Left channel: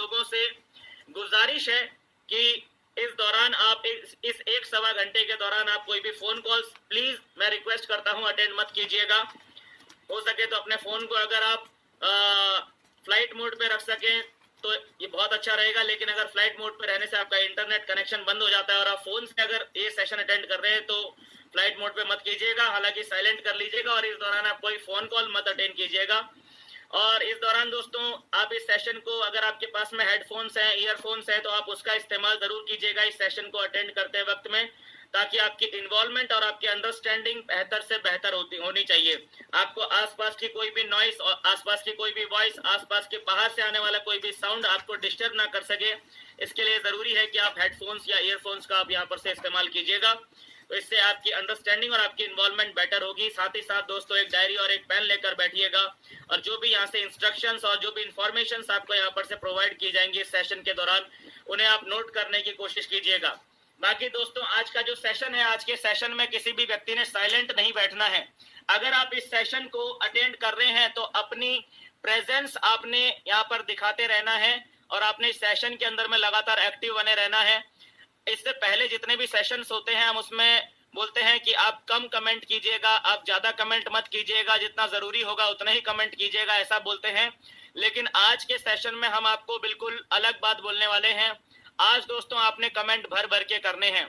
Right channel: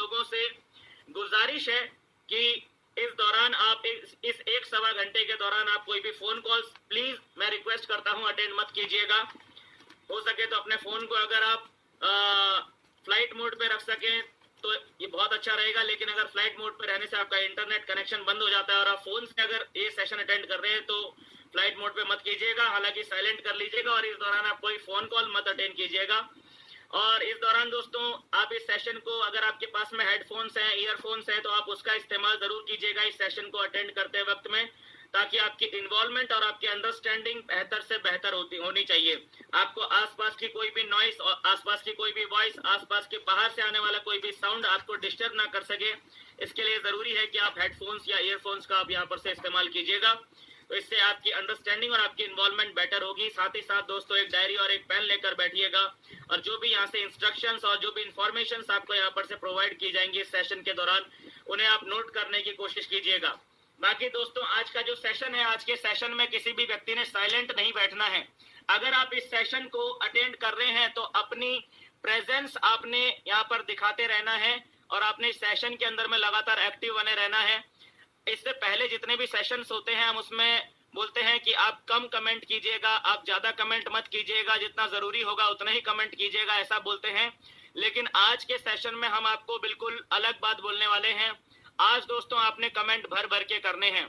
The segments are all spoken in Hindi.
लोगों से गुजारिश है कि इस दौरान आप इस 1-1.25 घंटे के दौरान आप कोई भी फोन कॉल्स प्लीज मैं रिक्वेस्ट करता हूं अटेंड मत कीजिएगा। हो सके तो अपने फोन को अगर आप फ्लाइट मोड पे रख सकें तो ये बहुत अच्छा रहेगा, लेकिन अगर फ्लाइट मोड पे रहने से आपका इंटरनेट कनेक्शन बंद हो जाता है और आप फोन से अगर ये सेशन अटेंड कर रहे हैं तो फ्लाइट मोड पे मत कीजिएगा, हालांकि साइलेंट कर लीजिएगा और इस दौरान आप कोई फोन कॉल मत अटेंड कीजिएगा। और इस दौरान दोस्तों आप इस सेशन को, अगर आपके पास में हेडफोन्स हैं, ईयरफोन्स हैं, तो आप उसका इस्तेमाल जरूर कीजिएगा इस सेशन को अटेंड करते वक्त में, ताकि आपकी इन्वॉल्वमेंट और आपकी अंडरस्टैंडिंग बेहतर से बेहतर होनी चाहिए। आपको आसपास की कोई भी नॉइस और आसपास की कोई भी वॉइस, आसपास के बाहर से आने वाला कोई भी साउंड आपको डिस्टर्ब ना कर सके, इसके लिए जरूरी है कि आप हेडफोन्स या ईयरफोन्स का आप यहाँ पर से इस्तेमाल कीजिएगा। तो इससे आपकी अंडरस्टैंडिंग और आपकी इन्वॉल्वमेंट बेटर होगी। साथ ही साथ दोस्तों एक डायरी और एक पेन लेकर बैठिएगा और जो भी यहाँ से इंस्ट्रक्शंस और जो भी इंफॉर्मेशन आपको यहाँ पर से प्रोवाइड की जाएंगी इस सेशन के दौरान, उन्हें आप नोट करने की कोशिश कीजिएगा। बाकी दोस्तों आज का जो सेशन है, आज के सेशन में किसी भी व्यक्ति ने साइलेंट नहीं बैठना है। अगर आप इस सेशन को अटेंड कर रहे हैं तो अपनी प्रेजेंस आपने यहाँ पर दिखाते रहना है और आपने इस सेशन के अंदर में लगातार एक्टिव बने रहना है। इससे पहले जितने भी सेशंस होते हैं हम उसमें बोलते हैं कि आप कम कमेंट कीजिएगा, आप ज्यादा कमेंट मत कीजिएगा, जितना जरूरी होगा उतना ही कमेंट कीजिएगा, ऐसा बोलते हैं। लेकिन आज के सेशन में हम आपको बिल्कुल अलग बात बोलने वाले हैं। आज दोस्तों आपने कमेंट भर भर के करने हैं।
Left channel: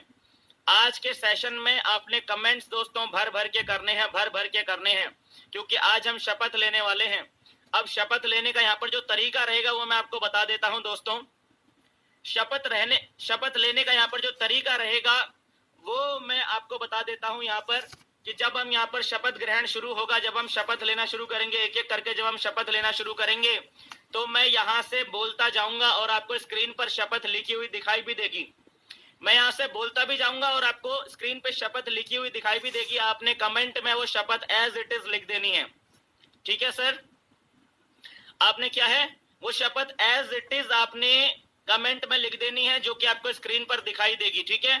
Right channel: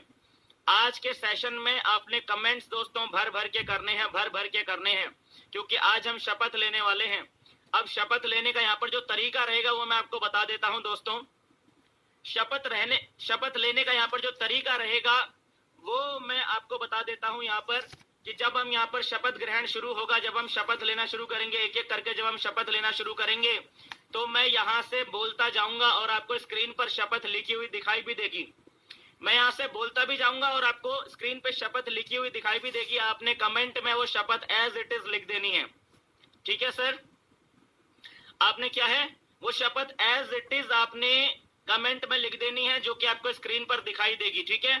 आज के सेशन में आपने कमेंट्स दोस्तों भर भर के करने हैं, भर भर के करने हैं, क्योंकि आज हम शपथ लेने वाले हैं। अब शपथ लेने का यहाँ पर जो तरीका रहेगा वो मैं आपको बता देता हूं दोस्तों। शपथ लेने का यहाँ पर जो तरीका रहेगा वो मैं आपको बता देता हूं यहाँ पर, कि जब हम यहाँ पर शपथ ग्रहण शुरू होगा, जब हम शपथ लेना शुरू करेंगे, एक एक करके जब हम शपथ लेना शुरू करेंगे तो मैं यहाँ से बोलता जाऊंगा और आपको स्क्रीन पर शपथ लिखी हुई दिखाई भी देगी। मैं यहाँ से बोलता भी जाऊंगा और आपको स्क्रीन पे शपथ लिखी हुई दिखाई भी देगी। आपने कमेंट में वो शपथ एज इट इज लिख देनी है। ठीक है सर, आपने क्या है वो शपथ एज इट इज आपने कमेंट में लिख देनी है, जो कि आपको स्क्रीन पर दिखाई देगी। ठीक है,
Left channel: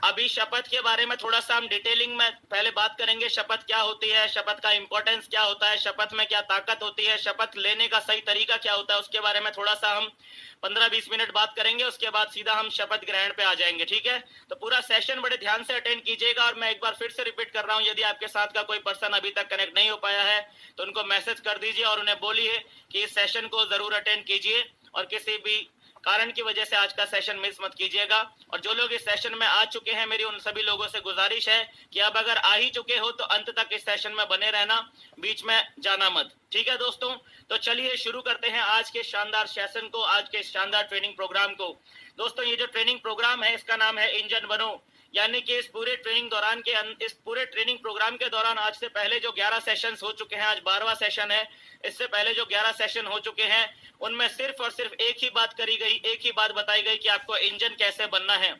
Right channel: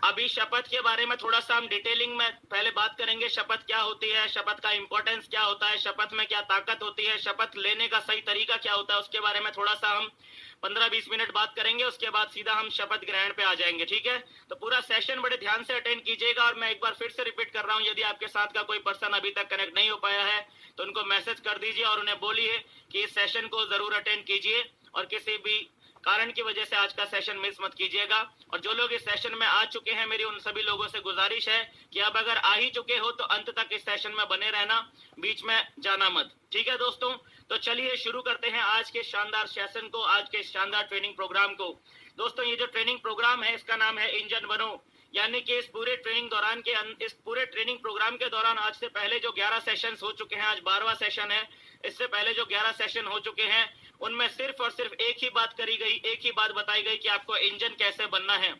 अभी शपथ के बारे में थोड़ा सा हम डिटेलिंग में पहले बात करेंगे। शपथ क्या होती है, शपथ का इंपॉर्टेंस क्या होता है, शपथ में क्या ताकत होती है, शपथ लेने का सही तरीका क्या होता है, उसके बारे में थोड़ा सा हम 15-20 मिनट बात करेंगे। उसके बाद सीधा हम शपथ ग्रहण पे आ जाएंगे। ठीक है, तो पूरा सेशन बड़े ध्यान से अटेंड कीजिएगा। और मैं एक बार फिर से रिपीट कर रहा हूं, यदि आपके साथ का कोई पर्सन अभी तक कनेक्ट नहीं हो पाया है तो उनको मैसेज कर दीजिए और उन्हें बोलिए कि इस सेशन को जरूर अटेंड कीजिए और किसी भी कारण की वजह से आज का सेशन मिस मत कीजिएगा। और जो लोग इस सेशन में आ चुके हैं, मेरी उन सभी लोगों से गुजारिश है कि अब अगर आ ही चुके हो तो अंत तक इस सेशन में बने रहना, बीच में जाना मत। ठीक है दोस्तों, तो चलिए शुरू करते हैं आज के शानदार सेशन को, आज के शानदार ट्रेनिंग प्रोग्राम को। दोस्तों ये जो ट्रेनिंग प्रोग्राम है इसका नाम है इंजन बनो, यानी कि इस पूरे ट्रेनिंग प्रोग्राम के दौरान आज से पहले जो 11 सेशन हो चुके हैं, आज 12वां सेशन है, इससे पहले जो 11 सेशन हो चुके हैं उनमें सिर्फ और सिर्फ एक ही बात करी गई, एक ही बात बताई गई कि आपको इंजन कैसे बनना है,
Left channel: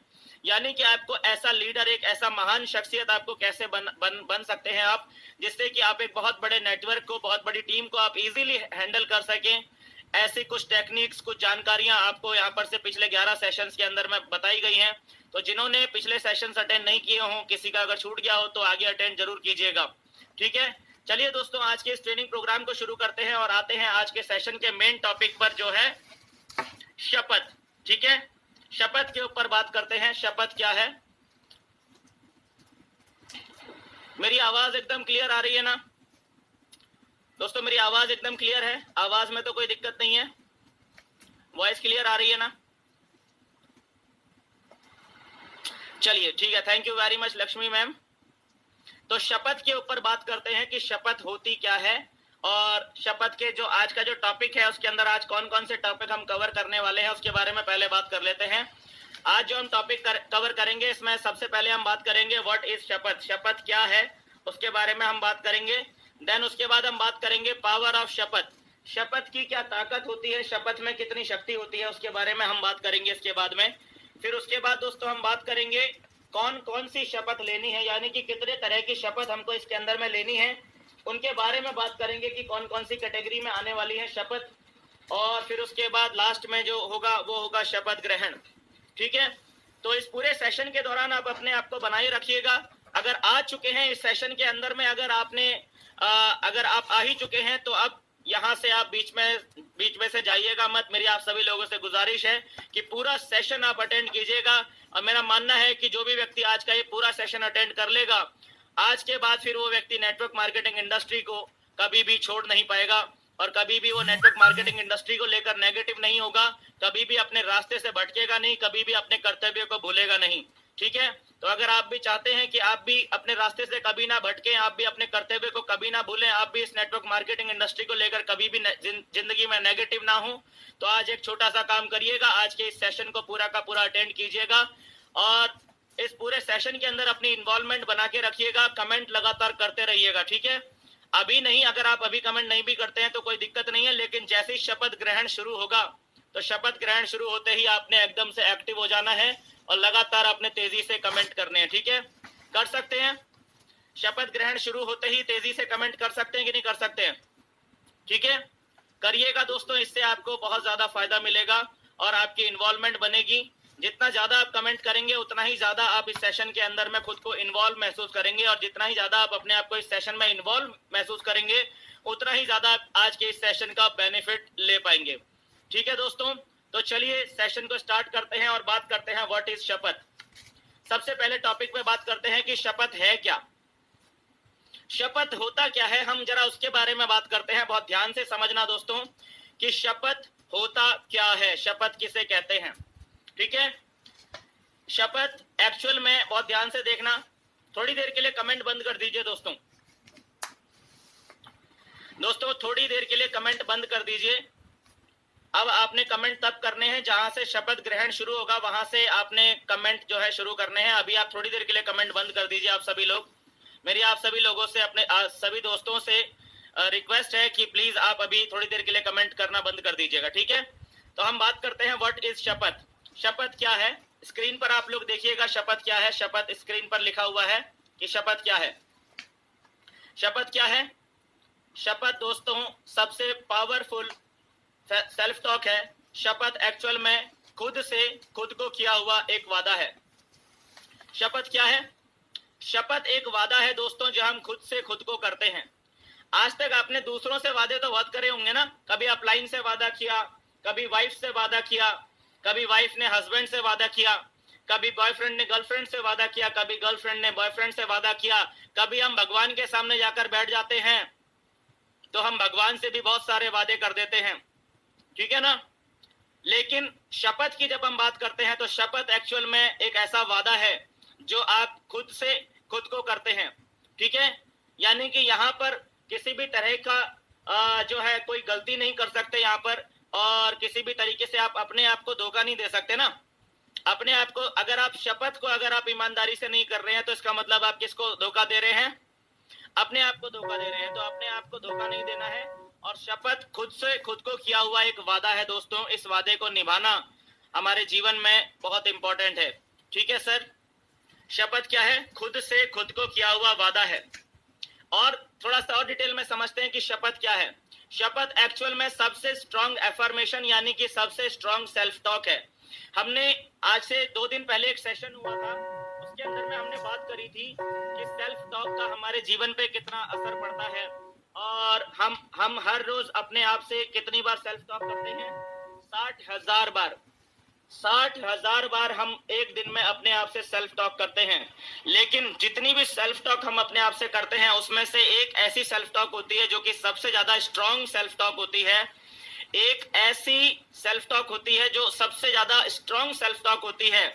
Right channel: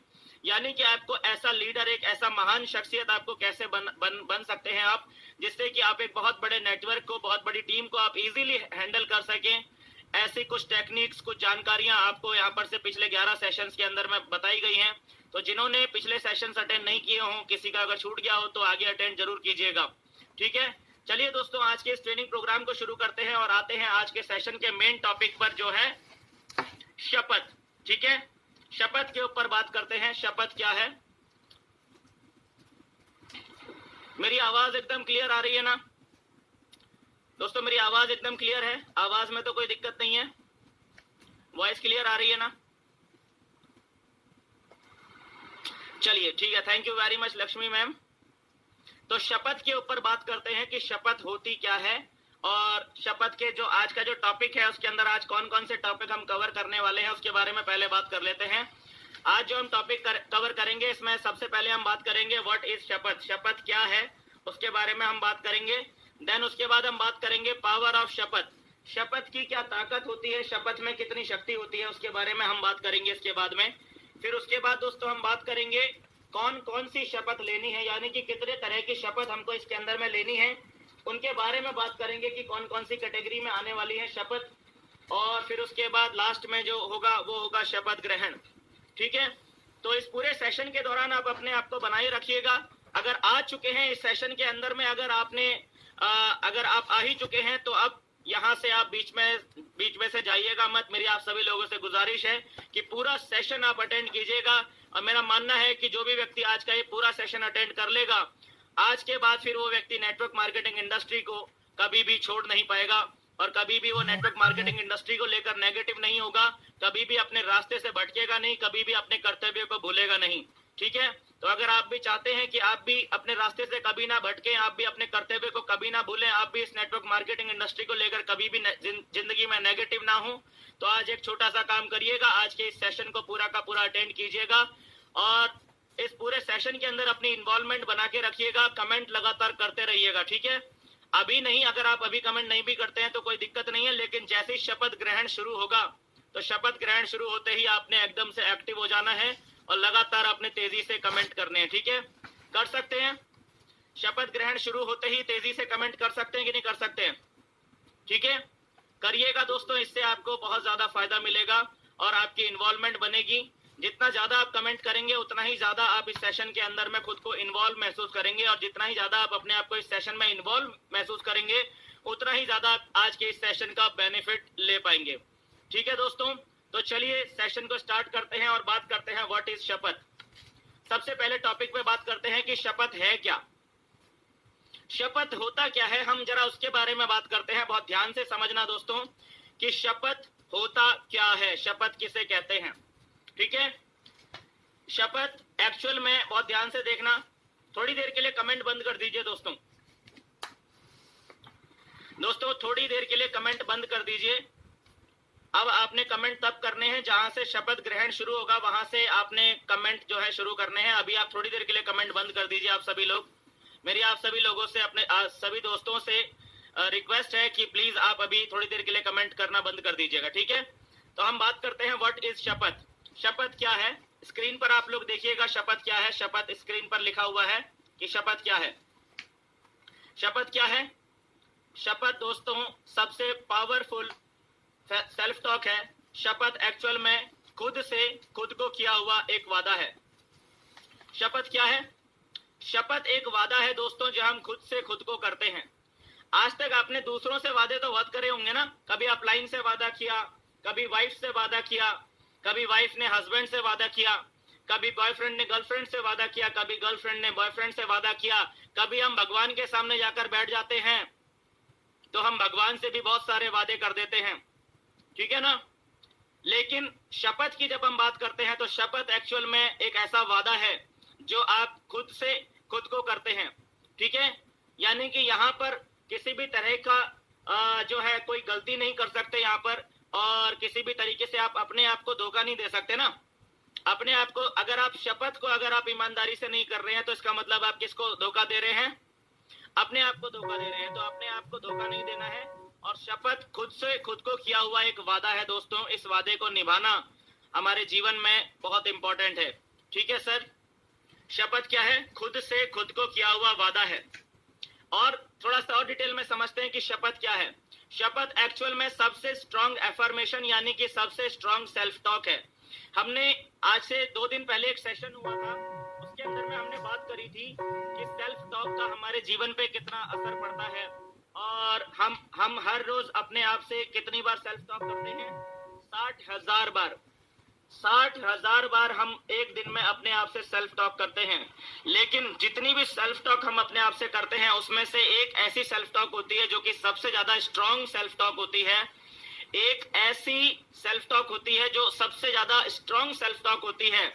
यानी कि आपको ऐसा लीडर, एक ऐसा महान शख्सियत आपको कैसे बन सकते हैं आप, जिससे कि आप एक बहुत बड़े नेटवर्क को, बहुत बड़ी टीम को आप इजीली हैंडल कर सकें। ऐसी कुछ टेक्निक्स, कुछ जानकारियां आपको यहाँ पर से पिछले 11 सेशंस के अंदर में बताई गई हैं। तो जिन्होंने पिछले सेशंस अटेंड नहीं किए हों, किसी का अगर छूट गया हो तो आगे अटेंड जरूर कीजिएगा। ठीक है, चलिए दोस्तों आज के इस ट्रेनिंग प्रोग्राम को शुरू करते हैं और आते हैं आज के सेशन के मेन टॉपिक पर, जो है शपथ। ठीक है, शपथ के ऊपर बात करते हैं। शपथ क्या है? मेरी आवाज एकदम क्लियर आ रही है ना दोस्तों? मेरी आवाज एकदम क्लियर है, आवाज में तो कोई दिक्कत नहीं है, वॉइस क्लियर आ रही है ना? चलिए ठीक है, thank you very much Lakshmi ma'am. तो शपथ के ऊपर बात करते हैं कि शपथ होती क्या है, और शपथ के जो आज का जो टॉपिक है उसके अंदर आज कौन कौन से टॉपिक हम कवर करने वाले हैं उसके बारे में पहले बात कर लेते हैं। आज जो हम टॉपिक कवर करेंगे इसमें सबसे पहले हम बात करेंगे व्हाट इज शपथ, शपथ क्या है उसके बारे में हम बात करेंगे। देन उसके बाद हम बात करेंगे पावर ऑफ शपथ, शपथ की क्या ताकत होती है, शपथ में कितनी शक्ति होती है, उसके बारे में हम बात करेंगे इसके बाद में। फिर उसके बाद दोस्तों हम बात करेंगे कौन कौन सी शपथ लेनी है, यानी कि कितने तरह की शपथ हमको इसके अंदर में लेनी है, उनके बारे में बात करेंगे कि कौन कौन सी कैटेगरी में आने वाली है शपथ। और फिर उसके बाद लास्ट में जो होगा वो होगा शपथ ग्रहण। ठीक है, तो इस पूरे सेशन के दौरान आप अपने आप को बनाए रखिएगा। अगर आ चुके हैं इस सेशन के अंदर में, अगर आप आ ही चुके हैं तो अब यहाँ से आप बीच में से जाइएगा मत। मेरी आप सभी लोगों से गुजारिश है कि पूरा सेशन आप अटेंड कीजिएगा। और मेरा मानना है कि जो भी व्यक्ति आज का ये पूरा सेशन अटेंड कर लेगा, आज के बाद फिर वो व्यक्ति नेटवर्क मार्केटिंग इंडस्ट्री को कभी भी छोड़ नहीं पाएगा और कभी भी वो नेटवर्क मार्केटिंग इंडस्ट्री को लेकर नेगेटिव नहीं होगा, कभी भी अपने रास्ते से भटकेगा नहीं, कभी भी अपने कर्तव्य को भूलेगा नहीं। ठीक है, तो अगर आप भी चाहते हैं कि आप भी अपने रास्ते से कभी ना भटकें, आप भी अपने कर्तव्य को कभी ना भूलें, आप भी इस नेटवर्क मार्केटिंग इंडस्ट्री को लेकर कभी भी जिंदगी में नेगेटिव ना हो, तो आज एक छोटा सा काम करिएगा। आज के इस सेशन को पूरा का पूरा अटेंड कीजिएगा और इस पूरे सेशन के अंदर अपनी इन्वॉल्वमेंट बना के रखिएगा। कमेंट लगातार करते रहिएगा। ठीक है, अभी नहीं, अगर आप अभी कमेंट नहीं भी करते हैं तो कोई दिक्कत नहीं है, लेकिन जैसे ही शपथ ग्रहण शुरू होगा तो शपथ ग्रहण शुरू होते ही आपने एकदम से एक्टिव हो जाना है और लगातार अपने तेजी से कमेंट करने हैं। ठीक है, कर सकते हैं? शपथ ग्रहण शुरू होते ही तेजी से कमेंट कर सकते हैं कि नहीं कर सकते हैं? ठीक है, करिएगा दोस्तों, इससे आपको बहुत ज्यादा फायदा मिलेगा और आपकी इन्वॉल्वमेंट बनेगी। जितना ज्यादा आप कमेंट करेंगे उतना ही ज्यादा आप इस सेशन के अंदर में खुद को इन्वॉल्व महसूस करेंगे और जितना ही ज्यादा आप अपने आप को इस सेशन में इन्वॉल्व महसूस करेंगे उतना ही ज्यादा आप आज के इस सेशन का बेनिफिट ले पाएंगे। ठीक है दोस्तों, तो चलिए सेशन को स्टार्ट करते हैं और बात करते हैं व्हाट इज शपथ। सबसे पहले टॉपिक पे बात करते हैं कि शपथ है क्या, शपथ होता क्या है, हम जरा उसके बारे में बात करते हैं। बहुत ध्यान से समझना दोस्तों कि शपथ होता क्या है, शपथ किसे कहते हैं। ठीक है, शपथ एक्चुअल में, बहुत ध्यान से देखना, थोड़ी देर के लिए कमेंट बंद कर दीजिए दोस्तों। थोड़ी देर के लिए कमेंट बंद कर दीजिए। अब आपने कमेंट तब करने हैं जहां से शपथ ग्रहण शुरू होगा, वहां से आपने कमेंट जो है शुरू करने हैं। अभी आप थोड़ी देर के लिए कमेंट बंद कर दीजिए। आप सभी लोग, मेरी आप सभी लोगों से, अपने सभी दोस्तों से रिक्वेस्ट है कि प्लीज आप अभी थोड़ी देर के लिए कमेंट करना बंद कर दीजिएगा। ठीक है, तो हम बात करते हैं व्हाट इज शपथ। शपथ क्या है, स्क्रीन पर आप लोग देखिएगा शपथ क्या है। शपथ स्क्रीन पर लिखा हुआ है कि शपथ क्या है। शपथ क्या है? शपथ दोस्तों सबसे पावरफुल सेल्फ टॉक है। शपथ एक्चुअल में खुद से खुद को किया हुआ एक वादा है। शपथ क्या है? शपथ एक वादा है दोस्तों जो हम खुद से खुद को करते हैं। आज तक आपने दूसरों से वादे तो बहुत करे होंगे ना, कभी अपलाइन से वादा किया, कभी वाइफ से वादा किया, कभी वाइफ ने हस्बैंड से वादा किया, कभी बॉयफ्रेंड ने गर्लफ्रेंड से वादा किया, कभी गर्लफ्रेंड ने बॉयफ्रेंड से वादा किया, कभी हम भगवान के सामने जाकर बैठ जाते हैं तो हम भगवान से भी बहुत सारे वादे कर देते हैं। ठीक है ना, लेकिन शपथ की जब हम बात करते हैं तो शपथ एक्चुअल में एक ऐसा वादा है जो आप खुद से खुद को करते हैं। ठीक है, यानी कि यहाँ पर किसी भी तरह का जो है कोई गलती नहीं कर सकते यहाँ पर, और किसी भी तरीके से आप अपने आप को धोखा नहीं दे सकते ना। अपने आप को, अगर आप शपथ को अगर आप ईमानदारी से नहीं कर रहे हैं तो इसका मतलब आप किसको धोखा दे रहे हैं? अपने आप को धोखा दे रहे हैं। तो अपने आप को धोखा नहीं देना है और शपथ खुद से खुद को किया हुआ एक वादा है दोस्तों। इस वादे को निभाना हमारे जीवन में बहुत इंपॉर्टेंट है। ठीक है सर, शपथ क्या है? खुद से खुद को किया हुआ वादा है। और थोड़ा सा और डिटेल में समझते हैं कि शपथ क्या है। शपथ एक्चुअल में सबसे स्ट्रॉन्ग एफर्मेशन यानी कि सबसे स्ट्रॉन्ग सेल्फ टॉक है। हमने आज से 2 दिन पहले एक सेशन हुआ था, उसके अंदर में हमने बात करी थी कि सेल्फ टॉक का हमारे जीवन पे कितना असर पड़ता है और हम हर रोज अपने आप से कितनी बार सेल्फ टॉक करते हैं? 60,000 बार। 60,000 बार हम एक दिन में अपने आप से सेल्फ टॉक करते हैं। लेकिन जितनी भी सेल्फ टॉक हम अपने आप से करते हैं उसमें से एक ऐसी सेल्फ टॉक होती है जो कि सबसे ज्यादा स्ट्रॉन्ग सेल्फ टॉक होती है। एक ऐसी सेल्फ टॉक होती है जो सबसे ज्यादा स्ट्रॉन्ग सेल्फ टॉक होती है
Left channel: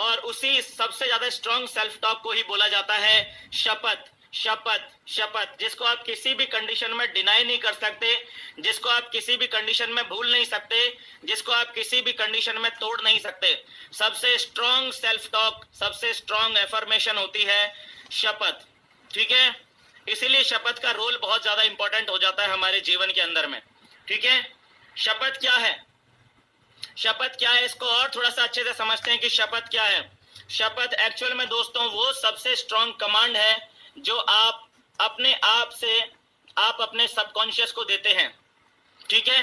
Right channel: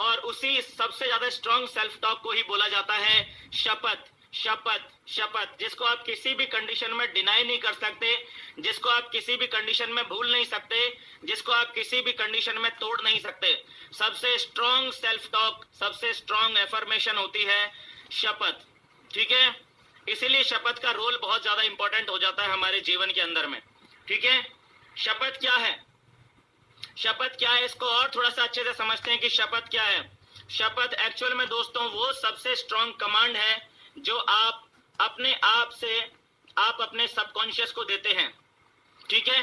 और उसी सबसे ज्यादा स्ट्रॉन्ग सेल्फ टॉक को ही बोला जाता है शपथ। शपथ शपथ जिसको आप किसी भी कंडीशन में डिनाई नहीं कर सकते, जिसको आप किसी भी कंडीशन में भूल नहीं सकते, जिसको आप किसी भी कंडीशन में तोड़ नहीं सकते। सबसे स्ट्रॉन्ग सेल्फ टॉक, सबसे स्ट्रॉन्ग एफर्मेशन होती है शपथ। ठीक है, इसीलिए शपथ का रोल बहुत ज्यादा इंपॉर्टेंट हो जाता है हमारे जीवन के अंदर में। ठीक है, शपथ क्या है? शपथ क्या है इसको और थोड़ा सा अच्छे से समझते हैं कि शपथ क्या है। शपथ एक्चुअल में दोस्तों वो सबसे स्ट्रॉन्ग कमांड है जो आप अपने आप से, आप अपने सबकॉन्शियस को देते हैं। ठीक है,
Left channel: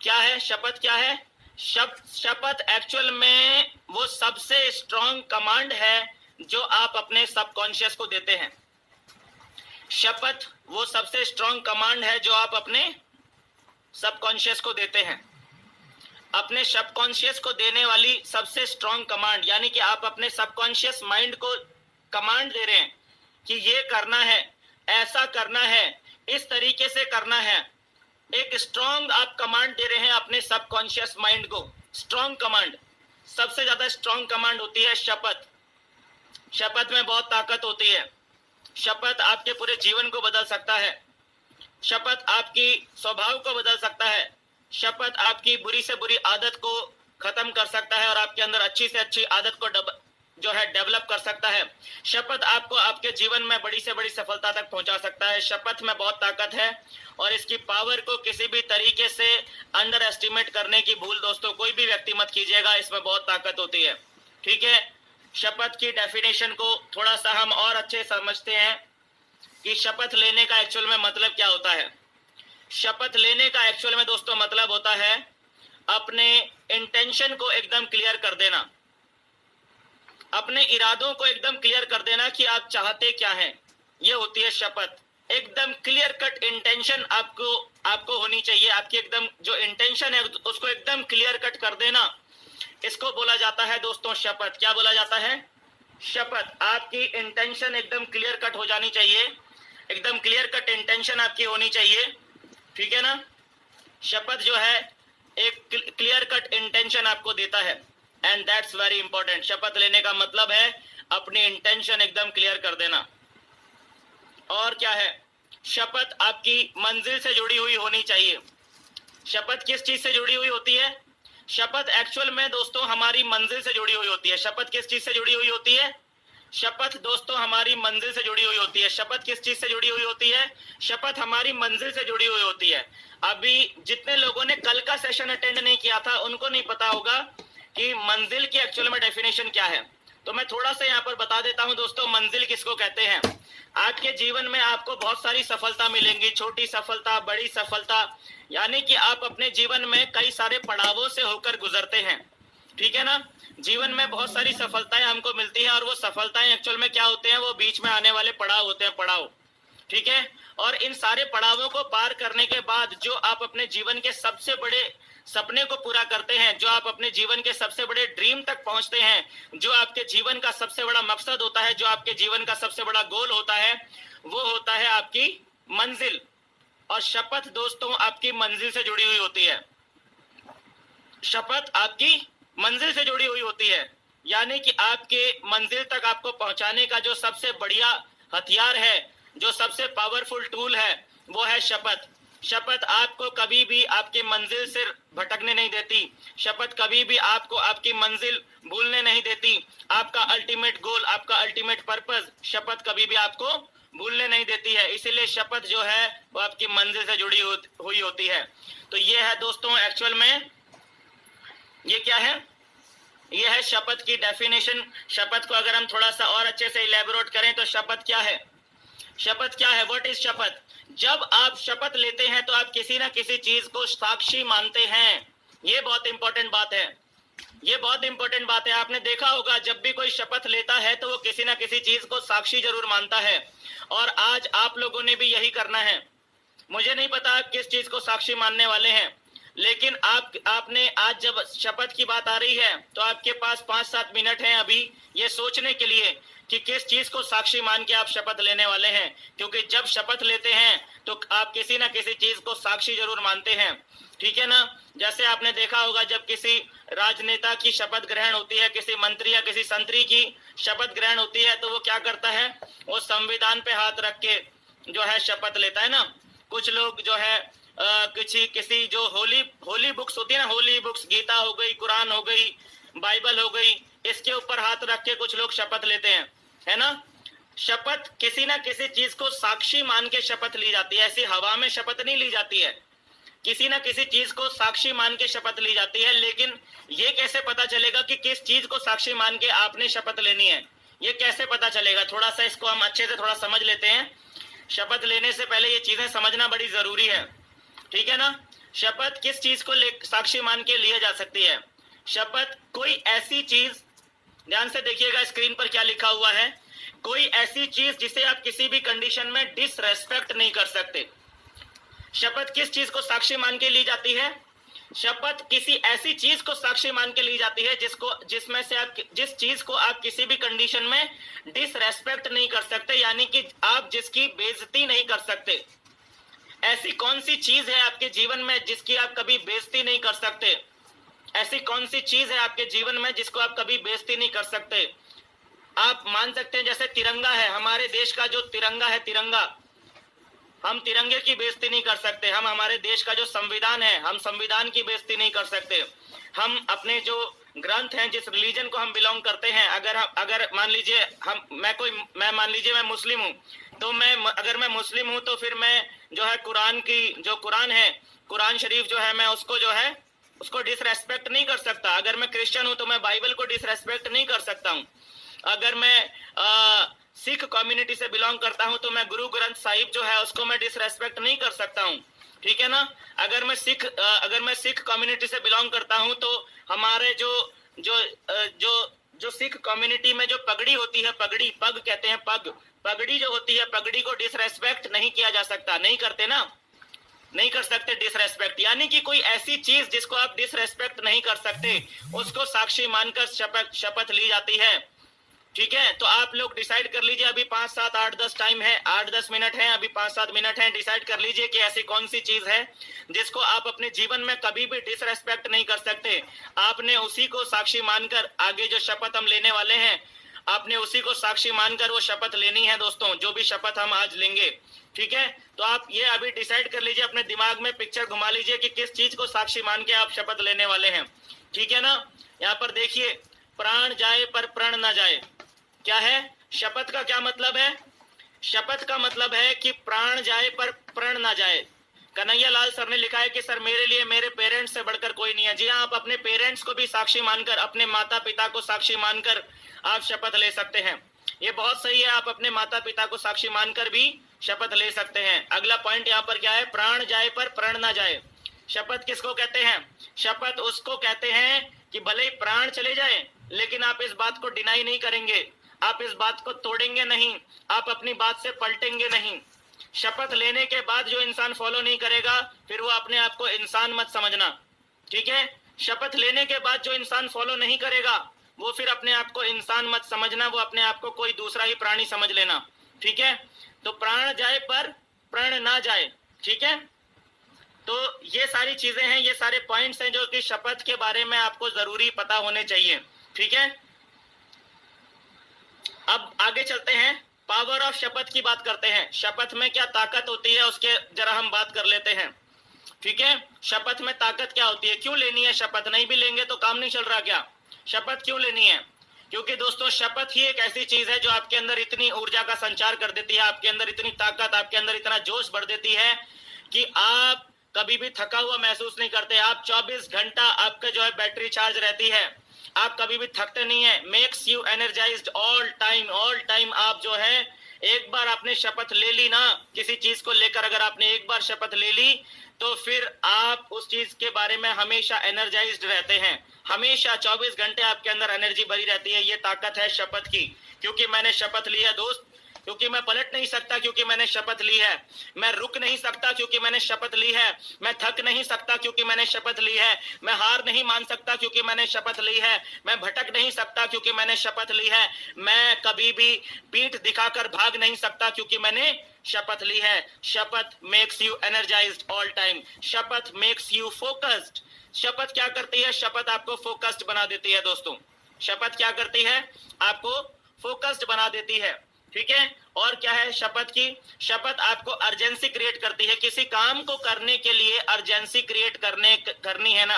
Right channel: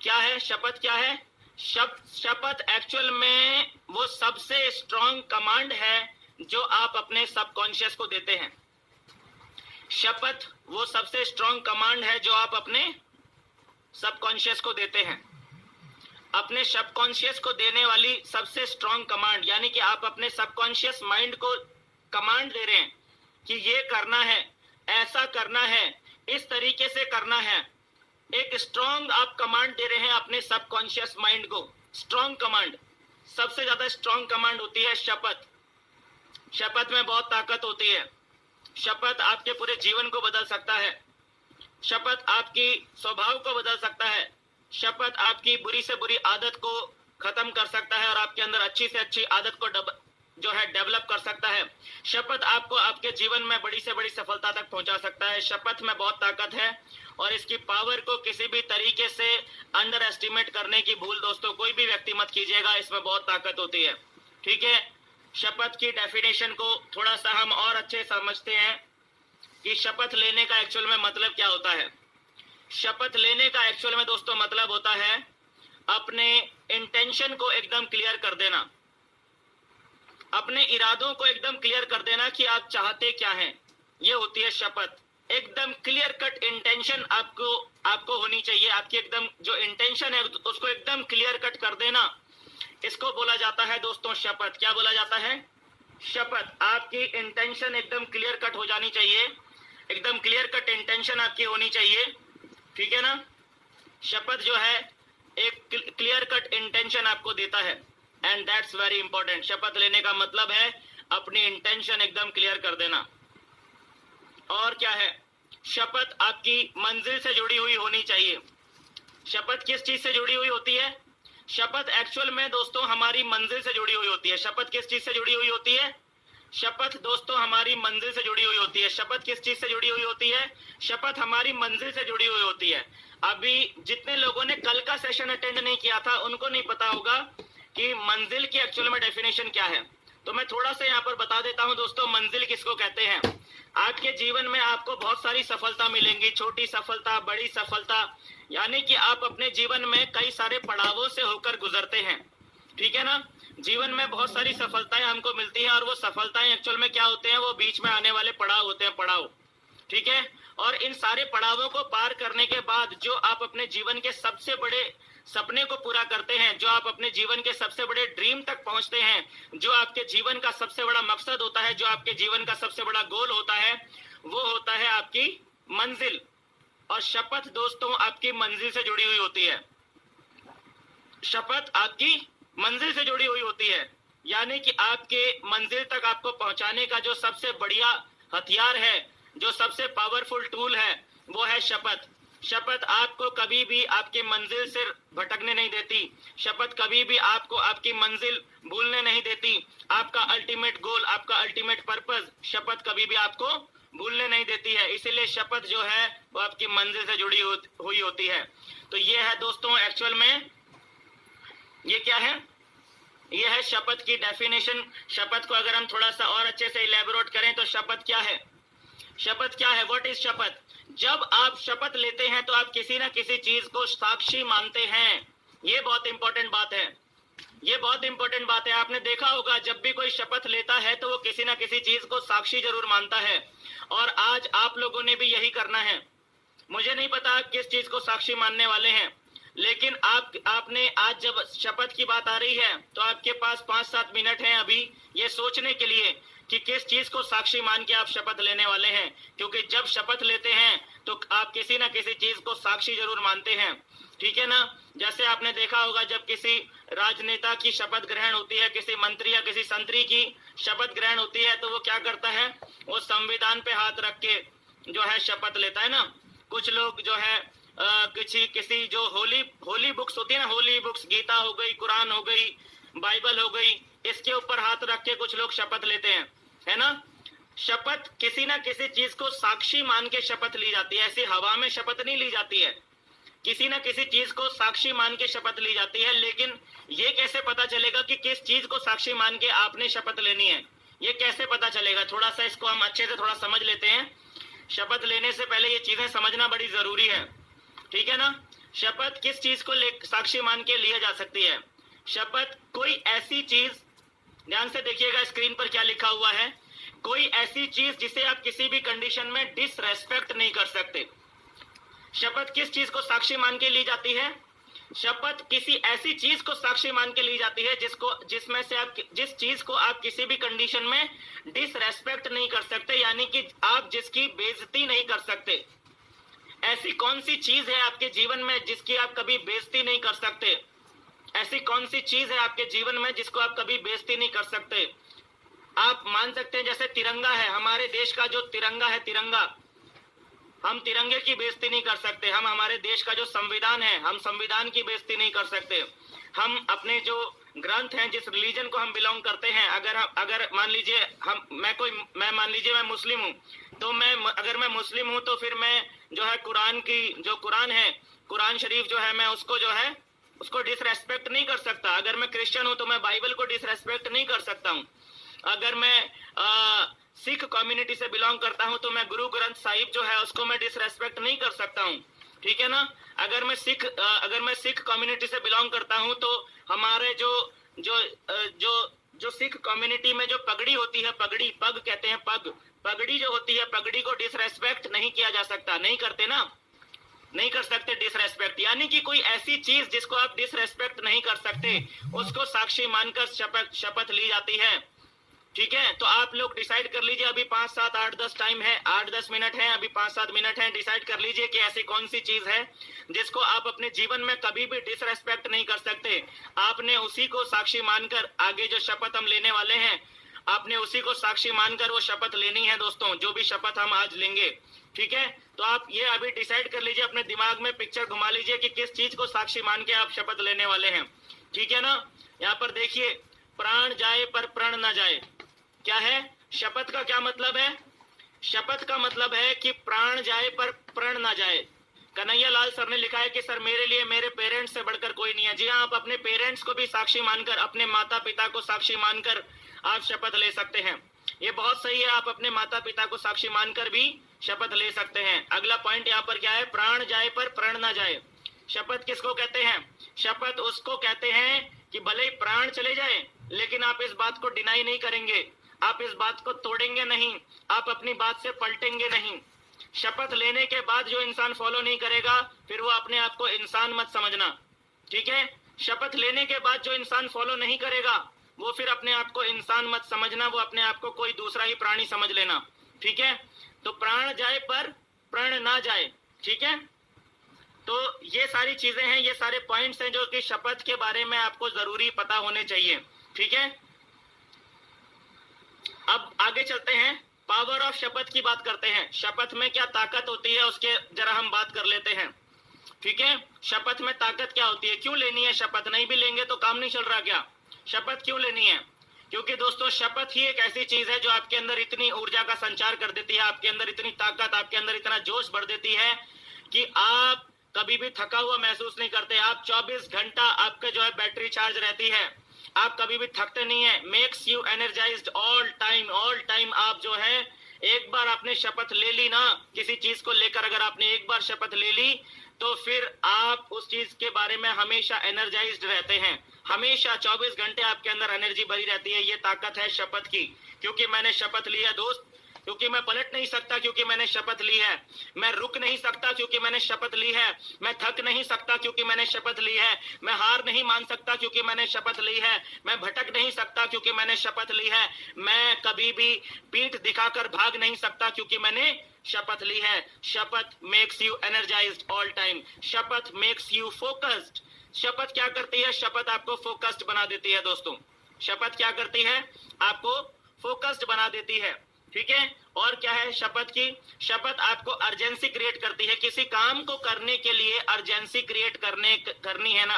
क्या है शपथ? क्या है शपथ? एक्चुअल में वो सबसे स्ट्रॉन्ग कमांड है जो आप अपने सबकॉन्शियस को देते हैं। शपथ वो सबसे स्ट्रॉन्ग कमांड है जो आप अपने सबकॉन्शियस को देते हैं। अपने सबकॉन्शियस को देने वाली सबसे स्ट्रॉन्ग कमांड, यानी कि आप अपने सबकॉन्शियस माइंड को कमांड दे रहे हैं कि ये करना है, ऐसा करना है, इस तरीके से करना है। एक स्ट्रॉन्ग आप कमांड दे रहे हैं अपने सबकॉन्शियस माइंड को। स्ट्रॉन्ग कमांड, सबसे ज्यादा स्ट्रॉन्ग कमांड होती है शपथ। शपथ में बहुत ताकत होती है। शपथ आपके पूरे जीवन को बदल सकता है। शपथ आपकी स्वभाव को बदल सकता है। शपथ आपकी बुरी से बुरी आदत को खत्म कर सकता है और आपके अंदर अच्छी से अच्छी आदत को डेवलप कर सकता है। शपथ आपको आपके जीवन में बड़ी से बड़ी सफलता तक पहुंचा सकता है। शपथ में बहुत ताकत है और इसकी पावर को किसी भी तरीके से अंडर एस्टिमेट करने की भूल दोस्तों कोई भी व्यक्ति मत कीजिएगा। इसमें बहुत ताकत होती है। ठीक है, शपथ की डेफिनेशन को थोड़ा सा हम और अच्छे समझते हैं कि शपथ लेने का एक्चुअल में मतलब क्या होता है। शपथ लेने का एक्चुअल में दोस्तों मतलब होता है अपने इंटेंशन को एकदम क्लियर कर देना, अपने इरादों को एकदम क्लियर कर देना कि आप चाहते क्या हैं। ये होती है शपथ। एकदम क्लियर कट इंटेंशन आपको होनी चाहिए। आपकी एकदम जो इंटेंशन है उसको एकदम क्लियर कट कर देना, इसको बोला जाता है दोस्तों शपथ। क्या बोला जाता है? शपथ। आपकी इंटेंशन एकदम क्लियर कट हो जानी चाहिए, एकदम क्लियर कट इंटेंशन आपकी होनी चाहिए। ठीक है ना? शपथ जो है एक क्लियर कट इंटेंशन आपको देता है एंड दैट्स वेरी इंपॉर्टेंट। शपथ लेने का मतलब है अपनी इंटेंशन एकदम क्लियर कर देना। और क्या है? शपथ आपकी मंजिल से जुड़ी हुई होनी चाहिए। शपथ किस चीज से जुड़ी हुई होती है? शपथ एक्चुअल में दोस्तों हमारी मंजिल से जुड़ी हुई होती है। शपथ किस चीज से जुड़ी हुई होती है? शपथ दोस्तों हमारी मंजिल से जुड़ी हुई होती है। शपथ किस चीज से जुड़ी हुई होती है? शपथ हमारी मंजिल से जुड़ी हुई होती है। अभी जितने लोगों ने कल का सेशन अटेंड नहीं किया था उनको नहीं पता होगा कि मंजिल की एक्चुअल में डेफिनेशन क्या है। तो मैं थोड़ा सा यहाँ पर बता देता हूँ दोस्तों, मंजिल किसको कहते हैं। आपके जीवन में आपको बहुत सारी सफलता मिलेंगी, छोटी सफलता, बड़ी सफलता, यानी कि आप अपने जीवन में कई सारे पड़ावों से होकर गुजरते हैं। ठीक है ना? जीवन में बहुत सारी सफलताएं हमको मिलती हैं और वो सफलताएं एक्चुअल में क्या होते हैं? वो बीच में आने वाले पड़ाव होते हैं, पड़ाव। ठीक है? और इन सारे पड़ावों को पार करने के बाद जो आप अपने जीवन के सबसे बड़े सपने को पूरा करते हैं, जो आप अपने जीवन के सबसे बड़े ड्रीम तक पहुंचते हैं, जो आपके जीवन का सबसे बड़ा मकसद होता है, जो आपके जीवन का सबसे बड़ा गोल होता है, वो होता है आपकी मंजिल। और शपथ दोस्तों आपकी मंजिल से जुड़ी हुई होती है। शपथ आपकी मंजिल से जुड़ी हुई होती है, यानी कि आपके मंजिल तक आपको पहुंचाने का जो सबसे बढ़िया हथियार है, जो सबसे पावरफुल टूल है, वो है शपथ। शपथ आपको कभी भी आपकी मंजिल से भटकने नहीं देती। शपथ कभी भी आपको आपकी मंजिल भूलने नहीं देती। आपका अल्टीमेट गोल, आपका अल्टीमेट पर्पस, शपथ कभी भी आपको भूलने नहीं देती है। इसीलिए शपथ जो है वो आपकी मंजिल से जुड़ी हुई होती है। तो ये है दोस्तों एक्चुअल में, ये क्या है? ये है शपथ की डेफिनेशन। शपथ को अगर हम थोड़ा सा और अच्छे से इलेबोरेट करें तो शपथ क्या है? शपथ क्या है? व्हाट इज शपथ? जब आप शपथ लेते हैं तो आप किसी ना किसी चीज को साक्षी मानते हैं। ये बहुत इंपॉर्टेंट बात है। ये बहुत इंपॉर्टेंट बात है। आपने देखा होगा जब भी कोई शपथ लेता है तो वो किसी ना किसी चीज को साक्षी जरूर मानता है। और आज आप लोगों ने भी यही करना है। मुझे नहीं पता आप किस चीज को साक्षी मानने वाले हैं, लेकिन आपने आज जब शपथ की बात आ रही है तो आपके पास 5-7 मिनट हैं अभी ये सोचने के लिए कि किस चीज को साक्षी मान के आप शपथ लेने वाले हैं। क्योंकि जब शपथ लेते हैं तो आप किसी ना किसी चीज को साक्षी जरूर मानते हैं। ठीक है ना? जैसे आपने देखा होगा जब किसी राजनेता की शपथ ग्रहण होती है, किसी मंत्री या किसी संतरी की शपथ ग्रहण होती है, तो वो क्या करता है? वो संविधान पे हाथ रख के जो है शपथ लेता है ना। कुछ लोग जो है किसी जो होली बुक्स होती है ना, होली बुक्स, गीता हो गई, कुरान हो गई, बाइबल हो गई, इसके ऊपर हाथ रख के कुछ लोग शपथ लेते हैं, है ना। शपथ किसी ना किसी चीज को साक्षी मान के शपथ ली जाती है। ऐसी हवा में शपथ नहीं ली जाती है, किसी ना किसी चीज को साक्षी मान के शपथ ली जाती है। लेकिन ये कैसे पता चलेगा कि किस चीज को साक्षी मान के आपने शपथ लेनी है? ये कैसे पता चलेगा? थोड़ा सा इसको हम अच्छे से थोड़ा समझ लेते हैं। शपथ लेने से पहले ये चीजें समझना बड़ी जरूरी है। ठीक है ना? शपथ किस चीज को साक्षी मान के लिया जा सकती है? शपथ कोई ऐसी चीज, ध्यान से देखिएगा स्क्रीन पर क्या लिखा हुआ है, कोई ऐसी चीज जिसे आप किसी भी कंडीशन में डिसरेस्पेक्ट नहीं कर सकते। शपथ किस चीज को साक्षी मान के ली जाती है? शपथ किसी ऐसी चीज को साक्षी मान के ली जाती है जिसमें से आप जिस चीज को आप किसी भी कंडीशन में डिसरेस्पेक्ट नहीं कर सकते, यानी कि आप जिसकी बेइज्जती नहीं कर सकते। ऐसी कौन सी चीज है आपके जीवन में जिसकी आप कभी बेइज्जती नहीं कर सकते? ऐसी कौन सी चीज है आपके जीवन में जिसको आप कभी बेइज्जती नहीं कर सकते? आप मान सकते हैं जैसे तिरंगा है, हमारे देश का जो तिरंगा है, तिरंगा, हम तिरंगे की बेइज्जती नहीं कर सकते। हम हमारे देश का जो संविधान है, हम संविधान की बेइज्जती नहीं कर सकते। हम अपने जो ग्रंथ हैं, जिस रिलीजन को हम बिलोंग करते हैं, अगर मान लीजिए मैं मान लीजिए मैं मुस्लिम हूँ, तो अगर मैं मुस्लिम हूँ तो फिर मैं जो है कुरान है, कुरान शरीफ जो है, मैं उसको डिसरेस्पेक्ट नहीं कर सकता। अगर मैं क्रिश्चियन हूँ तो मैं बाइबल को डिसरेस्पेक्ट नहीं कर सकता हूँ। अगर मैं सिख कम्युनिटी से बिलोंग करता हूं तो मैं गुरु ग्रंथ साहिब जो है उसको मैं डिसरेस्पेक्ट नहीं कर सकता हूं, ठीक है ना। अगर मैं सिख कम्युनिटी से बिलोंग करता हूं तो हमारे जो सिख कम्युनिटी में जो पगड़ी होती है, पग कहते हैं, पगड़ी जो होती है, पगड़ी को डिसरेस्पेक्ट नहीं किया जा सकता। नहीं करते ना, नहीं कर सकते डिसरेस्पेक्ट। यानी कि कोई ऐसी चीज जिसको आप डिसरेस्पेक्ट नहीं कर सकते, उसको साक्षी मानकर शपथ ली जाती है, ठीक है। तो आप लोग डिसाइड कर लीजिए, अभी 5, 7, 8, 10 टाइम है, 8-10 मिनट है, अभी 5-7 मिनट है। डिसाइड कर लीजिए कि ऐसी कौन सी चीज है जिसको आप अपने जीवन में कभी भी डिसरेस्पेक्ट नहीं कर सकते। आपने उसी को साक्षी मानकर आगे जो शपथ हम लेने वाले हैं, आपने उसी को साक्षी मानकर वो शपथ लेनी है दोस्तों, जो भी शपथ हम आज लेंगे, ठीक है। तो आप ये अभी डिसाइड कर लीजिए, अपने दिमाग में पिक्चर घुमा लीजिए कि किस चीज को साक्षी मान के आप शपथ लेने वाले हैं, ठीक है ना। यहाँ पर देखिए, प्राण जाए पर प्रण ना जाए। क्या है शपथ का? क्या मतलब है? शपथ का मतलब है कि प्राण जाए पर प्रण ना जाए। कन्हैया लाल सर ने लिखा है कि सर मेरे लिए मेरे पेरेंट्स से बढ़कर कोई नहीं है। जी हाँ, आप अपने पेरेंट्स को भी साक्षी मानकर, अपने माता पिता को साक्षी मानकर आप शपथ ले सकते हैं। ये बहुत सही है, आप अपने माता पिता को साक्षी मानकर भी शपथ ले सकते हैं। अगला पॉइंट यहाँ पर क्या है? प्राण जाए पर प्रण ना जाए। शपथ किसको कहते हैं? शपथ उसको कहते हैं कि भले ही प्राण चले जाए, लेकिन आप इस बात को डिनाई नहीं करेंगे, आप इस बात को तोड़ेंगे नहीं, आप अपनी बात से पलटेंगे नहीं। शपथ लेने के बाद जो इंसान फॉलो नहीं करेगा, फिर वो अपने आप को इंसान मत समझना, ठीक है। शपथ लेने के बाद जो इंसान फॉलो नहीं करेगा, वो फिर अपने आप को इंसान मत समझना, वो अपने आप को कोई दूसरा ही प्राणी समझ लेना, ठीक है। तो प्राण जाए पर प्रण ना जाए, ठीक है। तो ये सारी चीजें हैं, ये सारे पॉइंट्स हैं जो कि शपथ के बारे में आपको जरूरी पता होने चाहिए, ठीक है। अब आगे चलते हैं, पावर ऑफ शपथ की बात करते हैं। शपथ में क्या ताकत होती है उसके जरा हम बात कर लेते हैं, ठीक है। शपथ में ताकत क्या होती है? क्यों लेनी है शपथ? नहीं भी लेंगे तो काम नहीं चल रहा क्या? शपथ क्यों लेनी है? क्योंकि दोस्तों शपथ ही एक ऐसी चीज है जो आपके अंदर इतनी ऊर्जा का संचार कर देती है, आपके अंदर इतनी ताकत, आपके अंदर इतना जोश भर देती है कि आप कभी भी थका हुआ महसूस नहीं करते। आप 24 घंटा आपका जो है बैटरी चार्ज रहती है, आप कभी भी थकते नहीं है। Makes you energised all time. आप जो है एक बार आपने शपथ ले ली ना किसी चीज को लेकर, अगर आपने एक बार शपथ ले ली तो फिर आप उस चीज के बारे में हमेशा एनर्जाइज्ड रहते हैं, हमेशा 24 घंटे आपके अंदर एनर्जी भरी रहती है। ये ताकत है शपथ की। क्योंकि मैंने शपथ ली है दोस्त, क्योंकि मैं पलट नहीं सकता, क्योंकि मैंने शपथ ली है। मैं रुक नहीं सकता क्योंकि मैंने शपथ ली है। मैं थक नहीं सकता क्योंकि मैंने शपथ ली है। मैं हार नहीं मान सकता क्योंकि मैंने शपथ ली है। मैं भटक नहीं सकता क्योंकि मैंने शपथ ली है। मैं कभी भी पीठ दिखाकर भाग नहीं सकता क्योंकि मैंने शपथ ली है। शपथ makes you energised all time. शपथ मेक्स यू फोकस्ड। शपथ क्या करती है? शपथ आपको फोकस्ड बना देती है दोस्तों। शपथ क्या करती है? आपको फोकस्ड बना देती है, ठीक है। और क्या है शपथ की? शपथ आपको अर्जेंसी क्रिएट करती है। किसी काम को करने के लिए अर्जेंसी क्रिएट करनी है ना,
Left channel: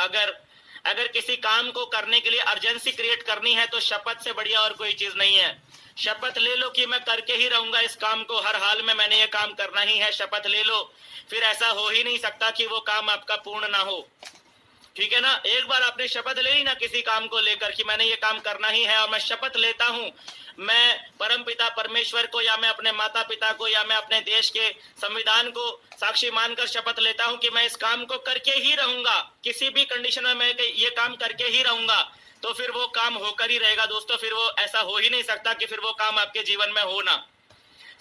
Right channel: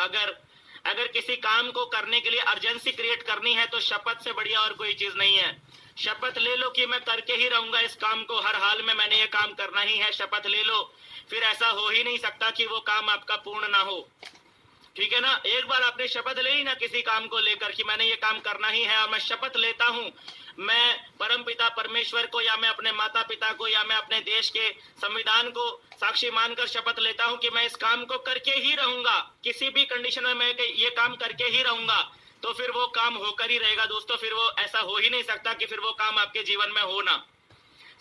अगर किसी काम को करने के लिए अर्जेंसी क्रिएट करनी है तो शपथ से बढ़िया और कोई चीज नहीं है। शपथ ले लो कि मैं करके ही रहूंगा इस काम को, हर हाल में मैंने ये काम करना ही है। शपथ ले लो, फिर ऐसा हो ही नहीं सकता कि वो काम आपका पूर्ण ना हो, ठीक है ना। एक बार आपने शपथ ले ली ना किसी काम को लेकर कि मैंने ये काम करना ही है, और मैं शपथ लेता हूं, मैं परमपिता परमेश्वर को या मैं अपने माता पिता को या मैं अपने देश के संविधान को साक्षी मानकर शपथ लेता हूं कि मैं इस काम को करके ही रहूंगा, किसी भी कंडीशन में मैं ये काम करके ही रहूंगा, तो फिर वो काम होकर ही रहेगा दोस्तों। फिर वो ऐसा हो ही नहीं सकता कि फिर वो काम आपके जीवन में हो ना।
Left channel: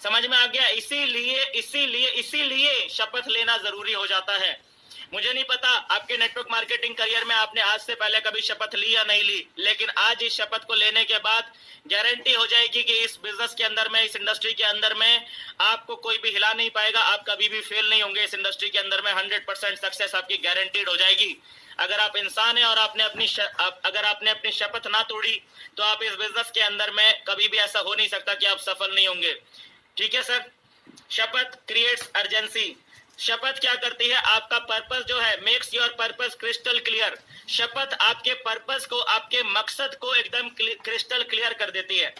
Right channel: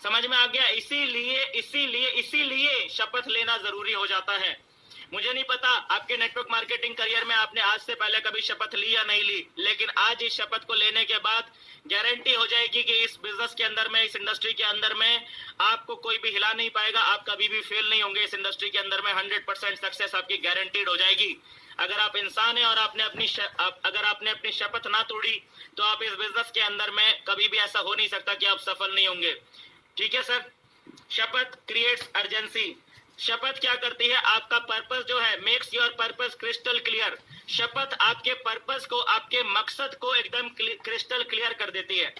समझ में आ गया? इसीलिए शपथ लेना जरूरी हो जाता है। मुझे नहीं पता आपके नेटवर्क मार्केटिंग करियर में आपने आज से पहले कभी शपथ ली या नहीं ली, लेकिन आज इस शपथ को लेने के बाद गारंटी हो जाएगी कि इस बिजनेस के अंदर में, इस इंडस्ट्री के अंदर में आपको कोई भी हिला नहीं पाएगा, आप कभी भी फेल नहीं होंगे। इस इंडस्ट्री के अंदर में 100% सक्सेस आपकी गारंटीड हो जाएगी। अगर आप इंसान हैं और अगर आपने अपनी शपथ ना तोड़ी तो आप इस बिजनेस के अंदर में कभी भी ऐसा हो नहीं सकता कि आप सफल नहीं होंगे। ठीक है सर? शपथ क्रिएट्स अर्जेंसी। शपथ क्या करती है? आपका पर्पस जो है, makes your purpose crystal clear. शपथ आपके पर्पस को, आपके मकसद को एकदम क्रिस्टल क्लियर कर देती है।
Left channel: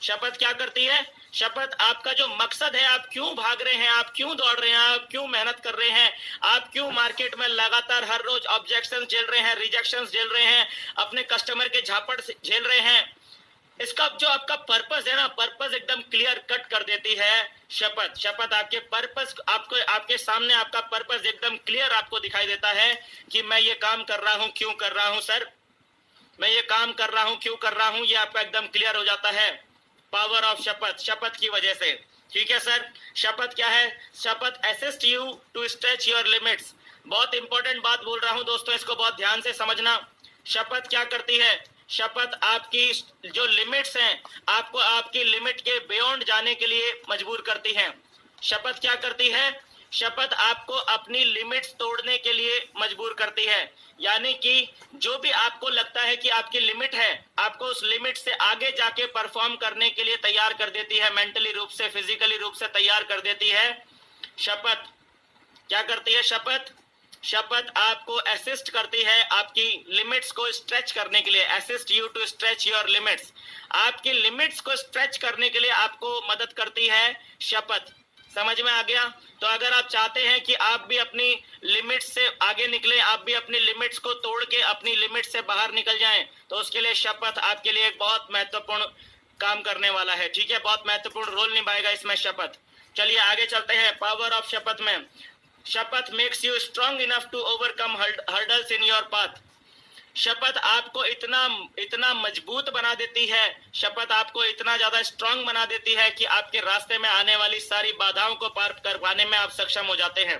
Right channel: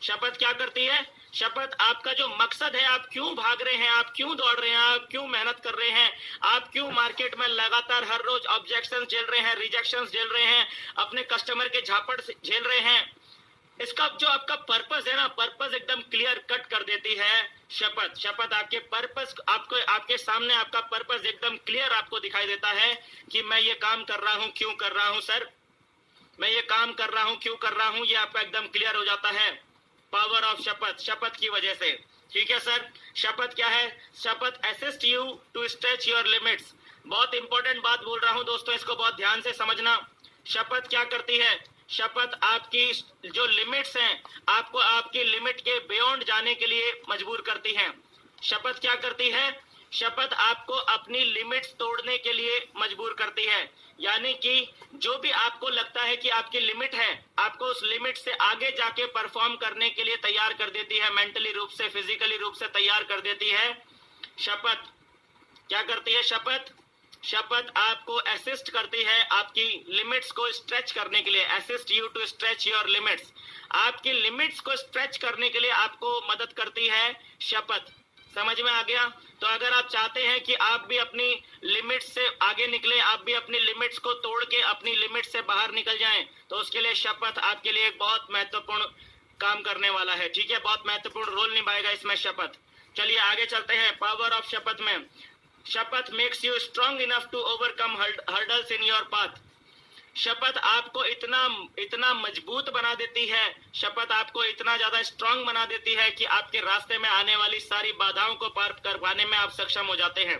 शपथ क्या करती है? शपथ आपका जो मकसद है, आप क्यों भाग रहे हैं, आप क्यों दौड़ रहे हैं, आप क्यों मेहनत कर रहे हैं, आप क्यों मार्केट में लगातार हर रोज ऑब्जेक्शन झेल रहे हैं, रिजेक्शन झेल रहे हैं, अपने कस्टमर के झापड़ झेल रहे हैं, इसका जो आपका पर्पस है ना, पर्पस एकदम क्लियर कट कर देती है शपथ। शपथ आपके पर्पस, आपके सामने आपका पर्पस एकदम क्लियर आपको दिखाई देता है कि मैं ये काम कर रहा हूं, क्यों कर रहा हूं सर, मैं ये काम कर रहा हूं, क्यों कर रहा हूं, ये आपका एकदम क्लियर हो जाता है पावर ऑफ शपथ, शपथ की वजह से। ठीक है सर? शपथ क्या है? शपथ assist you to stretch your limits. बहुत इंपॉर्टेंट बात बोल रहा हूं दोस्तों, इसको बहुत ध्यान से समझना। शपथ क्या करती है? शपथ आपकी जो लिमिट्स हैं, आपको आपकी लिमिट के बियॉन्ड जाने के लिए मजबूर करती हैं। शपथ क्या करती है? शपथ आपको अपनी लिमिट्स तोड़ने के लिए मजबूर करती है। यानी कि जो भी आपको लगता है कि आपकी लिमिट है, आपको उस लिमिट से आगे जाके परफॉर्म करने के लिए तैयार कर देती है, मेंटली रूप से, फिजिकली रूप से तैयार कर देती है शपथ। क्या करती है शपथ? शपथ आपको असिस्ट करती है आपकी लिमिट्स को स्ट्रेच करने के लिए, assist you to stretch your limits. आपकी लिमिट्स को स्ट्रेच करने के लिए आपको मदद करती है शपथ। समझ में आ गया? तो अगर आप चाहते हैं कि आप भी अपनी लिमिट्स से आगे निकले, आप भी अपनी लिमिट्स को तोड़ के अपनी लिमिट से बाहर निकल जाएं, तो उसके लिए शपथ आपके लिए एक बहुत महत्वपूर्ण काम करने वाला है। ठीक है? बहुत महत्वपूर्ण रोल निभाएगा इसमें शपथ। चलिए आगे चलते हैं पावर ऑफ शपथ में। शपथ makes you strong enough to overcome hurdles in your path. शपथ आपको इतना मजबूत बना देती है, शपथ आपको इतना ज्यादा स्ट्रांग बना देती है कि आपके रास्ते में आने वाली सारी बाधाओं को पार कर पाने में आप सक्षम हो जाते हैं।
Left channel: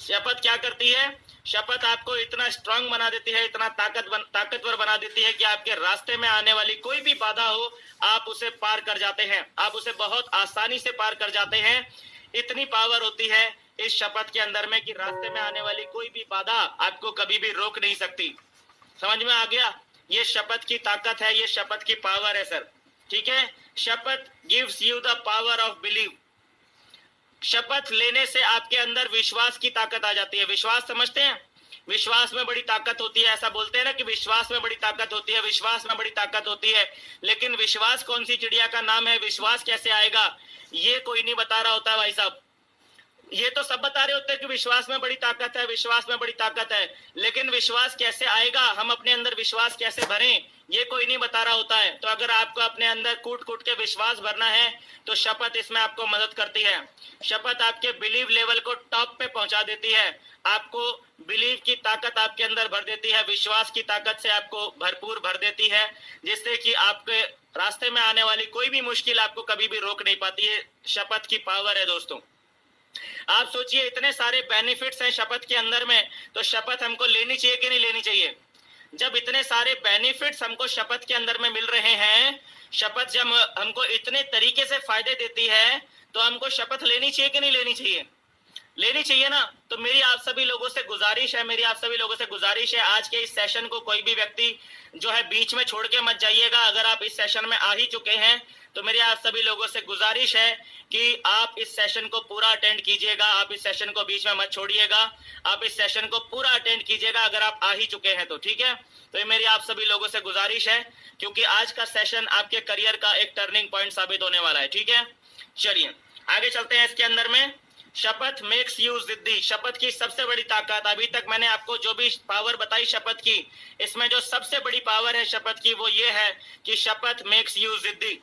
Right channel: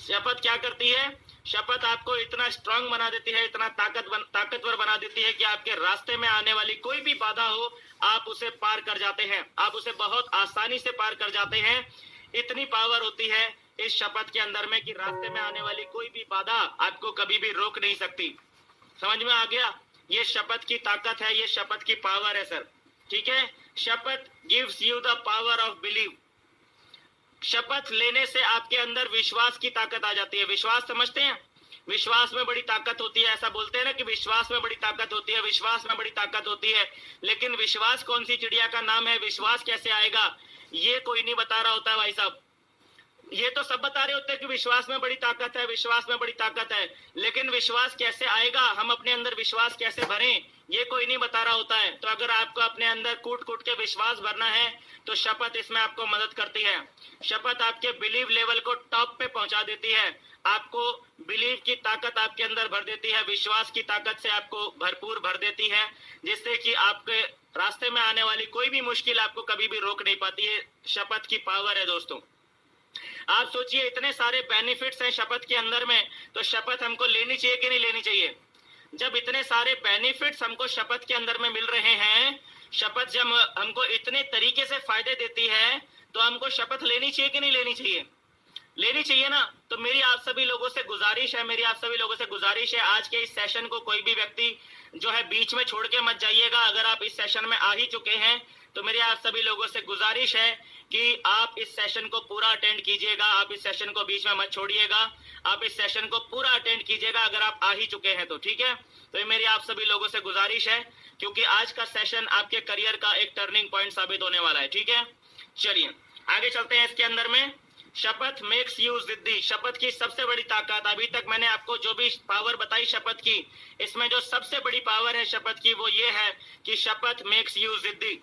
शपथ क्या करती है? शपथ आपको इतना स्ट्रांग बना देती है, इतना ताकतवर बना देती है कि आपके रास्ते में आने वाली कोई भी बाधा हो, आप उसे पार कर जाते हैं, आप उसे बहुत आसानी से पार कर जाते हैं। इतनी पावर होती है इस शपथ के अंदर में कि रास्ते में आने वाली कोई भी बाधा आपको कभी भी रोक नहीं सकती। समझ में आ गया? ये शपथ की ताकत है, ये शपथ की पावर है सर। ठीक है? शपथ gives you the power of believe. शपथ लेने से आपके अंदर विश्वास की ताकत आ जाती है। विश्वास समझते हैं? विश्वास में बड़ी ताकत होती है, ऐसा बोलते हैं ना कि विश्वास में बड़ी ताकत होती है, विश्वास में बड़ी ताकत होती है। लेकिन विश्वास कौन सी चिड़िया का नाम है? विश्वास कैसे आएगा ये कोई नहीं बता रहा होता है भाई साहब। ये तो सब बता रहे होते हैं कि विश्वास में बड़ी ताकत है, विश्वास में बड़ी ताकत है, लेकिन विश्वास कैसे आएगा, हम अपने अंदर विश्वास कैसे भरें, ये कोई नहीं बता रहा होता है। तो अगर आपको अपने अंदर कूट कूट के विश्वास भरना है तो शपथ इसमें आपको मदद करती है। शपथ आपके बिलीव लेवल को टॉप पे पहुंचा देती है, आपको बिलीव की ताकत आपके अंदर भर देती है, विश्वास की ताकत से आपको भरपूर भर देती है, जिससे कि आपके रास्ते में आने वाली कोई भी मुश्किल आपको कभी भी रोक नहीं पाती है। शपथ की पावर है दोस्तों। आप सोचिए इतने सारे बेनिफिट्स हैं शपथ के अंदर में, तो शपथ हमको लेनी चाहिए कि नहीं लेनी चाहिए? जब इतने सारे बेनिफिट्स हमको शपथ के अंदर में मिल रहे हैं, शपथ जब हमको इतने तरीके से फायदे देती है, तो हमको शपथ लेनी चाहिए कि नहीं लेनी चाहिए? लेनी चाहिए ना। तो मेरी आप सभी लोगों से गुजारिश है, आज के इस सेशन को कोई भी व्यक्ति जो है बीच में छोड़ के मत जाइएगा। अगर आप इस सेशन में आ ही चुके हैं तो मेरी आप सभी लोगों से गुजारिश है कि आप इस सेशन को पूरा अटेंड कीजिएगा, आप इस सेशन को बीच में मत छोड़िएगा, आप इस सेशन को पूरा अटेंड कीजिएगा अगर आप आ ही चुके हैं तो। ठीक है? तो ये मेरी आप सभी लोगों से गुजारिश है, क्योंकि आज का सेशन आपके करियर का एक टर्निंग पॉइंट साबित होने वाला है। ठीक है? चलिए आगे चलते हैं। इसके अंदर में शपथ मेक्स यू जिद्दी। शपथ की सबसे बड़ी ताकत, अभी तक मैंने आपको जो भी पावर बताई शपथ की, इसमें जो सबसे बड़ी पावर है शपथ की वो ये है कि शपथ मेक्स यू जिद्दी।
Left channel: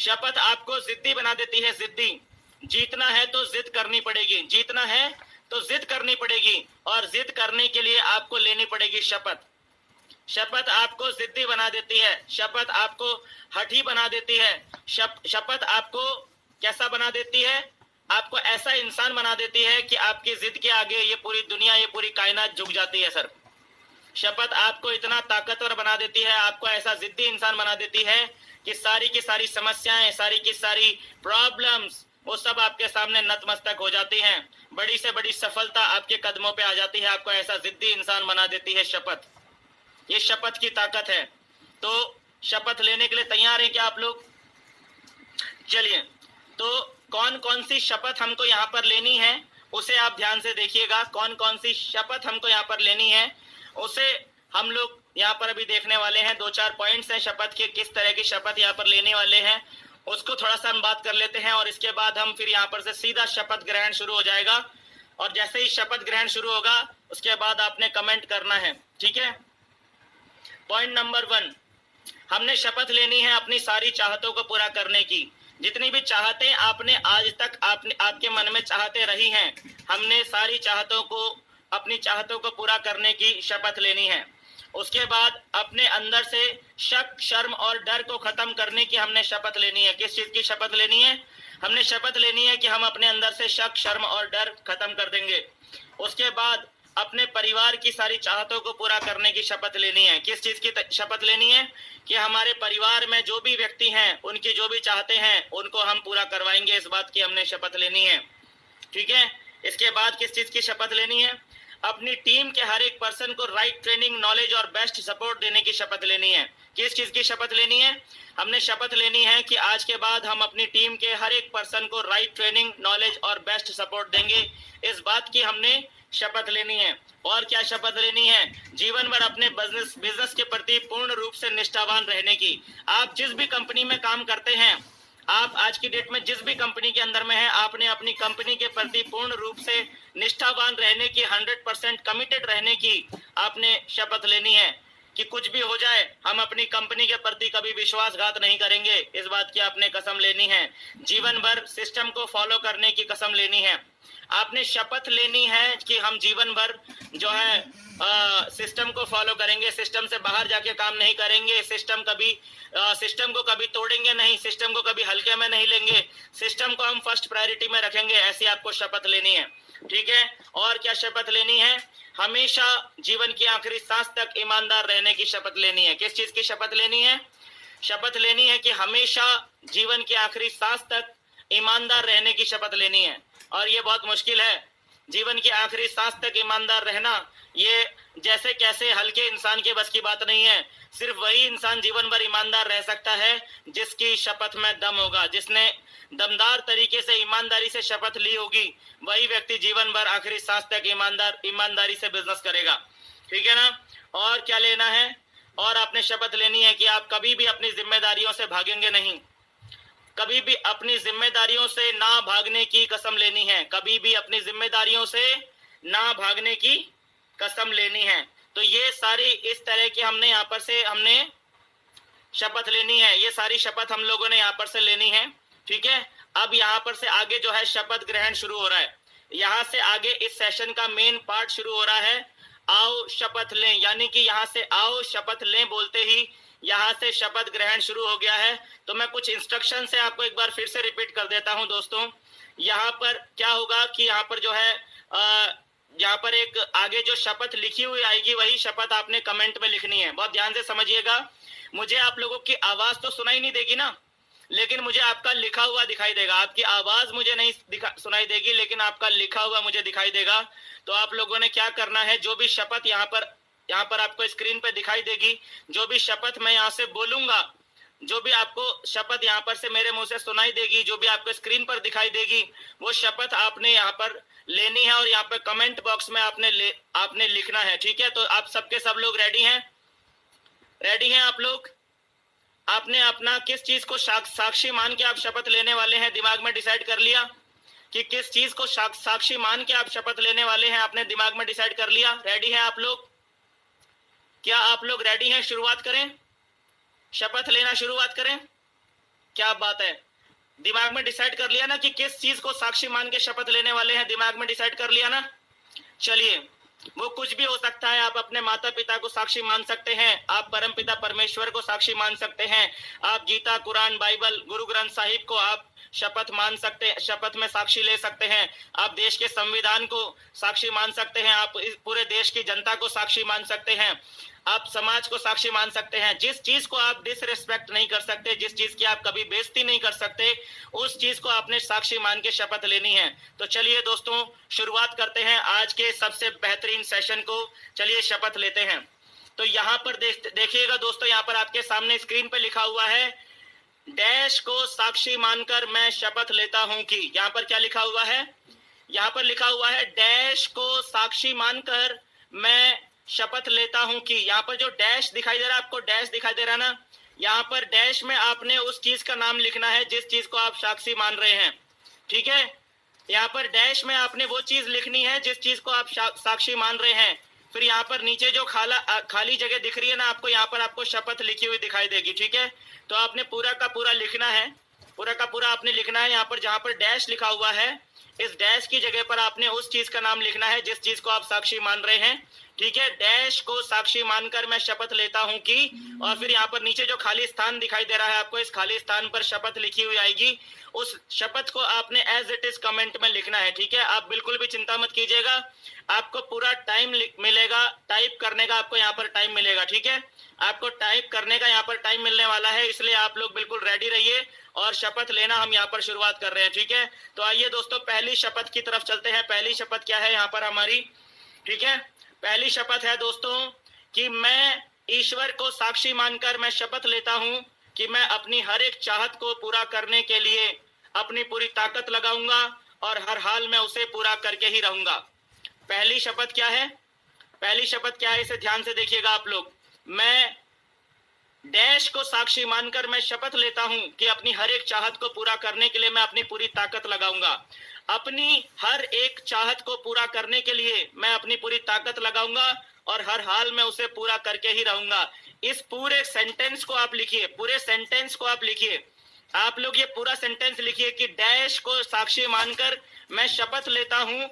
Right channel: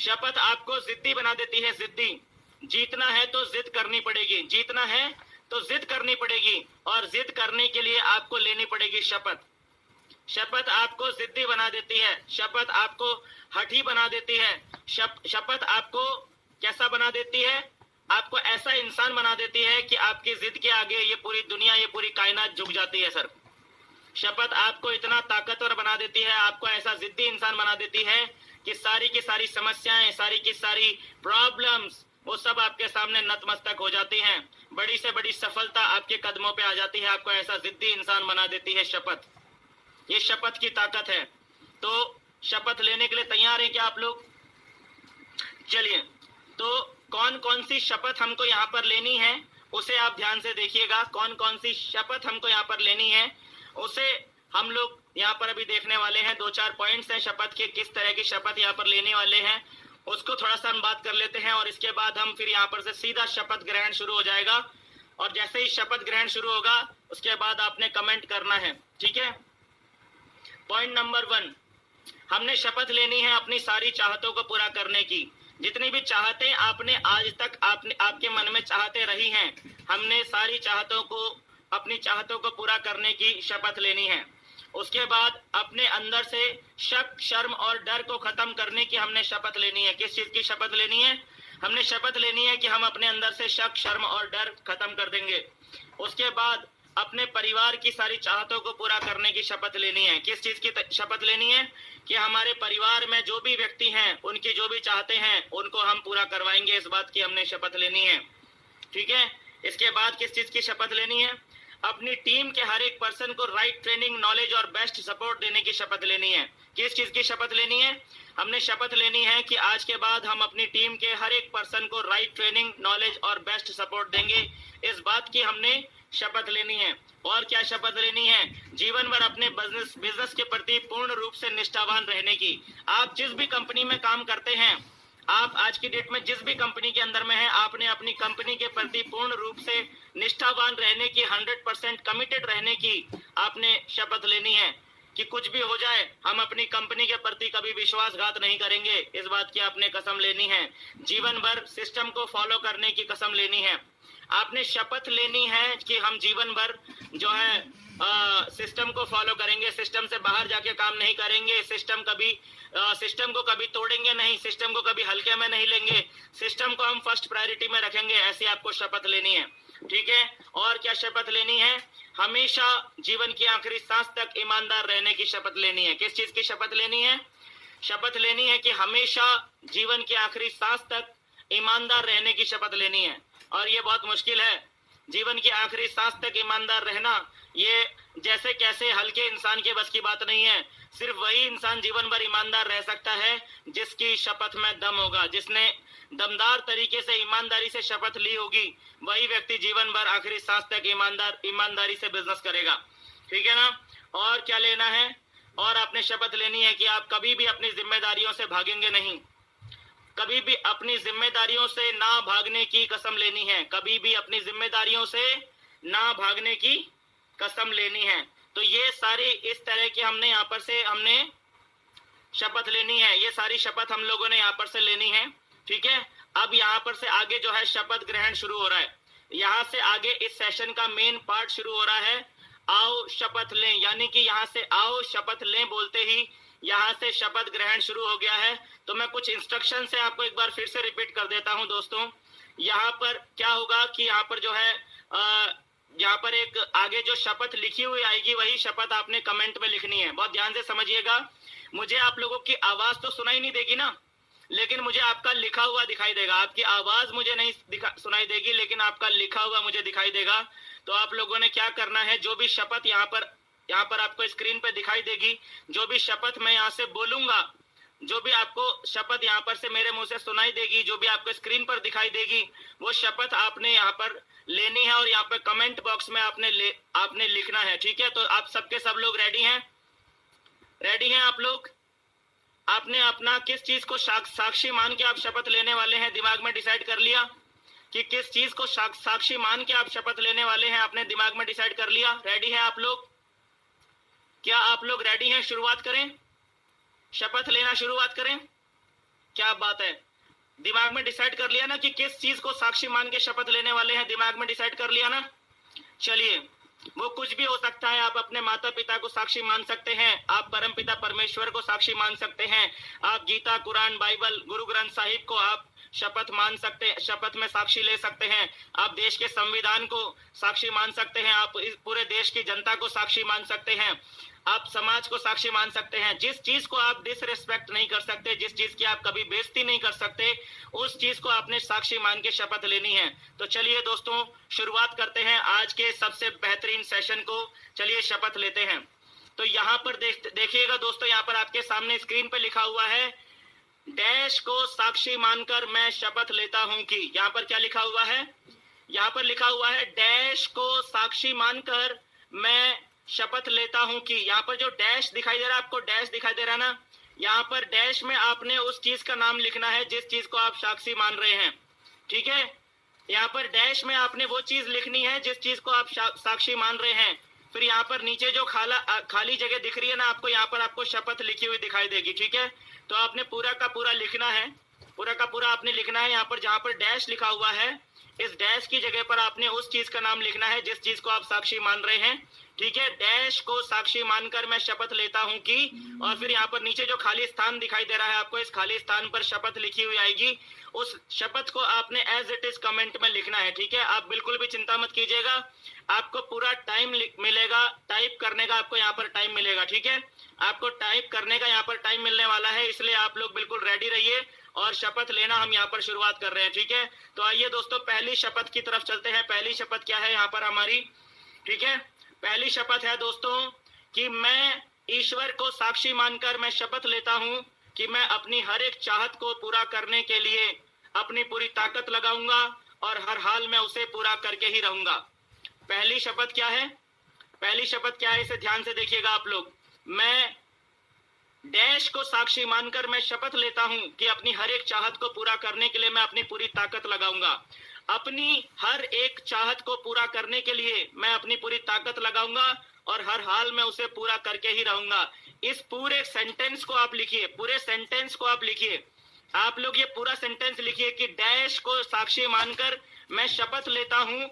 शपथ आपको जिद्दी बना देती है। जिद्दी, जीतना है तो जिद करनी पड़ेगी, जीतना है तो जिद करनी पड़ेगी, और जिद करने के लिए आपको लेनी पड़ेगी शपथ। शपथ आपको जिद्दी बना देती है, शपथ आपको हठी बना देती है, शपथ आपको कैसा बना देती है? आपको ऐसा इंसान बना देती है कि आपकी जिद के आगे ये पूरी दुनिया, ये पूरी कायनात झुक जाती है सर। शपथ आपको इतना ताकतवर बना देती है, आपको ऐसा जिद्दी इंसान बना देती है कि सारी की सारी समस्याएं, सारी की सारी प्रॉब्लम्स, वो सब आपके सामने नतमस्तक हो जाती हैं। बड़ी से बड़ी सफलता आपके कदमों पे आ जाती है। आपको ऐसा जिद्दी इंसान बना देती है शपथ। ये शपथ की ताकत है। तो शपथ लेने के लिए तैयार हैं क्या आप लोग? चलिए, तो कौन कौन सी शपथ हमको यहाँ पर लेनी है उसे आप ध्यान से देखिएगा। कौन कौन सी शपथ हमको यहाँ पर लेनी है उसे हम लोग यहाँ पर अभी देखने वाले हैं। 2-4 पॉइंट्स हैं शपथ के, किस तरह की शपथ यहाँ पर लेने वाले हैं उसको थोड़ा सा हम बात कर लेते हैं, और इसके बाद हम फिर यहाँ पर से सीधा शपथ ग्रहण शुरू हो जाएगा। और जैसे ही शपथ ग्रहण शुरू होगा उसके बाद आपने कमेंट करना है, ठीक है। पॉइंट नंबर 1, हमने शपथ लेनी है अपनी सारी चाहतों को पूरा करने की। जितनी भी चाहतें आपने आज तक आपके मन में चाहते रही हैं, हमने सारी चाहतों को, अपनी चाहतों को पूरा करने की शपथ लेनी है। उसके बाद अपने अंदर से शक, शर्म और डर को खत्म करने की हमने शपथ लेनी है। किस चीज की शपथ लेनी है? हमने शपथ लेनी है कि हम अपने अंदर से शक, शर्म और डर खत्म कर देंगे। उसके बाद अपने परिवार की सारी चाहतों को पूरा करने की शपथ लेनी है। किस चीज की शपथ लेनी है? कि हमारे परिवार में जो भी व्यक्ति हैं, उनकी जो भी चाहते हैं उनको हम पूरा करवाएंगे। इस बात की हमने शपथ लेनी है, ठीक है। इसके बाद किस चीज की शपथ लेनी है? अपनी टीम के हर एक पर्सन को राइट ट्रेनिंग, नॉलेज और बेस्ट सपोर्ट देने की शपथ लेनी है। किस चीज की शपथ लेनी है? हमने शपथ लेनी है कि आज के बाद हम अपनी टीम के हर एक पर्सन को राइट ट्रेनिंग, नॉलेज और बेस्ट सपोर्ट देंगे। इस बात की हमने शपथ लेनी है। और क्या शपथ लेनी है? जीवन भर अपने बिजनेस के प्रति पूर्ण रूप से निष्ठावान रहने की। आप जिस भी कंपनी में काम करते हैं, आप आज की डेट में जिस भी कंपनी के अंदर में है, आपने अपनी कंपनी के प्रति पूर्ण रूप से निष्ठावान रहने की, 100% कमिटेड रहने की आपने शपथ लेनी है कि कुछ भी हो जाए हम अपनी कंपनी के प्रति कभी विश्वासघात नहीं करेंगे। इस बात की आपने कसम लेनी है। जीवन भर सिस्टम को फॉलो करने की कसम लेनी है। आपने शपथ लेनी है कि हम जीवन भर जो है सिस्टम को फॉलो करेंगे, सिस्टम से बाहर जाके काम नहीं करेंगे, सिस्टम को कभी तोड़ेंगे नहीं, सिस्टम को कभी हल्के में नहीं लेंगे, सिस्टम को हम फर्स्ट प्रायोरिटी में रखेंगे। ऐसी आपको शपथ लेनी है, ठीक है। और क्या शपथ लेनी है? हमेशा जीवन की आखिरी सांस तक ईमानदार रहने की शपथ लेनी है। किस चीज की शपथ लेनी है? शपथ लेनी है कि हमेशा जीवन की आखिरी सांस तक ईमानदार रहने की शपथ लेनी है। और ये बहुत मुश्किल है, जीवन की आखिरी सांस तक ईमानदार रहना। ये जैसे कैसे हल्के इंसान के बस की बात नहीं है। सिर्फ वही इंसान जीवन भर ईमानदार रह सकता है जिसकी शपथ में दम होगा, जिसने दमदार तरीके से ईमानदारी से शपथ ली होगी। वही व्यक्ति जीवन भर आखिरी सांस तक ईमानदारी से बिजनेस करेगा, ठीक है ना। और क्या लेना है? और आपने शपथ लेनी है कि आप कभी भी अपनी जिम्मेदारियों से भागेंगे नहीं। कभी भी अपनी जिम्मेदारियों से ना भागने की कसम लेनी है। कभी भी अपनी जिम्मेदारियों से ना भागने की कसम लेनी है। तो ये सारी इस तरह की हमने यहाँ पर से हमने शपथ लेनी है। ये सारी शपथ हम लोगों ने यहाँ पर से लेनी है, ठीक है। अब यहाँ पर से आगे जो है शपथ ग्रहण शुरू हो रहा है। यहाँ से आगे इस सेशन का मेन पार्ट शुरू हो रहा है। आओ शपथ लें, यानी कि यहाँ से आओ शपथ लें बोलते ही यहाँ से शपथ ग्रहण शुरू हो गया है। तो मैं कुछ इंस्ट्रक्शन से आपको एक बार फिर से रिपीट कर देता हूं दोस्तों। यहाँ पर क्या होगा कि यहाँ पर जो है यहाँ पर एक आगे जो शपथ लिखी हुई आएगी वही शपथ आपने कमेंट में लिखनी है। बहुत ध्यान से समझिएगा। मुझे आप लोगों की आवाज तो सुनाई नहीं देगी ना, लेकिन मुझे आपका लिखा हुआ दिखाई देगा। आपकी आवाज मुझे नहीं सुनाई देगी, लेकिन आपका लिखा हुआ मुझे दिखाई देगा। तो आप लोगों ने क्या करना है, जो भी शपथ यहाँ पर आपको स्क्रीन पे दिखाई देगी, जो भी शपथ मैं यहाँ से बोलूंगा, जो भी आपको शपथ यहाँ पर से मेरे मुंह से सुनाई देगी, जो भी आपको स्क्रीन पर दिखाई देगी, वो शपथ आपने यहाँ पर लेनी है और यहाँ पर कमेंट बॉक्स में आपने लिखना है, ठीक है। तो आप सबके सब लोग रेडी हैं? रेडी हैं आप लोग? आपने अपना किस चीज को साक्षी मान के आप शपथ लेने वाले हैं दिमाग में डिसाइड कर लिया कि किस चीज को साक्षी मान के आप शपथ लेने वाले हैं? आपने दिमाग में डिसाइड कर लिया? रेडी हैं आप लोग? क्या आप लोग रेडी हैं? शुरुआत करें, शपथ लेना शुरुआत करें। क्या बात है, दिमाग में डिसाइड कर लिया ना कि किस चीज को साक्षी मान के शपथ लेने वाले हैं? दिमाग में डिसाइड कर लिया ना? चलिए, वो कुछ भी हो सकता है। आप अपने माता पिता को साक्षी मान सकते हैं, आप परम पिता परमेश्वर को साक्षी मान सकते हैं, आप गीता, कुरान, बाइबल, गुरु ग्रंथ साहिब को आप शपथ मान सकते हैं, शपथ में साक्षी ले सकते हैं, आप देश के संविधान को साक्षी मान सकते हैं, आप इस पूरे देश की जनता को साक्षी मान सकते हैं, आप समाज को साक्षी मान सकते हैं। जिस चीज को आप डिसरिस्पेक्ट नहीं कर सकते, जिस चीज की आप कभी बेइज्जती नहीं कर सकते, उस चीज को आपने साक्षी मान के शपथ लेनी है। तो चलिए दोस्तों शुरुआत करते हैं आज के सबसे बेहतरीन सेशन को। चलिए शपथ लेते हैं। तो यहाँ पर देखिएगा दोस्तों, यहाँ पर आपके सामने स्क्रीन पर लिखा हुआ है, डैश को साक्षी मानकर मैं शपथ लेता हूं कि, यहाँ पर क्या लिखा हुआ है, यहाँ पर लिखा हुआ है डैश को साक्षी मानकर मैं शपथ लेता हूं कि, यहाँ पर जो डैश दिखाई दे रहा है, आपको डैश दिखाई दे रहा है ना, यहाँ पर डैश में आपने उस चीज का नाम लिखना है जिस चीज को आप साक्षी मान रहे हैं। ठीक है, यहाँ पर डैश में आपने वो चीज लिखनी है जिस चीज को आप साक्षी मान रहे हैं। फिर यहाँ पर नीचे जो खाली जगह दिख रही है ना आपको, यहाँ पर आपको शपथ लिखी हुई दिखाई देगी। ठीक है, तो आपने पूरा का पूरा लिखना है, पूरा का पूरा आपने लिखना है। यहाँ पर जहाँ पर डैश लिखा हुआ है, इस डैश की जगह पर आपने उस चीज का नाम लिखना है जिस चीज को आप साक्षी मान रहे हैं। ठीक है, डैश को साक्षी मानकर मैं शपथ लेता हूं कि, और फिर यहाँ पर नीचे जो खाली स्थान दिखाई दे रहा है आपको, इस खाली स्थान पर शपथ लिखी हुई आएगी। उस शपथ को आपने एज इट इज कमेंट में लिखना है। ठीक है, आप बिल्कुल भी चिंता मत कीजिएगा, आपको पूरा टाइम मिलेगा टाइप करने का, आपको यहाँ पर टाइम मिलेगा। ठीक है, आपको टाइप करने का यहाँ पर टाइम मिलने वाला है, इसलिए आप लोग बिल्कुल रेडी रहिए और शपथ लेना हम यहाँ पर शुरुआत कर रहे हैं। ठीक है, तो आइए दोस्तों पहली शपथ की तरफ चलते हैं। पहली शपथ क्या है यहाँ पर हमारी, ठीक है, पहली शपथ है दोस्तों कि मैं ईश्वर को साक्षी मानकर मैं शपथ लेता हूं कि मैं अपनी हर एक चाहत को पूरा करने के लिए अपनी पूरी ताकत लगाऊंगा और हर हाल में उसे पूरा करके ही रहूंगा। पहली शपथ क्या है, पहली शपथ क्या है, इसे ध्यान से देखिएगा आप लोग। मैं डैश को साक्षी मानकर मैं शपथ लेता हूं कि अपनी हर एक चाहत को पूरा करने के लिए मैं अपनी पूरी ताकत लगाऊंगा। अपनी हर एक चाहत को पूरा करने के लिए मैं अपनी पूरी ताकत लगाऊंगा और हर हाल में उसे पूरा करके ही रहूंगा। इस पूरे सेंटेंस को आप लिखिए, पूरे सेंटेंस को आप लिखिए, आप लोग ये पूरा सेंटेंस लिखिए कि डैश को साक्षी मानकर मैं शपथ लेता हूं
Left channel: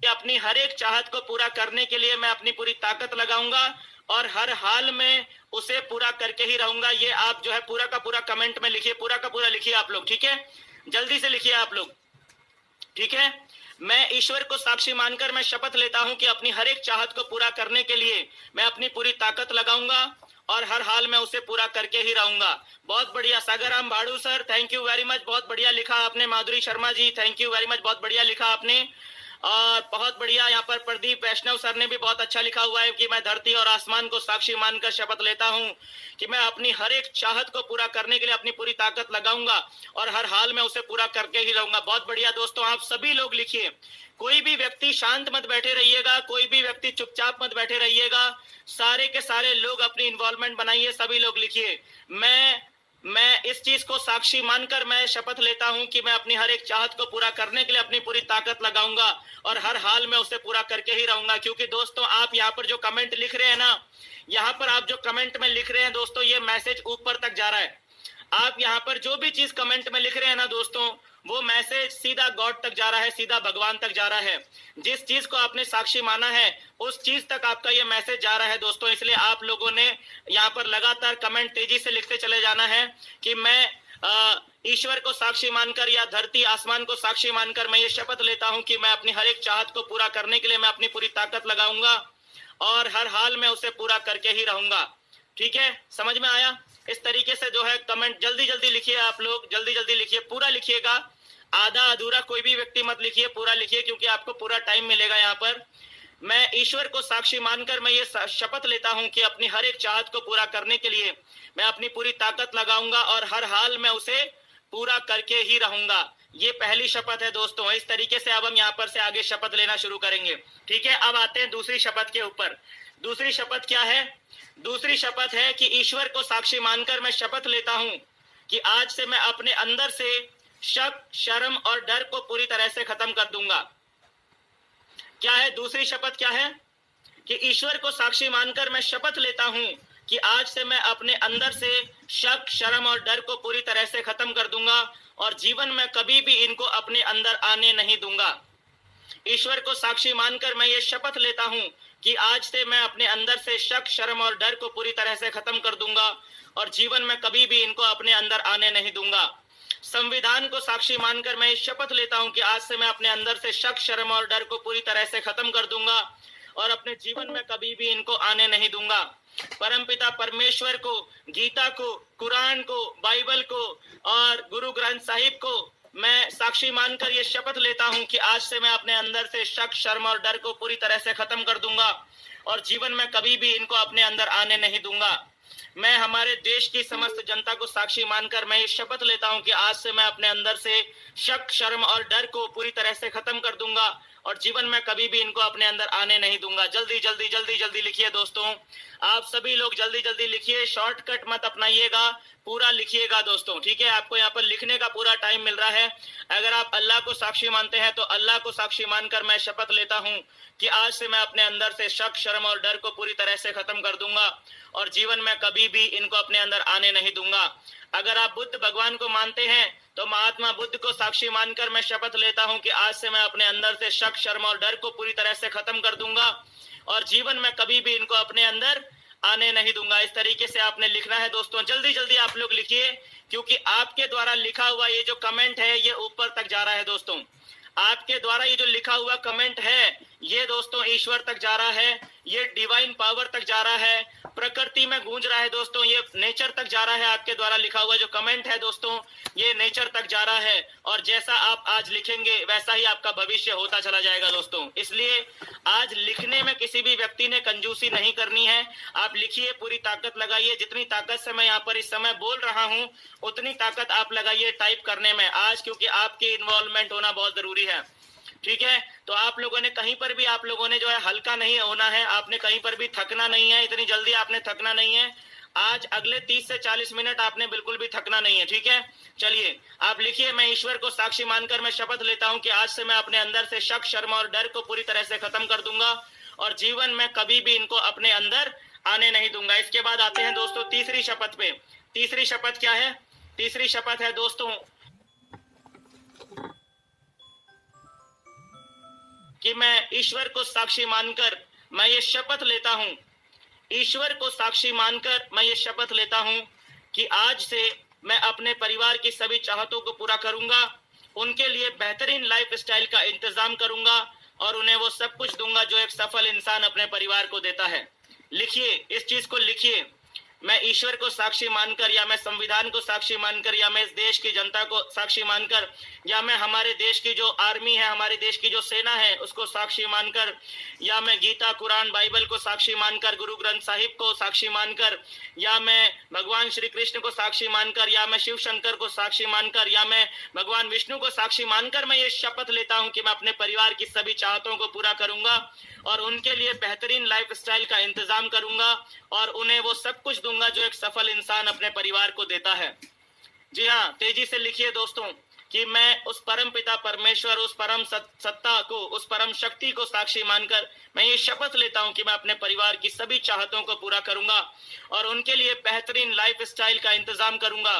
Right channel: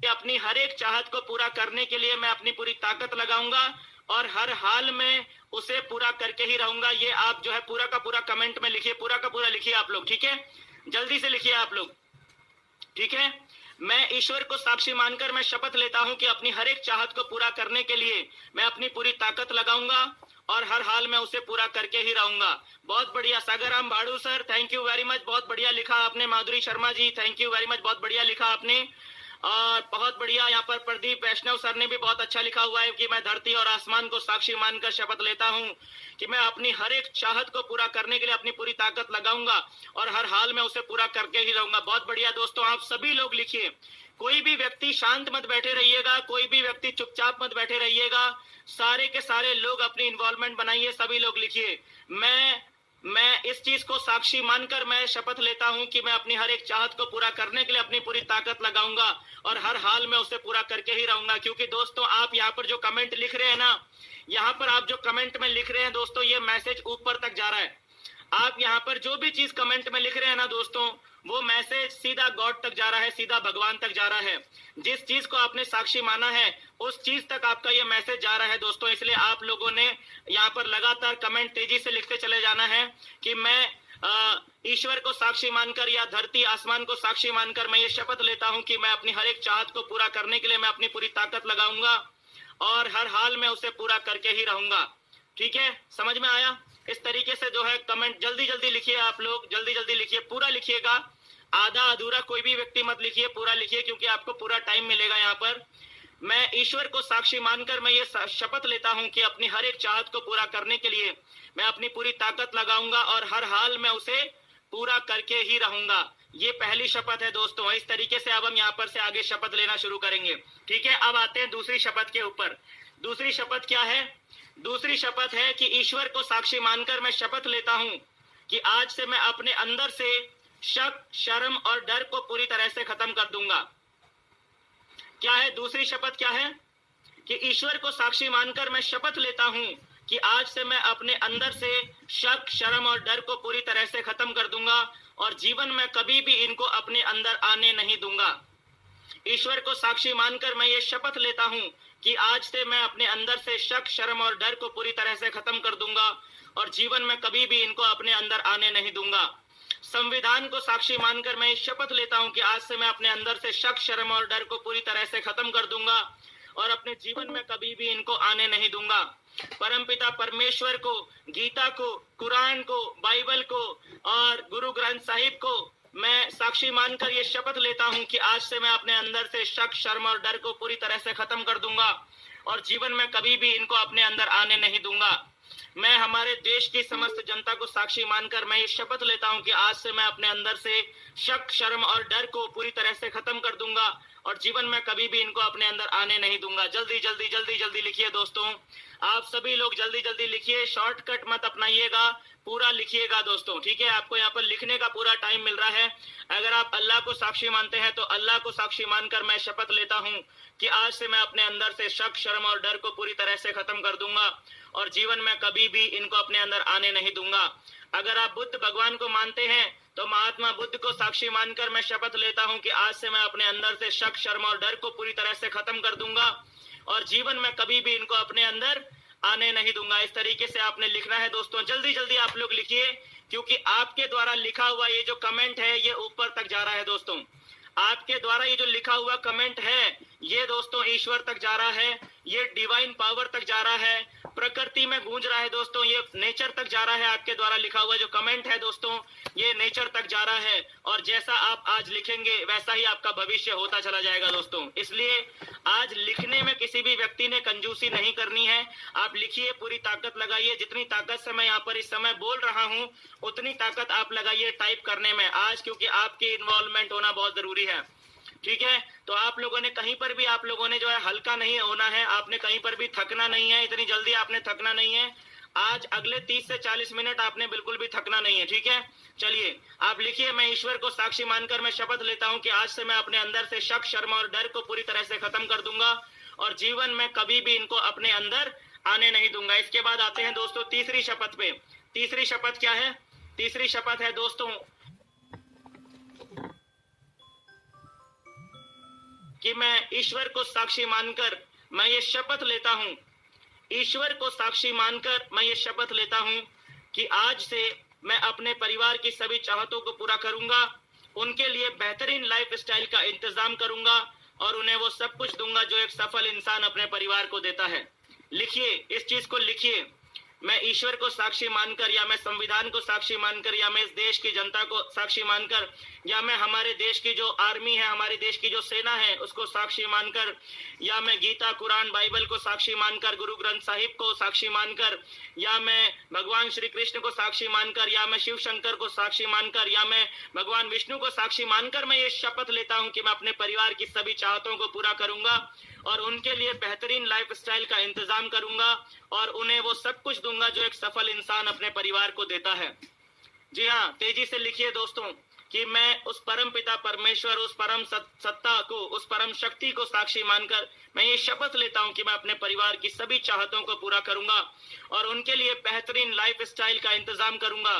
कि अपनी हर एक चाहत को पूरा करने के लिए मैं अपनी पूरी ताकत लगाऊंगा और हर हाल में उसे पूरा करके ही रहूंगा। ये आप जो है पूरा का पूरा कमेंट में लिखिए, पूरा का पूरा लिखिए आप लोग। ठीक है, जल्दी से लिखिए आप लोग। ठीक है, मैं ईश्वर को साक्षी मानकर मैं शपथ लेता हूं कि अपनी हर एक चाहत को पूरा करने के लिए मैं अपनी पूरी ताकत लगाऊंगा और हर हाल में उसे पूरा करके ही रहूंगा। बहुत बढ़िया Sagarram Bhadu sir, thank you very much, बहुत बढ़िया लिखा आपने। Madhuri Sharma ji, thank you very much, बहुत बढ़िया लिखा आपने। और बहुत बढ़िया यहाँ पर प्रदीप वैष्णव सर ने भी बहुत अच्छा लिखा हुआ है कि मैं धरती और आसमान को साक्षी मानकर शपथ लेता हूँ कि मैं अपनी हर एक चाहत को पूरा करने के लिए अपनी पूरी ताकत लगाऊंगा और हर हाल में उसे पूरा करके ही रहूंगा। बहुत बढ़िया दोस्तों, आप सभी लोग लिखिए, कोई भी व्यक्ति शांत मत बैठे रहिएगा, कोई भी व्यक्ति चुपचाप मत बैठे रहिएगा, सारे के सारे लोग अपनी इन्वॉल्वमेंट बनाइए, सभी लोग लिखिए। मैं इस चीज को साक्षी मानकर मैं शपथ लेता हूं कि मैं अपनी हर एक चाहत को पूरा करने के लिए अपनी पूरी ताकत लगाऊंगा और हर हाल में उसे पूरा करके ही रहूंगा। क्योंकि दोस्तों आप यहाँ पर जो कमेंट लिख रहे हैं ना, यहाँ पर आप जो कमेंट में लिख रहे हैं दोस्तों, ये मैसेज ऊपर तक जा रहा है। आप यहाँ पर जो भी चीज कमेंट में लिख रहे हैं ना दोस्तों, वो मैसेज सीधा गॉड तक जा रहा है, सीधा भगवान तक जा रहा है। जिस चीज को आपने साक्षी माना है उस चीज तक आपका ये मैसेज जा रहा है दोस्तों। इसलिए आप लोगों ने यहाँ पर लगातार कमेंट तेजी से लिखते चले जाना है कि मैं ईश्वर को साक्षी मानकर या धरती आसमान को साक्षी मानकर मैं ये शपथ लेता हूं कि मैं अपनी हर एक चाहत को पूरा करने के लिए मैं अपनी पूरी ताकत लगाऊंगा और हर हाल में उसे पूरा करके ही रहूंगा। ठीक है, समझ में आया? इस तरीके से जो है कमेंट जल्दी जल्दी लिखिए, आप लोग जल्दी जल्दी लिखिए, पूरा लिखिएगा, आधा अधूरा कोई भी व्यक्ति मत लिखिए, पूरा लिखिए क्योंकि आपको पूरा टाइम मिलेगा यहाँ पर। मैं ईश्वर को साक्षी मानकर मैं ये शपथ लेता हूं कि अपनी हर एक चाहत को पूरा करने के लिए मैं अपनी पूरी ताकत लगाऊंगा और हर हाल में उसे पूरा करके ही रहूंगा। ये पहली शपथ है दोस्तों। इस तरीके से अब हम यहाँ पर से आगे शपथ लेना शुरू करेंगे। ठीक है, अब आते हैं दूसरी शपथ के ऊपर। दूसरी शपथ क्या है? दूसरी शपथ है कि ईश्वर को साक्षी मानकर मैं शपथ लेता हूं कि आज से मैं अपने अंदर से शक, शर्म और डर को पूरी तरह से खत्म कर दूंगा। क्या है दूसरी शपथ? क्या है कि ईश्वर को साक्षी मानकर मैं शपथ लेता हूं कि आज से मैं अपने अंदर से शक, शर्म और डर को पूरी तरह से खत्म कर दूंगा और जीवन में कभी भी इनको अपने अंदर आने नहीं दूंगा। ईश्वर को साक्षी मानकर मैं ये शपथ लेता हूं कि आज से मैं अपने अंदर से शक, शर्म और डर को पूरी तरह से खत्म कर दूंगा और जीवन में कभी भी इनको अपने अंदर आने नहीं दूंगा। संविधान को साक्षी मानकर मैं ये शपथ लेता हूं कि आज से मैं अपने अंदर से शक, शर्म और डर को पूरी तरह से खत्म कर दूंगा और अपने जीवन में कभी भी इनको आने नहीं दूंगा। परमपिता परमेश्वर को, गीता को, कुरान को, बाइबल को और गुरु ग्रंथ साहिब को मैं साक्षी मानकर ये शपथ लेता हूं कि आज से मैं अपने अंदर से शक, शर्म और डर को पूरी तरह से खत्म कर दूंगा और जीवन में कभी भी इनको अपने अंदर आने नहीं दूंगा। मैं हमारे देश की समस्त जनता को साक्षी मानकर मैं ये शपथ लेता हूं कि आज से मैं अपने अंदर से शक, शर्म और डर को पूरी तरह से खत्म कर दूंगा और जीवन में कभी भी इनको अपने अंदर आने नहीं दूंगा। जल्दी जल्दी जल्दी जल्दी लिखिए दोस्तों, आप सभी लोग जल्दी जल्दी लिखिए, शॉर्टकट मत अपनाइएगा, पूरा लिखिएगा दोस्तों, ठीक है। आपको यहाँ पर लिखने का पूरा टाइम मिल रहा है। अगर आप अल्लाह को साक्षी मानते हैं तो अल्लाह को साक्षी मानकर मैं शपथ लेता हूँ कि आज से मैं अपने अंदर से शक, शर्म और डर को पूरी तरह से खत्म कर दूंगा और जीवन में कभी भी इनको अपने अंदर आने नहीं दूंगा। अगर आप बुद्ध भगवान को मानते हैं तो महात्मा बुद्ध को साक्षी मानकर मैं शपथ लेता हूं कि आज से मैं अपने अंदर से शक, शर्म और डर को पूरी तरह से खत्म कर दूंगा और जीवन में कभी भी इनको अपने अंदर आने नहीं दूंगा। इस तरीके से आपने लिखना है दोस्तों, जल्दी जल्दी आप लोग लिखिए, क्योंकि आपके द्वारा लिखा हुआ ये जो कमेंट है ये ऊपर तक जा रहा है दोस्तों। आपके द्वारा ये जो लिखा हुआ कमेंट है ये दोस्तों ईश्वर तक जा रहा है, ये डिवाइन पावर तक जा रहा है, प्रकृति में गूंज रहा है दोस्तों, ये नेचर तक जा रहा है। आपके द्वारा लिखा हुआ जो कमेंट है दोस्तों ये नेचर तक जा रहा है और जैसा आप आज लिखेंगे वैसा ही आपका भविष्य होता चला जाएगा दोस्तों। इसलिए आज लिखने में किसी भी व्यक्ति ने कंजूसी नहीं करनी है। आप लिखिए, पूरी ताकत लगाइए। जितनी ताकत से मैं यहाँ पर इस समय बोल रहा हूँ उतनी ताकत आप लगाइए टाइप करने में आज, क्योंकि आपकी इन्वॉल्वमेंट होना बहुत जरूरी है, ठीक है। तो आप लोगों ने कहीं पर भी आप लोगों ने जो है हल्का नहीं होना है, आपने कहीं पर भी थकना नहीं है, इतनी जल्दी आपने थकना नहीं है। आज अगले 30 से 40 मिनट आपने बिल्कुल भी थकना नहीं है, ठीक है। चलिए आप लिखिए, मैं ईश्वर को साक्षी मानकर मैं शपथ लेता हूं कि आज से मैं अपने अंदर से शक, शर्म और डर को पूरी तरह से खत्म कर दूंगा और जीवन में कभी भी इनको अपने अंदर आने नहीं दूंगा। इसके बाद आते हैं दोस्तों तीसरी शपथ पे। तीसरी शपथ क्या है? तीसरी शपथ है दोस्तों कि मैं ईश्वर को साक्षी मानकर मैं ये शपथ लेता हूं, ईश्वर को साक्षी मानकर मैं ये शपथ लेता हूं कि आज से मैं अपने परिवार की सभी चाहतों को पूरा करूंगा, उनके लिए बेहतरीन लाइफ स्टाइल का इंतजाम करूंगा और उन्हें वो सब कुछ दूंगा जो एक सफल इंसान अपने परिवार को देता है। लिखिए, इस चीज को लिखिए, मैं ईश्वर को साक्षी मानकर या मैं संविधान को साक्षी मानकर या मैं इस देश की जनता को साक्षी मानकर या मैं हमारे देश की जो आर्मी है, हमारे देश की जो सेना है उसको साक्षी मानकर या मैं गीता, कुरान, बाइबल को साक्षी मानकर, गुरु ग्रंथ साहिब को साक्षी मानकर या मैं भगवान श्री कृष्ण को साक्षी मानकर या मैं शिव शंकर को साक्षी मानकर या मैं भगवान विष्णु को साक्षी मानकर मैं ये शपथ लेता हूं कि मैं अपने परिवार की सभी चाहतों को पूरा करूंगा और उनके लिए बेहतरीन लाइफ स्टाइल का इंतजाम करूंगा और उन्हें वो सब कुछ दूंगा जो एक सफल इंसान अपने परिवार को देता है। जी हाँ, तेजी से लिखिए दोस्तों कि मैं उस परम पिता परमेश्वर, उस परम सत्ता को, उस परम शक्ति को साक्षी मानकर मैं ये शपथ लेता हूं कि मैं अपने परिवार की सभी चाहतों को पूरा करूंगा और उनके लिए बेहतरीन लाइफ स्टाइल का इंतजाम करूंगा,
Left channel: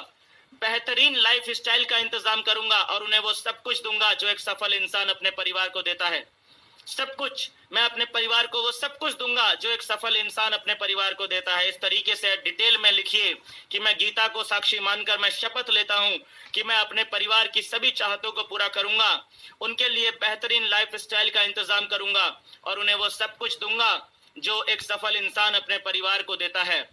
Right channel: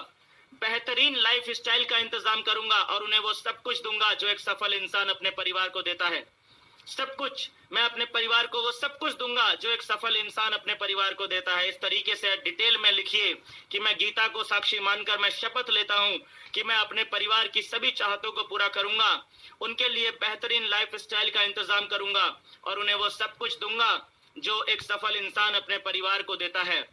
बेहतरीन लाइफ स्टाइल का इंतजाम करूंगा और उन्हें वो सब कुछ दूंगा जो एक सफल इंसान अपने परिवार को देता है। सब कुछ, मैं अपने परिवार को वो सब कुछ दूंगा जो एक सफल इंसान अपने परिवार को देता है। इस तरीके से डिटेल में लिखिए कि मैं गीता को साक्षी मानकर मैं शपथ लेता हूं कि मैं अपने परिवार की सभी चाहतों को पूरा करूंगा, उनके लिए बेहतरीन लाइफ स्टाइल का इंतजाम करूंगा और उन्हें वो सब कुछ दूंगा जो एक सफल इंसान अपने परिवार को देता है।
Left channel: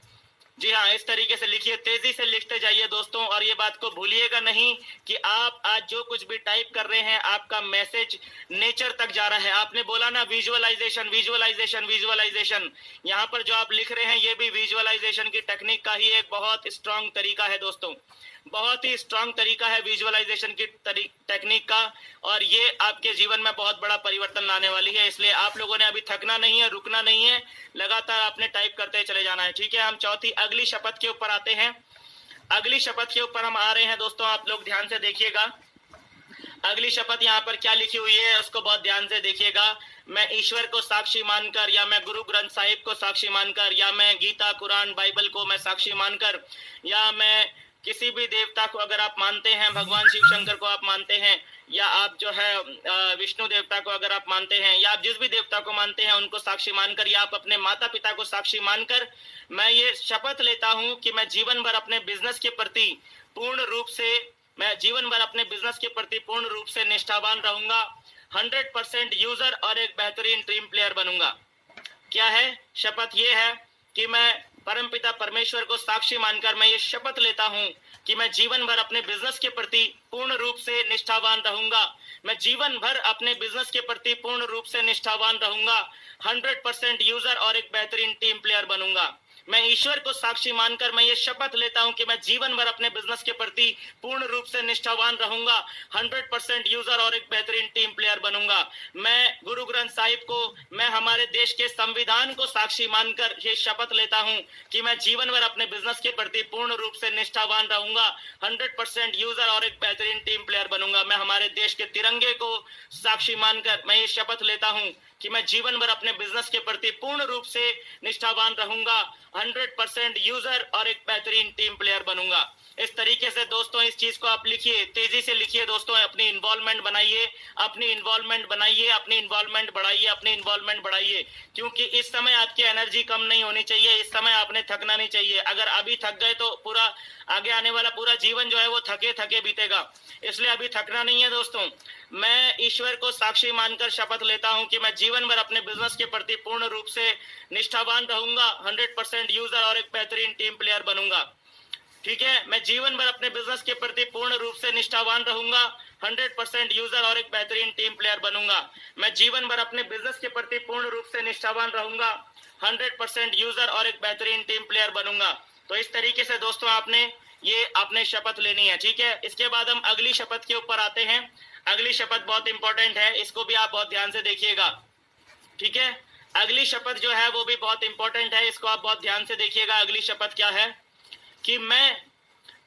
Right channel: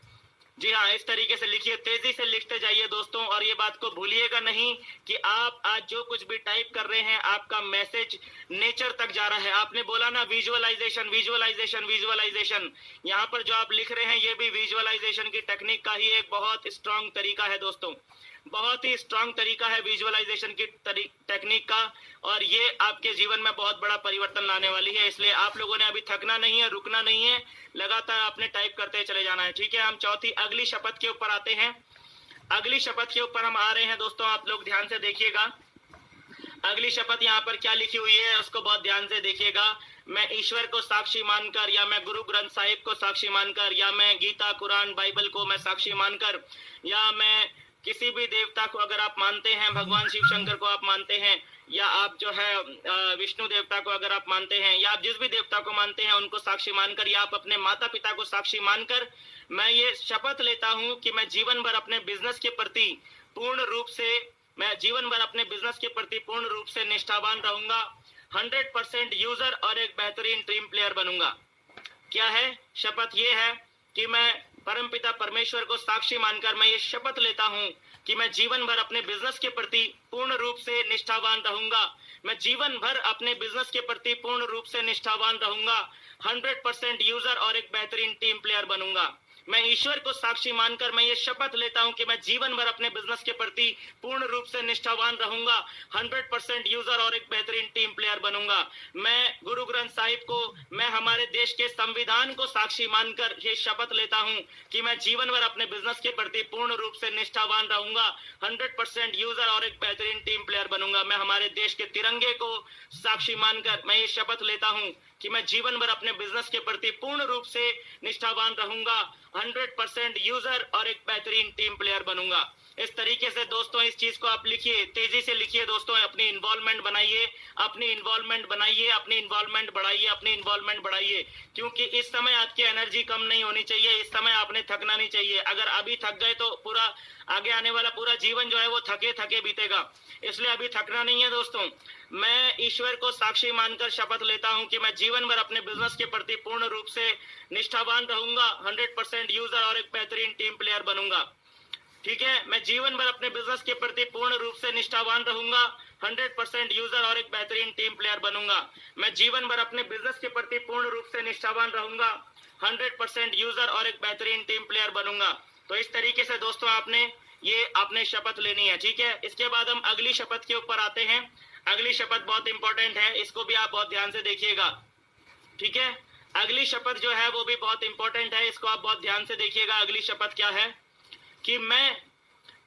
जी हाँ, इस तरीके से लिखिए, तेजी से लिखते जाइए दोस्तों और ये बात को भूलिएगा नहीं कि आप आज जो कुछ भी टाइप कर रहे हैं आपका मैसेज नेचर तक जा रहा है। आपने बोला ना विजुअलाइजेशन, विजुअलाइजेशन, विजुअलाइजेशन, यहाँ पर जो आप लिख रहे हैं ये भी विजुअलाइजेशन की टेक्निक का ही एक बहुत स्ट्रांग तरीका है दोस्तों, बहुत ही स्ट्रांग तरीका है विजुअलाइजेशन की टेक्निक का और ये आपके जीवन में बहुत बड़ा परिवर्तन लाने वाली है। इसलिए आप लोगों ने अभी थकना नहीं है, रुकना नहीं है, लगातार आपने टाइप करते चले जाना है, ठीक है। हम चौथी अगली शपथ के ऊपर आते हैं। अगली शपथ के ऊपर हम आ रहे हैं दोस्तों, आप लोग ध्यान से देखिएगा। अगली शपथ यहाँ पर क्या लिखी हुई है उसको बहुत ध्यान से देखिएगा। मैं ईश्वर को साक्षी मानकर या मैं गुरु ग्रंथ साहिब को साक्षी मानकर या मैं गीता, कुरान, बाइबल को मैं साक्षी मानकर या मैं किसी भी देवता को अगर आप मानते हैं, भगवान शिव शंकर को आप मानते हैं, या आप जो है विष्णु देवता को अगर आप मानते हैं, या आप जिस भी देवता को मानते हैं उनको साक्षी मानकर, या आप अपने माता पिता को साक्षी मानकर, मैं ये शपथ लेता हूं कि मैं जीवन भर अपने बिजनेस के प्रति पूर्ण रूप से निष्ठावान रहूंगा, 100% यूजर और एक बेहतरीन टीम प्लेयर बनूंगा। क्या है शपथ? ये है कि मैं परमपिता परमेश्वर को साक्षी मानकर मैं ये शपथ लेता हूं कि मैं जीवन भर अपने बिजनेस के प्रति पूर्ण रूप से निष्ठावान रहूंगा। मैं जीवन भर अपने बिजनेस के प्रति पूर्ण रूप से निष्ठावान रहूंगा, 100% यूजर और एक बेहतरीन टीम प्लेयर बनूंगा। मैं ईश्वर को साक्षी मानकर मैं ये शपथ लेता हूं कि मैं जीवन भर अपने बिजनेस के प्रति पूर्ण रूप से निष्ठावान रहूंगा, 100% यूजर और एक बेहतरीन टीम प्लेयर बनूंगा। मैं गुरु ग्रंथ साहिब को, मैं हमारे देश के संविधान को साक्षी मानकर ये शपथ लेता हूं कि मैं जीवन भर अपने बिजनेस के प्रति पूर्ण रूप से निष्ठावान रहूंगा, 100% यूजर और एक बेहतरीन टीम प्लेयर बनूंगा। मैं हमारे देश के तिरंगे को साक्षी मानकर मैं ये शपथ लेता हूं कि मैं जीवन भर अपने बिजनेस के प्रति पूर्ण रूप से निष्ठावान रहूंगा, 100% यूजर और एक बेहतरीन टीम प्लेयर बनूंगा। इस तरीके से दोस्तों इस चीज को आप लिखिए, तेजी से लिखिए दोस्तों, अपनी इन्वॉल्वमेंट बनाइए, अपनी इन्वॉल्वमेंट बनाइए, अपनी इन्वॉल्वमेंट बढ़ाइए, अपनी इन्वॉल्वमेंट बढ़ाइए, क्योंकि इस समय आपकी एनर्जी कम नहीं होनी चाहिए, इस समय आपने थकना नहीं चाहिए। अगर अभी थक गए तो पूरा आगे आने वाला पूरा जीवन जो है वो थके थके बीतेगा, इसलिए अभी थकना नहीं है दोस्तों। मैं ईश्वर को साक्षी मानकर शपथ लेता हूं कि मैं जीवन भर अपने बिजनेस के प्रति पूर्ण रूप से निष्ठावान रहूंगा, 100% यूजर और एक बेहतरीन टीम प्लेयर बनूंगा। ठीक है, मैं जीवन भर अपने बिजनेस के प्रति पूर्ण रूप से निष्ठावान रहूंगा, 100% यूजर और एक बेहतरीन टीम प्लेयर बनूंगा। मैं जीवन भर अपने बिजनेस के प्रति पूर्ण रूप से निष्ठावान रहूंगा, 100% यूजर और एक बेहतरीन टीम प्लेयर बनूंगा। तो इस तरीके से दोस्तों आपने शपथ लेनी है। ठीक है, इसके बाद हम अगली शपथ के ऊपर आते हैं। अगली शपथ बहुत इंपॉर्टेंट है, इसको भी आप बहुत ध्यान से देखिएगा। ठीक है, अगली शपथ जो है वो भी बहुत इंपॉर्टेंट है, इसको आप बहुत ध्यान से देखिएगा। अगली शपथ क्या है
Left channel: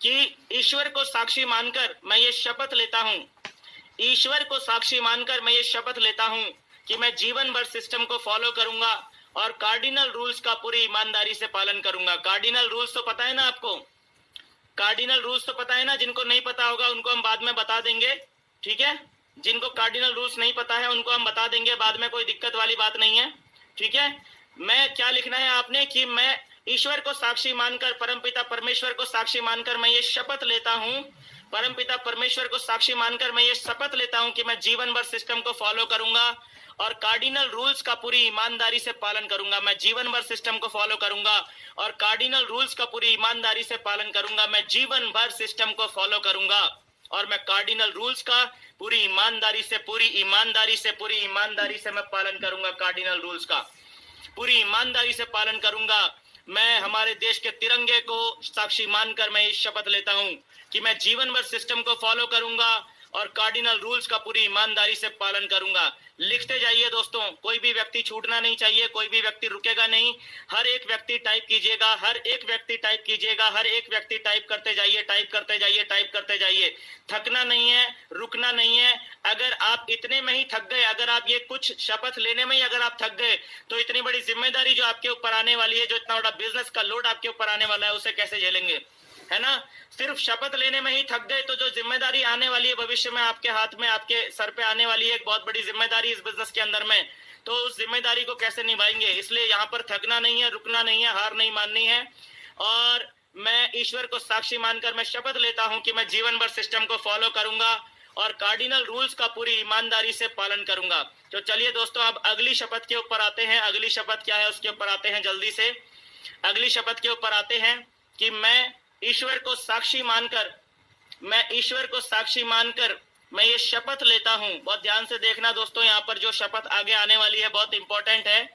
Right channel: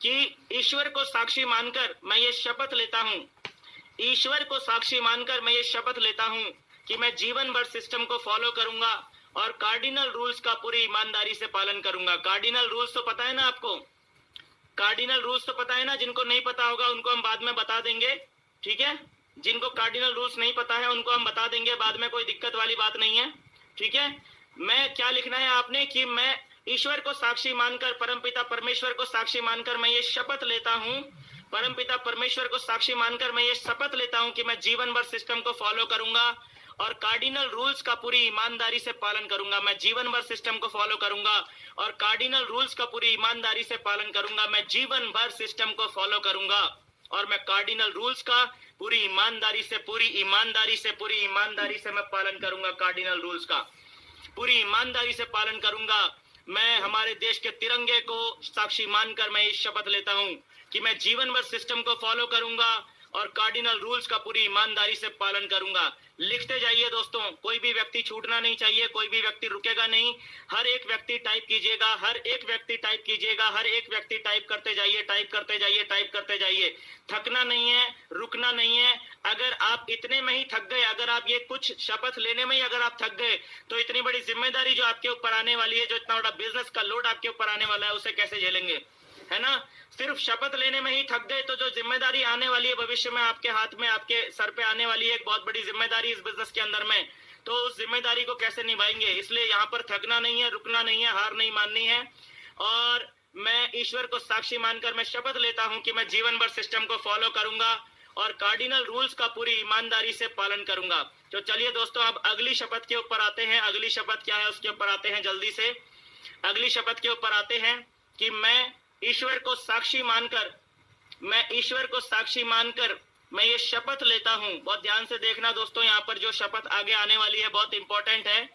कि ईश्वर को साक्षी मानकर मैं ये शपथ लेता हूं, ईश्वर को साक्षी मानकर मैं ये शपथ लेता हूं कि मैं जीवन भर सिस्टम को फॉलो करूंगा और कार्डिनल रूल्स का पूरी ईमानदारी से पालन करूंगा। कार्डिनल रूल्स तो पता है ना आपको? कार्डिनल रूल्स तो पता है ना? जिनको नहीं पता होगा उनको हम बाद में बता देंगे। ठीक है, जिनको कार्डिनल रूल्स नहीं पता है उनको हम बता देंगे बाद में, कोई दिक्कत वाली बात नहीं है। ठीक है, मैं क्या लिखना है आपने कि मैं ईश्वर को साक्षी मानकर, परमपिता परमेश्वर को साक्षी मानकर मैं ये शपथ लेता हूं, परमपिता परमेश्वर को साक्षी मानकर मैं ये शपथ लेता हूं कि मैं जीवन भर सिस्टम को फॉलो करूंगा और कार्डिनल रूल्स का पूरी ईमानदारी से पालन करूंगा। मैं जीवन भर सिस्टम को फॉलो करूंगा और कार्डिनल रूल्स का पूरी ईमानदारी से पालन करूंगा। मैं जीवन भर सिस्टम को फॉलो करूंगा और मैं कार्डिनल रूल्स का पूरी ईमानदारी से मैं पालन करूंगा। कार्डिनल रूल्स का पूरी ईमानदारी से पालन करूंगा। मैं हमारे देश के तिरंगे को साक्षी मानकर मैं इस शपथ लेता हूं कि मैं जीवन भर सिस्टम को फॉलो करूंगा और कार्डिनल रूल्स का पूरी ईमानदारी से पालन करूंगा। लिखते जाइए दोस्तों, कोई भी व्यक्ति छूटना नहीं चाहिए, कोई भी व्यक्ति रुकेगा नहीं। हर एक व्यक्ति टाइप कीजिएगा, हर एक व्यक्ति टाइप कीजिएगा, हर एक व्यक्ति टाइप करते जाइए, टाइप करते जाइए, टाइप करते जाइए। थकना नहीं है, रुकना नहीं है। अगर आप इतने में ही थक गए, अगर आप ये कुछ शपथ लेने में ही अगर आप थक गए, तो इतनी बड़ी जिम्मेदारी जो आपके ऊपर आने वाली है, जो इतना बड़ा बिजनेस का लोड आपके ऊपर आने वाला है, उसे कैसे झेलेंगे? है ना? सिर्फ शपथ लेने में ही थक गए तो जो जिम्मेदारी आने वाली है भविष्य में आपके हाथ में, आपके सर पे आने वाली है एक बहुत बड़ी जिम्मेदारी इस बिजनेस के अंदर में, तो उस जिम्मेदारी को कैसे निभाएंगे? इसलिए यहाँ पर थकना नहीं है, रुकना नहीं है, हार नहीं माननी है। और मैं ईश्वर को साक्षी मानकर मैं शपथ लेता हूं कि मैं जीवन भर सिस्टम को फॉलो करूंगा और कार्डिनल रूल्स का पूरी ईमानदारी से पालन करूंगा। तो चलिए दोस्तों, अब अगली शपथ के ऊपर आते हैं। अगली शपथ क्या है उसके ऊपर आते हैं जल्दी से। अगली शपथ के ऊपर आते हैं कि मैं ईश्वर को साक्षी मानकर मैं ये शपथ लेता हूं। बहुत ध्यान से देखना दोस्तों, यहाँ पर जो शपथ आगे आने वाली है बहुत इंपॉर्टेंट है,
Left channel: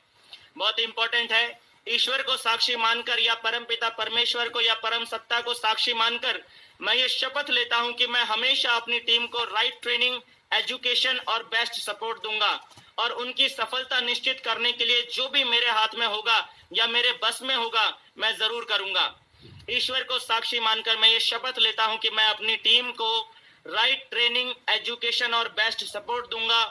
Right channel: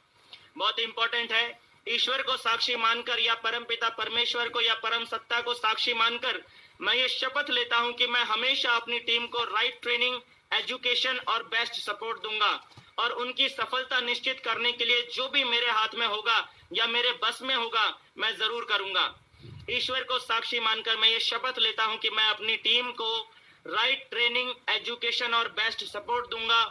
बहुत इंपॉर्टेंट है। ईश्वर को साक्षी मानकर या परमपिता परमेश्वर को या परम सत्ता को साक्षी मानकर मैं ये शपथ लेता हूं कि मैं हमेशा अपनी टीम को राइट ट्रेनिंग, एजुकेशन और बेस्ट सपोर्ट दूंगा और उनकी सफलता निश्चित करने के लिए जो भी मेरे हाथ में होगा या मेरे बस में होगा मैं जरूर करूंगा। ईश्वर को साक्षी मानकर मैं ये शपथ लेता हूं कि मैं अपनी टीम को राइट ट्रेनिंग, एजुकेशन और बेस्ट सपोर्ट दूंगा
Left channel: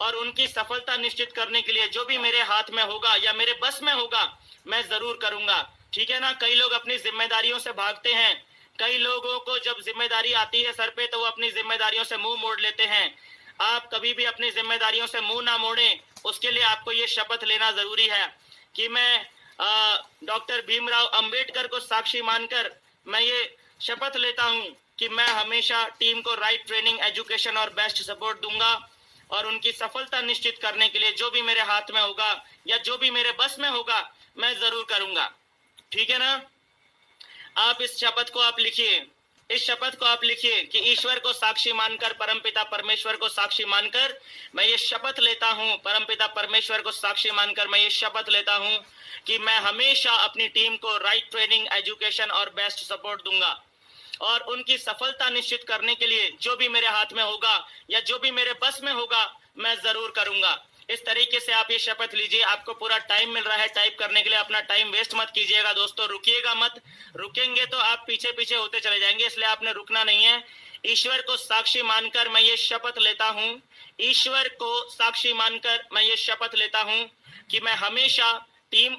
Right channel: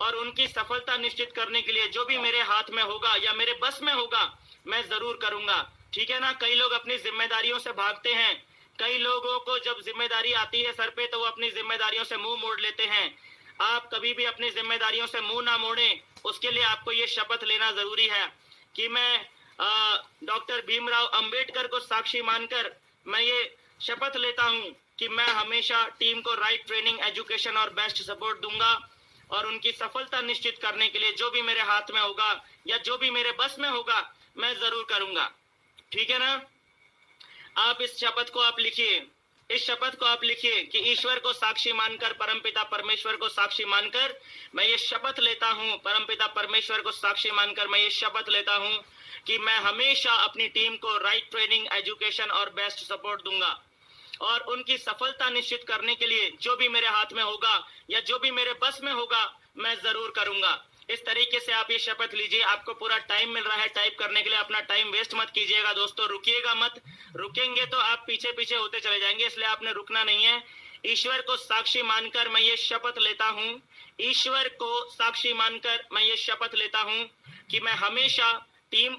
और उनकी सफलता निश्चित करने के लिए जो भी मेरे हाथ में होगा या मेरे बस में होगा मैं जरूर करूंगा। ठीक है ना? कई लोग अपनी जिम्मेदारियों से भागते हैं, कई लोगों को जब जिम्मेदारी आती है सर पे तो वो अपनी जिम्मेदारियों से मुंह मोड़ लेते हैं। आप कभी भी अपनी जिम्मेदारियों से मुंह ना मोड़ें, उसके लिए आपको ये शपथ लेना जरूरी है कि मैं डॉक्टर भीमराव अंबेडकर को साक्षी मानकर मैं ये शपथ लेता हूं कि मैं हमेशा टीम को राइट ट्रेनिंग, एजुकेशन और बेस्ट सपोर्ट दूंगा और उनकी सफलता निश्चित करने के लिए जो भी मेरे हाथ में होगा या जो भी मेरे बस में होगा मैं जरूर करूंगा। ठीक है ना? आप इस शपथ को आप लिखिए, इस शपथ को आप लिखिए कि ईश्वर को साक्षी मानकर, परमपिता परमेश्वर को साक्षी मानकर मैं ये शपथ लेता हूं, परमपिता परमेश्वर को साक्षी मानकर मैं ये शपथ लेता हूं कि मैं हमेशा अपनी टीम को राइट ट्रेनिंग, एजुकेशन और बेस्ट सपोर्ट दूंगा और उनकी सफलता निश्चित करने के लिए जो भी मेरे हाथ में होगा या जो भी मेरे बस में होगा मैं जरूर करूंगा। इस तरीके से आप ये शपथ लीजिए। आपको पूरा टाइम मिल रहा है टाइप करने के लिए, अपना टाइम वेस्ट मत कीजिएगा दोस्तों, रुकिएगा मत। रुकेंगे तो आप पीछे पीछे होते चले जाएंगे, इसलिए आपने रुकना नहीं है। ईश्वर को साक्षी मानकर मैं ये शपथ लेता हूँ, ईश्वर को साक्षी मानकर मैं ये शपथ लेता हूँ कि मैं हमेशा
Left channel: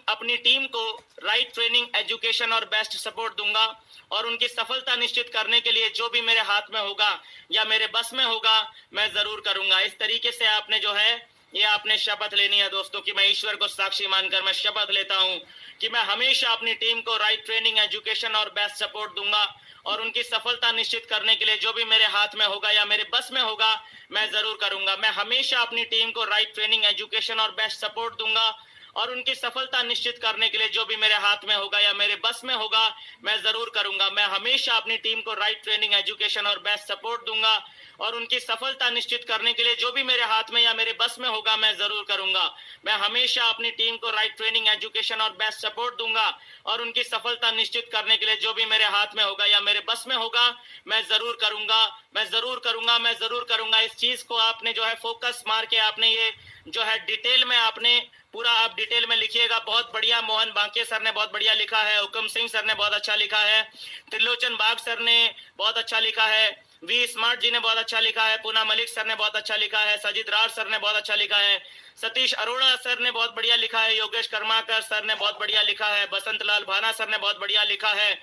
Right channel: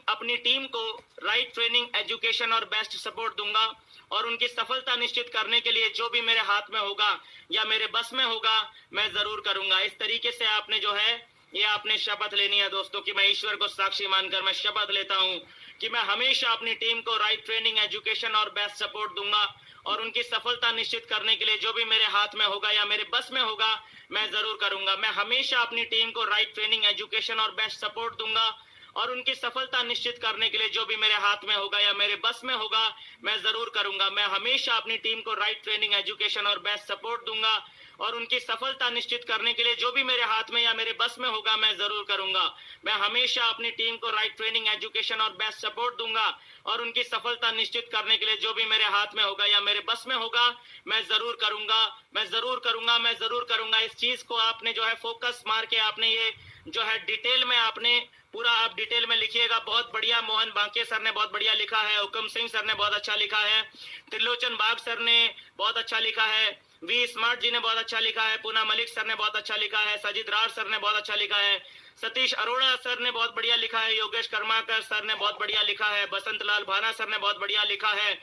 अपनी टीम को राइट ट्रेनिंग, एजुकेशन और बेस्ट सपोर्ट दूंगा और उनकी सफलता निश्चित करने के लिए जो भी मेरे हाथ में होगा या मेरे बस में होगा मैं जरूर करूंगा। इस तरीके से आपने जो है ये आपने शपथ लेनी है दोस्तों कि मैं ईश्वर को साक्षी मानकर मैं शपथ लेता हूं कि मैं हमेशा अपनी टीम को राइट ट्रेनिंग, एजुकेशन और बेस्ट सपोर्ट दूंगा और उनकी सफलता निश्चित करने के लिए जो भी मेरे हाथ में होगा या मेरे बस में होगा मैं जरूर करूंगा। मैं हमेशा अपनी टीम को राइट ट्रेनिंग, एजुकेशन और बेस्ट सपोर्ट दूंगा और उनकी सफलता निश्चित करने के लिए जो भी मेरे हाथ में होगा या मेरे बस में होगा मैं जरूर करूंगा। मैं हमेशा अपनी टीम को राइट ट्रेनिंग, एजुकेशन और बेस्ट सपोर्ट दूंगा और उनकी सफलता निश्चित करने के लिए जो भी मेरे हाथ में या मेरे बस में होगा मैं जरूर करूंगा। मैं हमेशा अपनी टीम को राइट ट्रेनिंग, एजुकेशन और बेस्ट सपोर्ट दूंगा और उनकी सफलता निश्चित करने के लिए जो भी मेरे हाथ में होगा या मेरे बस में होगा मैं जरूर करूंगा, मैं जरूर करूंगा, मैं जरूर करूंगा। इस चीज को आपने जो है फोकस मार के आपने ये जो है डिटेल में आपने पूरा आप डिटेल में लिखिएगा। बहुत बढ़िया, मोहन बांके सर ने बहुत बढ़िया लिखा है, हुकम सिंह सर ने बहुत अच्छा लिखा है, त्रिलोचन बाग सर ने बहुत अच्छा लिखा है, वी स्मार्ट जी ने बहुत अच्छा लिखा है, पूना मलिक सर ने बहुत अच्छा लिखा है, सजिद राज सर ने बहुत अच्छा लिखा है, सतीश अरोड़ा सर ने बहुत बढ़िया लिखा है, योगेश कर्माकर सर ने बहुत बढ़िया लिखा है, बसंत लाल भाना सर ने बहुत बढ़िया लिखा है,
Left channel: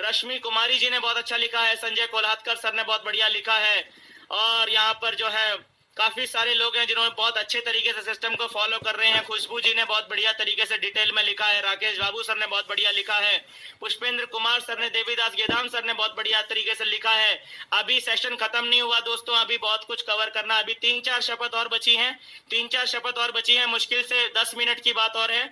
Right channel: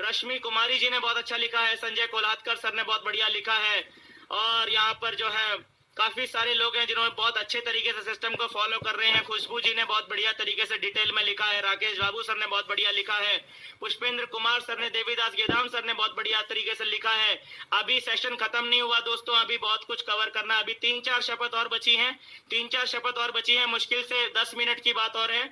रश्मि कुमारी जी ने बहुत अच्छा लिखा है, संजय कोल्हाटकर सर ने बहुत बढ़िया लिखा है और यहाँ पर जो है काफी सारे लोग हैं जिन्होंने बहुत अच्छे तरीके से सिस्टम को फॉलो कर रहे हैं। खुशबू जी ने बहुत बढ़िया तरीके से डिटेल में लिखा है, राकेश बाबू सर ने बहुत बढ़िया लिखा है, पुष्पेंद्र कुमार सर ने, देवीदास गेदाम सर ने बहुत बढ़िया तरीके से लिखा है। अभी सेशन खत्म नहीं हुआ दोस्तों, अभी बहुत कुछ कवर करना, अभी 3-4 शपथ और बची हैं, 3-4 शपथ और बची हैं। मुश्किल से 10 मिनट की बात और है,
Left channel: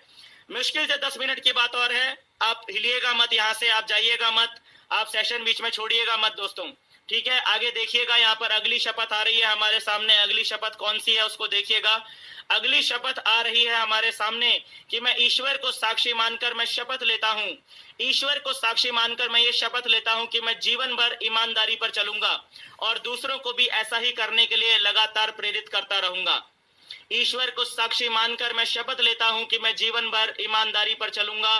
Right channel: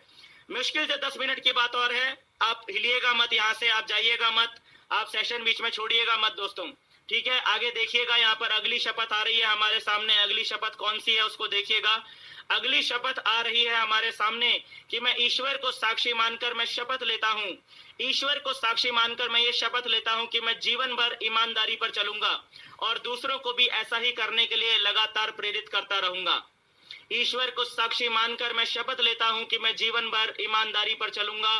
मुश्किल से 10 मिनट की बात और है। आप हिलिएगा मत, यहाँ से आप जाइएगा मत, आप सेशन बीच में छोड़िएगा मत दोस्तों, ठीक है? आगे देखिएगा, यहाँ पर अगली शपथ आ रही है हमारे सामने। अगली शपथ कौन सी है उसको देखिएगा। अगली शपथ आ रही है हमारे सामने कि मैं ईश्वर को साक्षी मानकर मैं शपथ लेता हूँ, ईश्वर को साक्षी मानकर मैं ये शपथ लेता हूँ कि मैं जीवन भर ईमानदारी पर चलूंगा और दूसरों को भी ऐसा ही करने के लिए लगातार प्रेरित करता रहूंगा। ईश्वर को साक्षी मानकर मैं शपथ लेता हूँ कि मैं जीवन भर ईमानदारी पर चलूंगा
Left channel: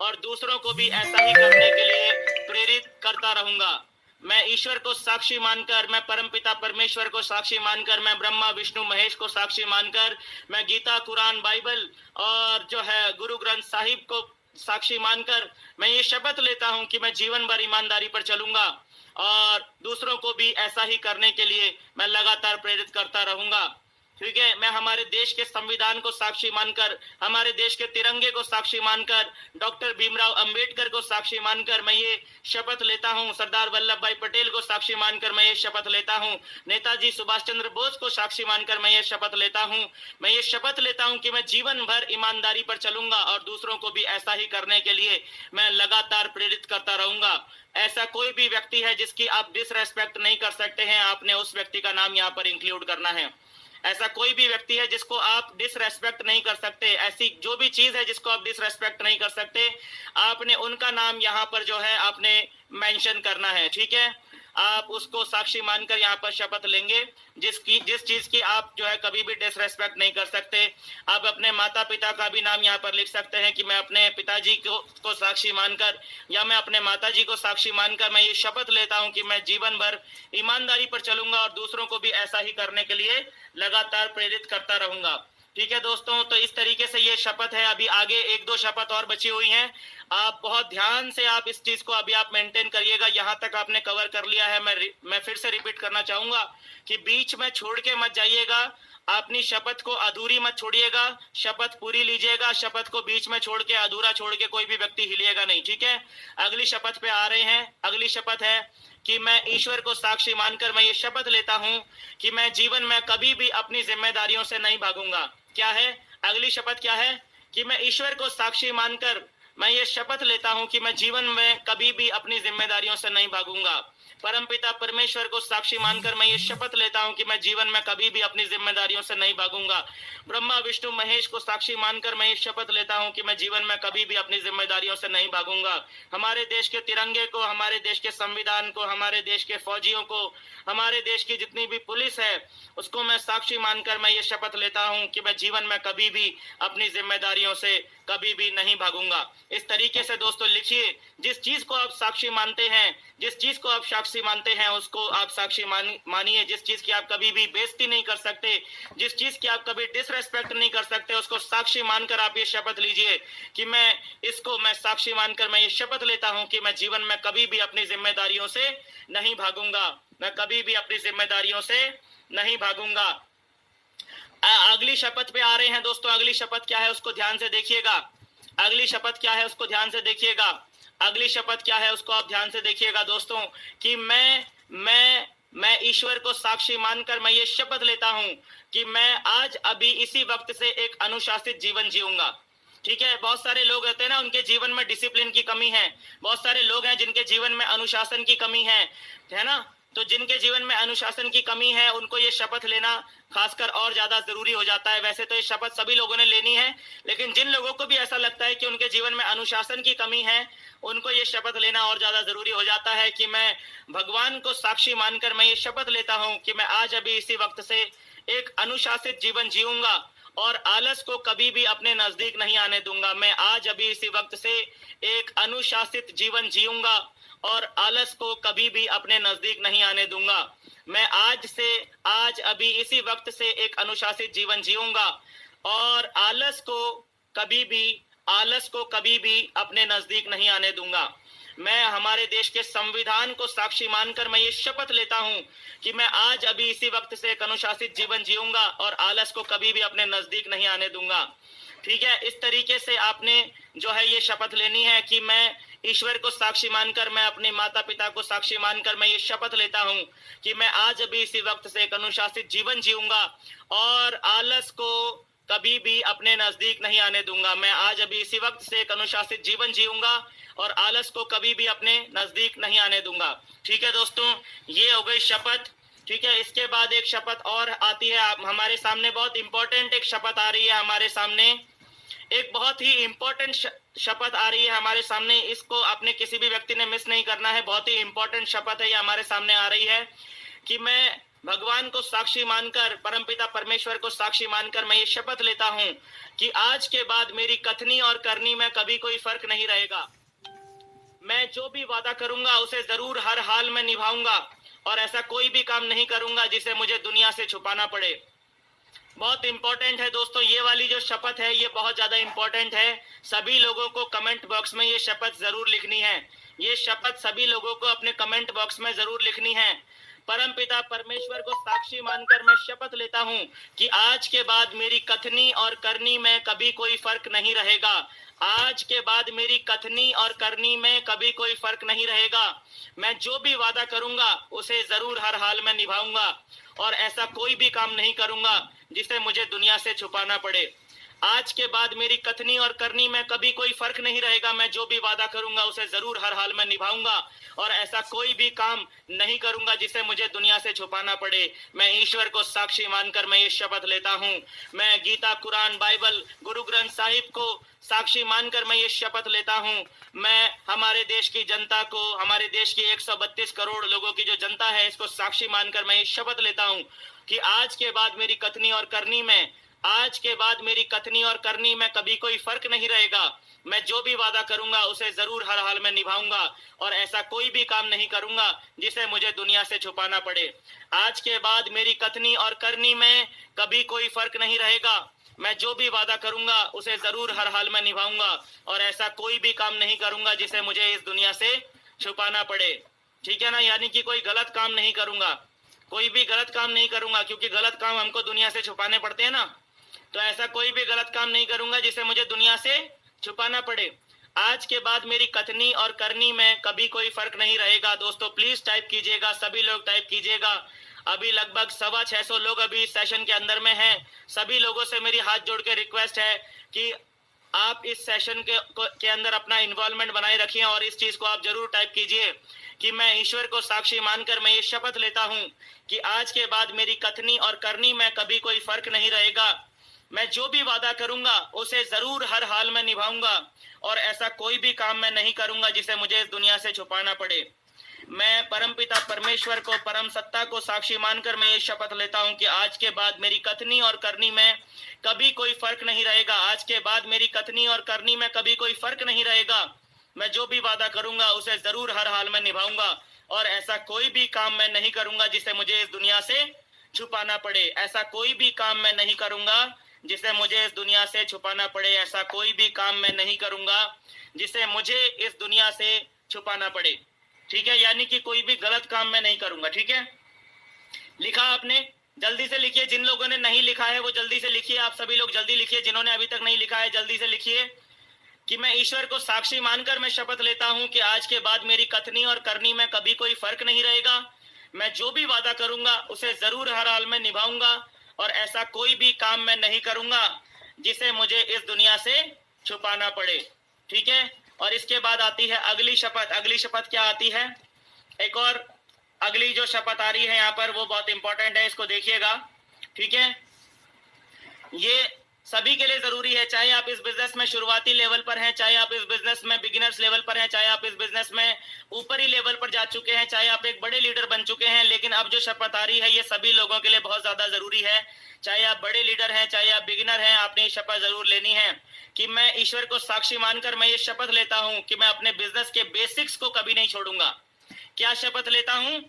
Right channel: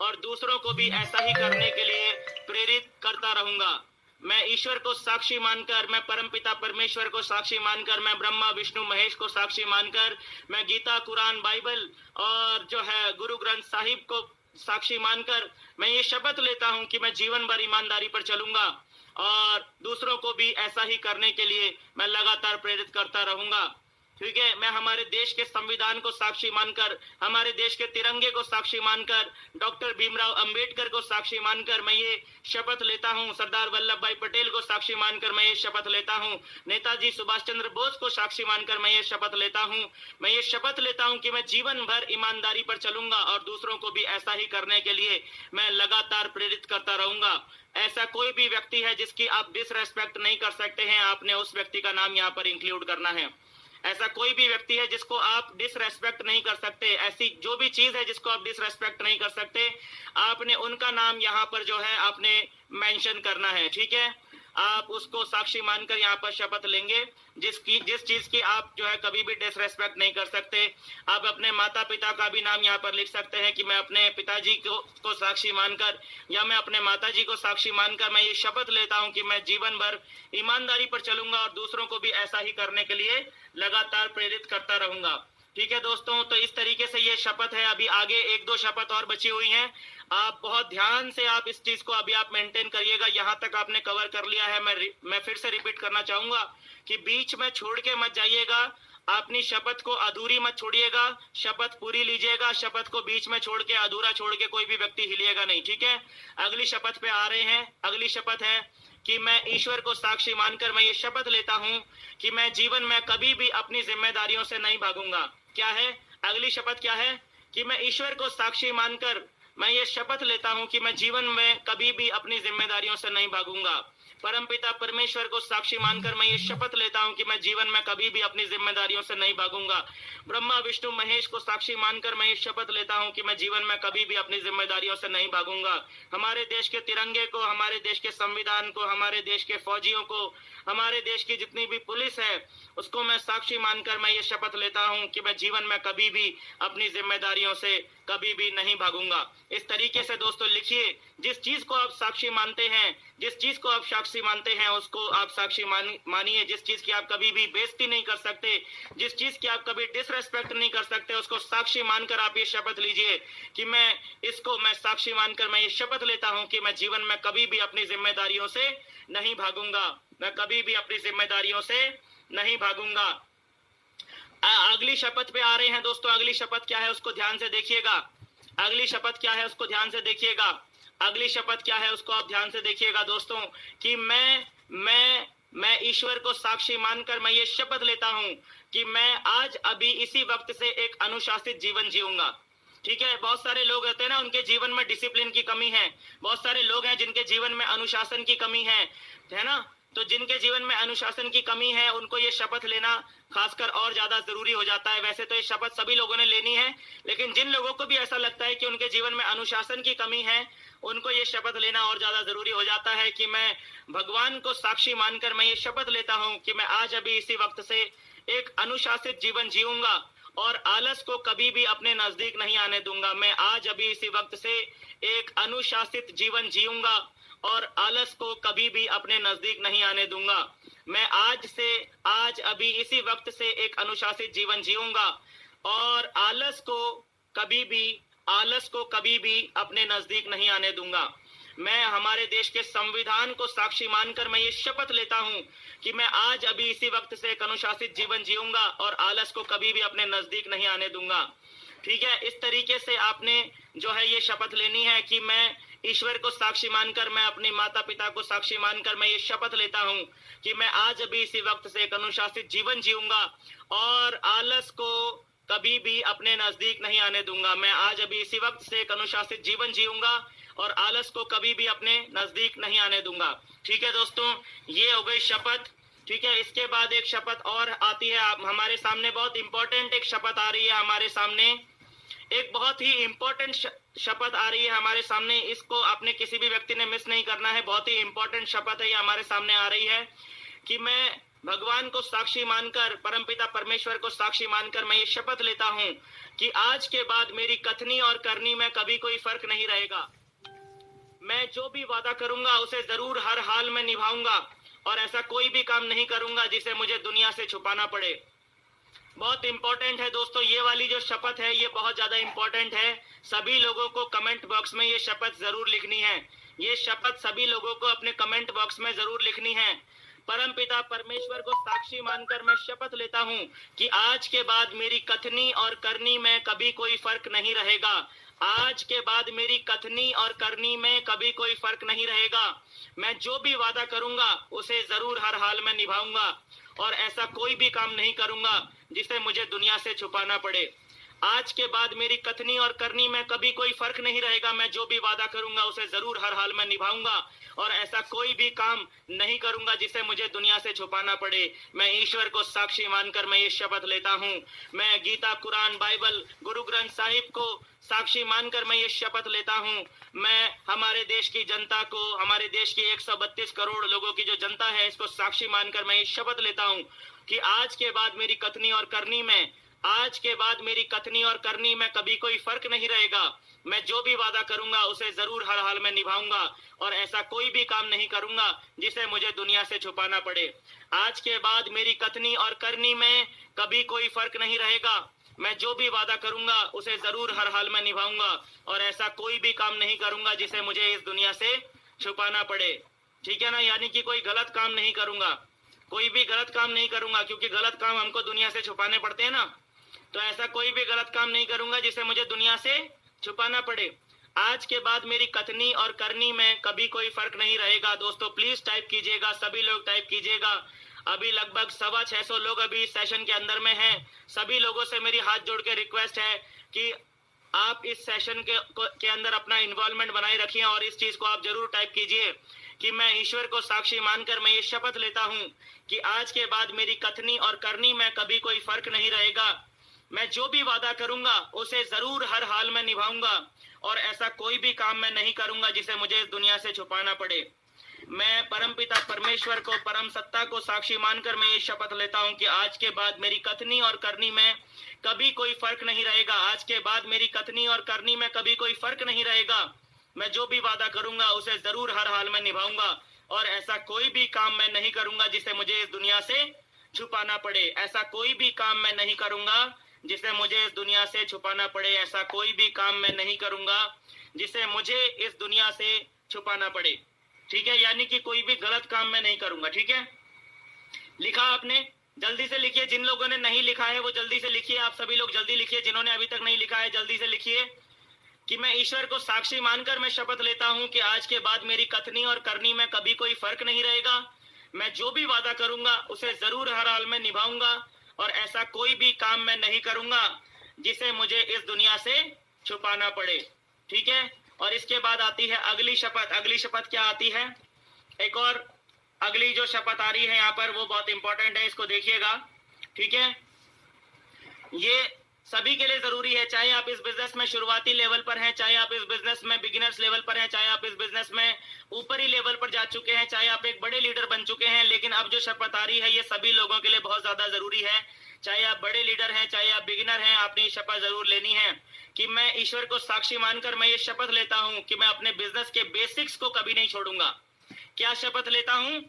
और दूसरों को भी ऐसा ही करने के लिए प्रेरित करता रहूंगा। मैं ईश्वर को साक्षी मानकर, मैं परमपिता परमेश्वर को साक्षी मानकर, मैं ब्रह्मा विष्णु महेश को साक्षी मानकर, मैं गीता, कुरान, बाइबल और जो है गुरु ग्रंथ साहिब को साक्षी मानकर मैं ये शपथ लेता हूं कि मैं जीवन भर ईमानदारी पर चलूंगा और दूसरों को भी ऐसा ही करने के लिए मैं लगातार प्रेरित करता रहूंगा। ठीक है? मैं हमारे देश के संविधान को साक्षी मानकर, हमारे देश के तिरंगे को साक्षी मानकर, डॉक्टर भीमराव अंबेडकर को साक्षी मानकर मैं ये शपथ लेता हूं, सरदार वल्लभ भाई पटेल को साक्षी मानकर मैं ये शपथ लेता हूं, नेताजी सुभाष चंद्र बोस को साक्षी मानकर मैं ये शपथ लेता हूं। मैं ये शपथ लेता हूं कि मैं जीवन भर ईमानदारी पर चलूंगा और दूसरों को भी ऐसा ही करने के लिए मैं लगातार प्रेरित करता रहूंगा। ऐसा कोई भी व्यक्ति है जिसकी आप डिसरेस्पेक्ट नहीं कर सकते हैं, आपने उस व्यक्ति का नाम यहाँ पर इंक्लूड करना है। ऐसा कोई भी व्यक्ति है जिसको आप डिसरेस्पेक्ट नहीं कर सकते, ऐसी जो भी चीज है जिसको आप डिसरेस्पेक्ट नहीं कर सकते, आपने उनका नाम यहाँ पर जो है आपने मेंशन करना है। ठीक है? आप उसको साक्षी मानकर यहाँ पर शपथ लेंगे जिस चीज की आप जो है कभी भी डिसरेस्पेक्ट नहीं कर सकते। आप अपने माता पिता का भी नाम यहाँ पर लिख सकते हैं कि मैं अपने पिताजी को साक्षी मानकर या मैं अपने माताजी को साक्षी मानकर मैं ये शपथ लेता हूँ कि मैं जीवन भर ईमानदारी पर चलूंगा और दूसरों को भी ऐसा ही करने के लिए लगातार प्रेरित करता रहूंगा। ठीक है दोस्तों, तो इस तरीके से ये शपथ है। अभी आगे 1-2 शपथ और बची हुई हैं। आप बहुत ध्यान से आप इस चीज को अभी आप मेंटेन करिएगा। यहाँ तक आपने कवर कर लिया है। मैं फिर से रिपीट करना चाहूंगा कि बीच में छोड़ के मत जाइएगा। अपनी शपथ को अधूरी मत छोड़िएगा, शपथ पूरी लीजिएगा। शपथ को बीच में छोड़ के, अधूरा छोड़ के कोई भी व्यक्ति हिलिएगा नहीं। ठीक है, अगली शपथ पे आ रहे हैं। अगली शपथ है कि मैं ईश्वर को साक्षी मानकर मैं ये शपथ लेता हूं कि मैं जीवन में कभी भी अपनी जिम्मेदारियों से नहीं भागूंगा। क्या है अगली शपथ? क्या है कि मैं ईश्वर को साक्षी मानकर मैं ये शपथ लेता हूं कि मैं जीवन में कभी भी अपनी जिम्मेदारियों से नहीं भागूंगा। परमपिता परमेश्वर को साक्षी मानकर मैं ये शपथ लेता हूं कि मैं जीवन में कभी भी अपनी जिम्मेदारियों से नहीं भागूंगा। ब्रह्मा विष्णु महेश को साक्षी मानकर मैं ये शपथ लेता हूं कि मैं जीवन में कभी भी अपनी जिम्मेदारियों से नहीं भागूंगा। हमारे देश के तिरंगे को, हमारे देश के संविधान को, हमारे देश के फौजियों को, हमारे देश की जितनी भी पुलिस है उसको मैं साक्षी मानकर मैं ये शपथ लेता हूं कि मैं जीवन में कभी भी अपनी जिम्मेदारियों से कभी भी नहीं भागूंगा। इस तरीके से दोस्तों लिखिए, जिस चीज को आप साक्षी मानते हैं, जिस चीज को आप साक्षी मानते हैं उसको आप साक्षी मानिए। जिस चीज की आप कभी भी बेइज्जती नहीं कर सकते, जिस चीज की आप कभी डिसरेस्पेक्ट नहीं कर सकते, उसको साक्षी मानकर आप ये शपथ लीजिए कि मैं साक्षी मानकर मैं ये शपथ लेता हूं कि मैं जीवन में कभी भी अपनी जिम्मेदारियों से नहीं भागूंगा। मैं कभी भी अपनी जिम्मेदारियों से नहीं भागूंगा। अगली शपथ पे आ रहे हैं दोस्तों। अगली शपथ क्या है उसको ध्यान से देखिएगा। अगली शपथ क्या है उसको ध्यान से देखिएगा। अगली शपथ क्या है उसको आप ध्यान से देखिएगा दोस्तों कि मैं ईश्वर को साक्षी मानकर मैं ये शपथ लेता हूं कि मैं आज अभी इसी वक्त से एक अनुशासित जीवन जीऊंगा। ठीक है, बहुत सारे लोग होते हैं ना, उनके जीवन में डिसिप्लिन की कमी है। बहुत सारे लोग हैं जिनके जीवन में अनुशासन की कमी है ना। तो जिनके जीवन में अनुशासन की कमी है उनको ये शपथ लेना खासकर और ज्यादा जरूरी हो जाता है। वैसे तो ये शपथ सभी लोगों ने लेनी है, लेकिन जिन लोगों को भी ऐसा लगता है कि उनके जीवन में अनुशासन की कमी है उनको ये शपथ लेना और ज्यादा जरूरी हो जाता है कि मैं भगवान को साक्षी मानकर मैं ये शपथ लेता हूं कि मैं आज अभी इसी वक्त से एक अनुशासित जीवन जीऊंगा और आलस को कभी भी अपने नजदीक नहीं आने दूंगा। मैं आज अभी इसी वक्त से एक अनुशासित जीवन जीऊंगा और आलस को कभी भी अपने नजदीक नहीं आने दूंगा। मैं आज अभी इसी वक्त से एक अनुशासित जीवन जीऊंगा और आलस को कभी भी अपने नजदीक नहीं आने दूंगा। मैं हमारे देश के संविधान को साक्षी मानकर मैं ये शपथ लेता हूं कि मैं आज अभी इसी वक्त से एक अनुशासित जीवन जीऊंगा और आलस को कभी भी अपने नजदीक नहीं आने दूंगा। ठीक है, इस तरीके से आपने जो है ये शपथ लेनी है कि मैं ईश्वर को साक्षी मानकर, मैं अपने माता पिता को साक्षी मानकर मैं ये शपथ लेता हूं कि मैं आज अभी इसी वक्त से एक अनुशासित जीवन जीऊंगा और आलस को कभी भी अपने नजदीक नहीं आने दूंगा। मैं आज अभी इसी वक्त से एक अनुशासित जीवन जीऊंगा और आलस को कभी भी अपने नजदीक नहीं आने दूंगा। ठीक है दोस्तों, ये हो गई शपथ। ठीक है, इसके बाद एक शपथ और आती है हमारे सामने। बहुत इंपॉर्टेंट एक शपथ आ रही है हमारे सामने, एक बहुत ही इंपॉर्टेंट शपथ आ रही है हमारे सामने। इसको आपने किसी भी व्यक्ति ने मिस नहीं करना है। बहुत ही इंपॉर्टेंट शपथ है, ये हमारे सामने आ रही है कि मैं भगवान को साक्षी मानकर, परमपिता परमेश्वर को साक्षी मानकर मैं ये शपथ लेता हूं कि आज के बाद मेरी कथनी और करनी में कभी कोई फर्क नहीं रहेगा। मैं जो भी वादा करूंगा उसे जरूर हर हाल में निभाऊंगा और ऐसा कोई भी काम नहीं करूंगा जिसे मुझे दुनिया से छुपाना पड़े। बहुत इंपॉर्टेंट है दोस्तों, ये वाली जो शपथ है ये बहुत ज्यादा इंपॉर्टेंट है। सभी लोगों को कमेंट बॉक्स में ये शपथ जरूर लिखनी है। ये शपथ सभी लोगों को अपने कमेंट बॉक्स में जरूर लिखनी है। परमपिता परमेश्वर को साक्षी मानकर मैं शपथ लेता हूं कि आज के बाद मेरी कथनी और करनी में कभी कोई फर्क नहीं रहेगा। आज के बाद मेरी कथनी और करनी में कभी कोई फर्क नहीं रहेगा। मैं जो भी वादा करूंगा उसे जरूर हर हाल में निभाऊंगा और ऐसा कोई भी काम नहीं करूंगा जिसे मुझे दुनिया से छुपाना पड़े। आज के बाद मेरी कथनी और करनी में कभी कोई फर्क नहीं रहेगा। मैं जो भी वादा करूंगा उसे जरूर हर हाल में निभाऊंगा और ऐसा कोई भी काम नहीं करूंगा जिसे मुझे दुनिया से छुपाना पड़े। मैं ईश्वर को साक्षी मानकर मैं ये शपथ लेता हूं। मैं गीता, कुरान, बाइबल, गुरु ग्रंथ साहिब को साक्षी मानकर मैं ये शपथ लेता हूं। मैं हमारे देश की जनता को, हमारे देश की 132 करोड़ लोगों की जो जनता है इसको साक्षी मानकर मैं ये शपथ लेता हूं कि आज के बाद मेरी कथनी और करनी में कभी कोई फर्क नहीं रहेगा। मैं जो भी वादा करूंगा उसे जरूर हर हाल में निभाऊंगा और ऐसा कोई भी काम नहीं करूंगा जिसे मुझे दुनिया से छुपाना पड़े। आज के बाद मेरी कथनी और करनी में कभी कोई फर्क नहीं रहेगा। मैं जो भी वादा करूंगा उसे जरूर हर हाल में निभाऊंगा और ऐसा कोई भी काम नहीं करूंगा जिसे मुझे इस दुनिया से छुपाना पड़े। ठीक है ना, यानी कि कोई गलत काम नहीं करूंगा, कोई भी गलत काम नहीं करूंगा, क्योंकि गलत काम हमको दुनिया से छुपाने पड़ते हैं ना। तो ऐसा कोई भी गलत काम नहीं करूंगा जिसे मुझे दुनिया से छुपाना पड़े। आज के बाद मेरी कथनी और करनी में कभी कोई फर्क नहीं रहेगा। दोस्तों प्लीज टाइप कीजिएगा, सभी लोग टाइप कीजिएगा। अभी लगभग 650 लोग अभी इस सेशन के अंदर में हैं। सभी लोगों से मेरी हाथ जोड़ के रिक्वेस्ट है कि आप इस सेशन के अंदर अपना इन्वॉल्वमेंट बनाए रखिए और इस चीज को आप जरूर टाइप कीजिए कि मैं ईश्वर को साक्षी मानकर मैं ये शपथ लेता हूं कि आज के बाद मेरी कथनी और करनी में कभी कोई फर्क नहीं रहेगा। मैं जो भी वादा करूंगा उसे जरूर हर हाल में निभाऊंगा और ऐसा कोई भी काम मैं नहीं करूंगा जिसे मुझे इस दुनिया से छुपाना पड़े। मैं परमपिता परमेश्वर को, परम सत्ता को साक्षी मानकर मैं ये शपथ लेता हूं कि आज के बाद मेरी कथनी और करनी में कभी कोई फर्क नहीं रहेगा। आज के बाद मेरी कथनी और करनी में कभी कोई फर्क नहीं रहेगा। मैं जो भी वादा करूंगा उसे जरूर हर हाल में निभाऊंगा और ऐसा कोई भी काम मैं नहीं करूंगा जिसे मुझे इस दुनिया से छुपाना पड़े। ऐसा कोई भी काम मैं नहीं करूंगा जिसे मुझे इस दुनिया से छुपाना पड़े। ऐसा कोई भी काम मैं नहीं करूंगा जिसे मुझे इस दुनिया से छुपाना पड़े। ठीक है, यानी कि कोई भी गलत काम मैं नहीं करूंगा। ठीक है, लिखा आपने? जल्दी से लिखिए। जिन लोगों ने नहीं लिखा है वो जल्दी से लिखिए। आप सभी लोग जल्दी लिखिए। जिन्होंने अभी तक नहीं लिखा है जल्दी से लिखिए कि मैं ईश्वर को साक्षी मानकर मैं शपथ लेता हूं कि आज के बाद मेरी कथनी और करनी में कभी कोई फर्क नहीं रहेगा। मैं जो भी वादा करूंगा उसे जरूर हर हाल में निभाऊंगा और ऐसा कोई भी काम मैं नहीं करूंगा जिसे मुझे इस दुनिया से छुपाना पड़े। ठीक है, और इसके बाद आती है अगली शपथ। अगली शपथ क्या आती है? एक और अगली जो शपथ आ रही है यहाँ पर वो बहुत इंपॉर्टेंट है, इसको देखिएगा। ठीक है, ये सभी के लिए जरूरी है, चाहे आप इस बिजनेस में शुरुआती लेवल पर हैं, चाहे आप इस बिजनेस में बिगिनर्स लेवल पर हैं, चाहे आप इस बिजनेस में ऊपरी लेवल पर जा चुके हैं, चाहे आप एक बड़े लीडर बन चुके हैं। लेकिन अब जो शपथ आ रही है ये सभी लोगों के लिए बहुत ज्यादा जरूरी है। चाहे आप बड़े लीडर हैं, चाहे आप बिगिनर हैं, आपने ये शपथ जरूर लेनी है कि मैं ईश्वर को साक्षी मानकर मैं ये शपथ लेता हूं कि मैं अपने बिजनेस के बेसिक्स को कभी नहीं छोड़ूंगा। क्या शपथ लेता हूं?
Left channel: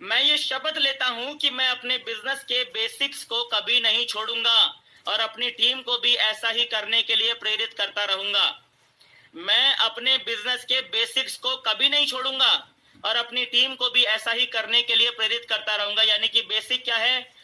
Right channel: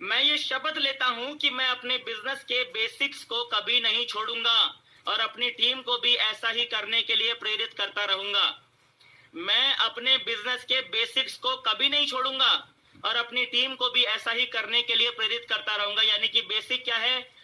मैं ये शपथ लेता हूं कि मैं अपने बिजनेस के बेसिक्स को कभी नहीं छोड़ूंगा और अपनी टीम को भी ऐसा ही करने के लिए प्रेरित करता रहूंगा। मैं अपने बिजनेस के बेसिक्स को कभी नहीं छोड़ूंगा और अपनी टीम को भी ऐसा ही करने के लिए प्रेरित करता रहूंगा। यानी कि बेसिक क्या है?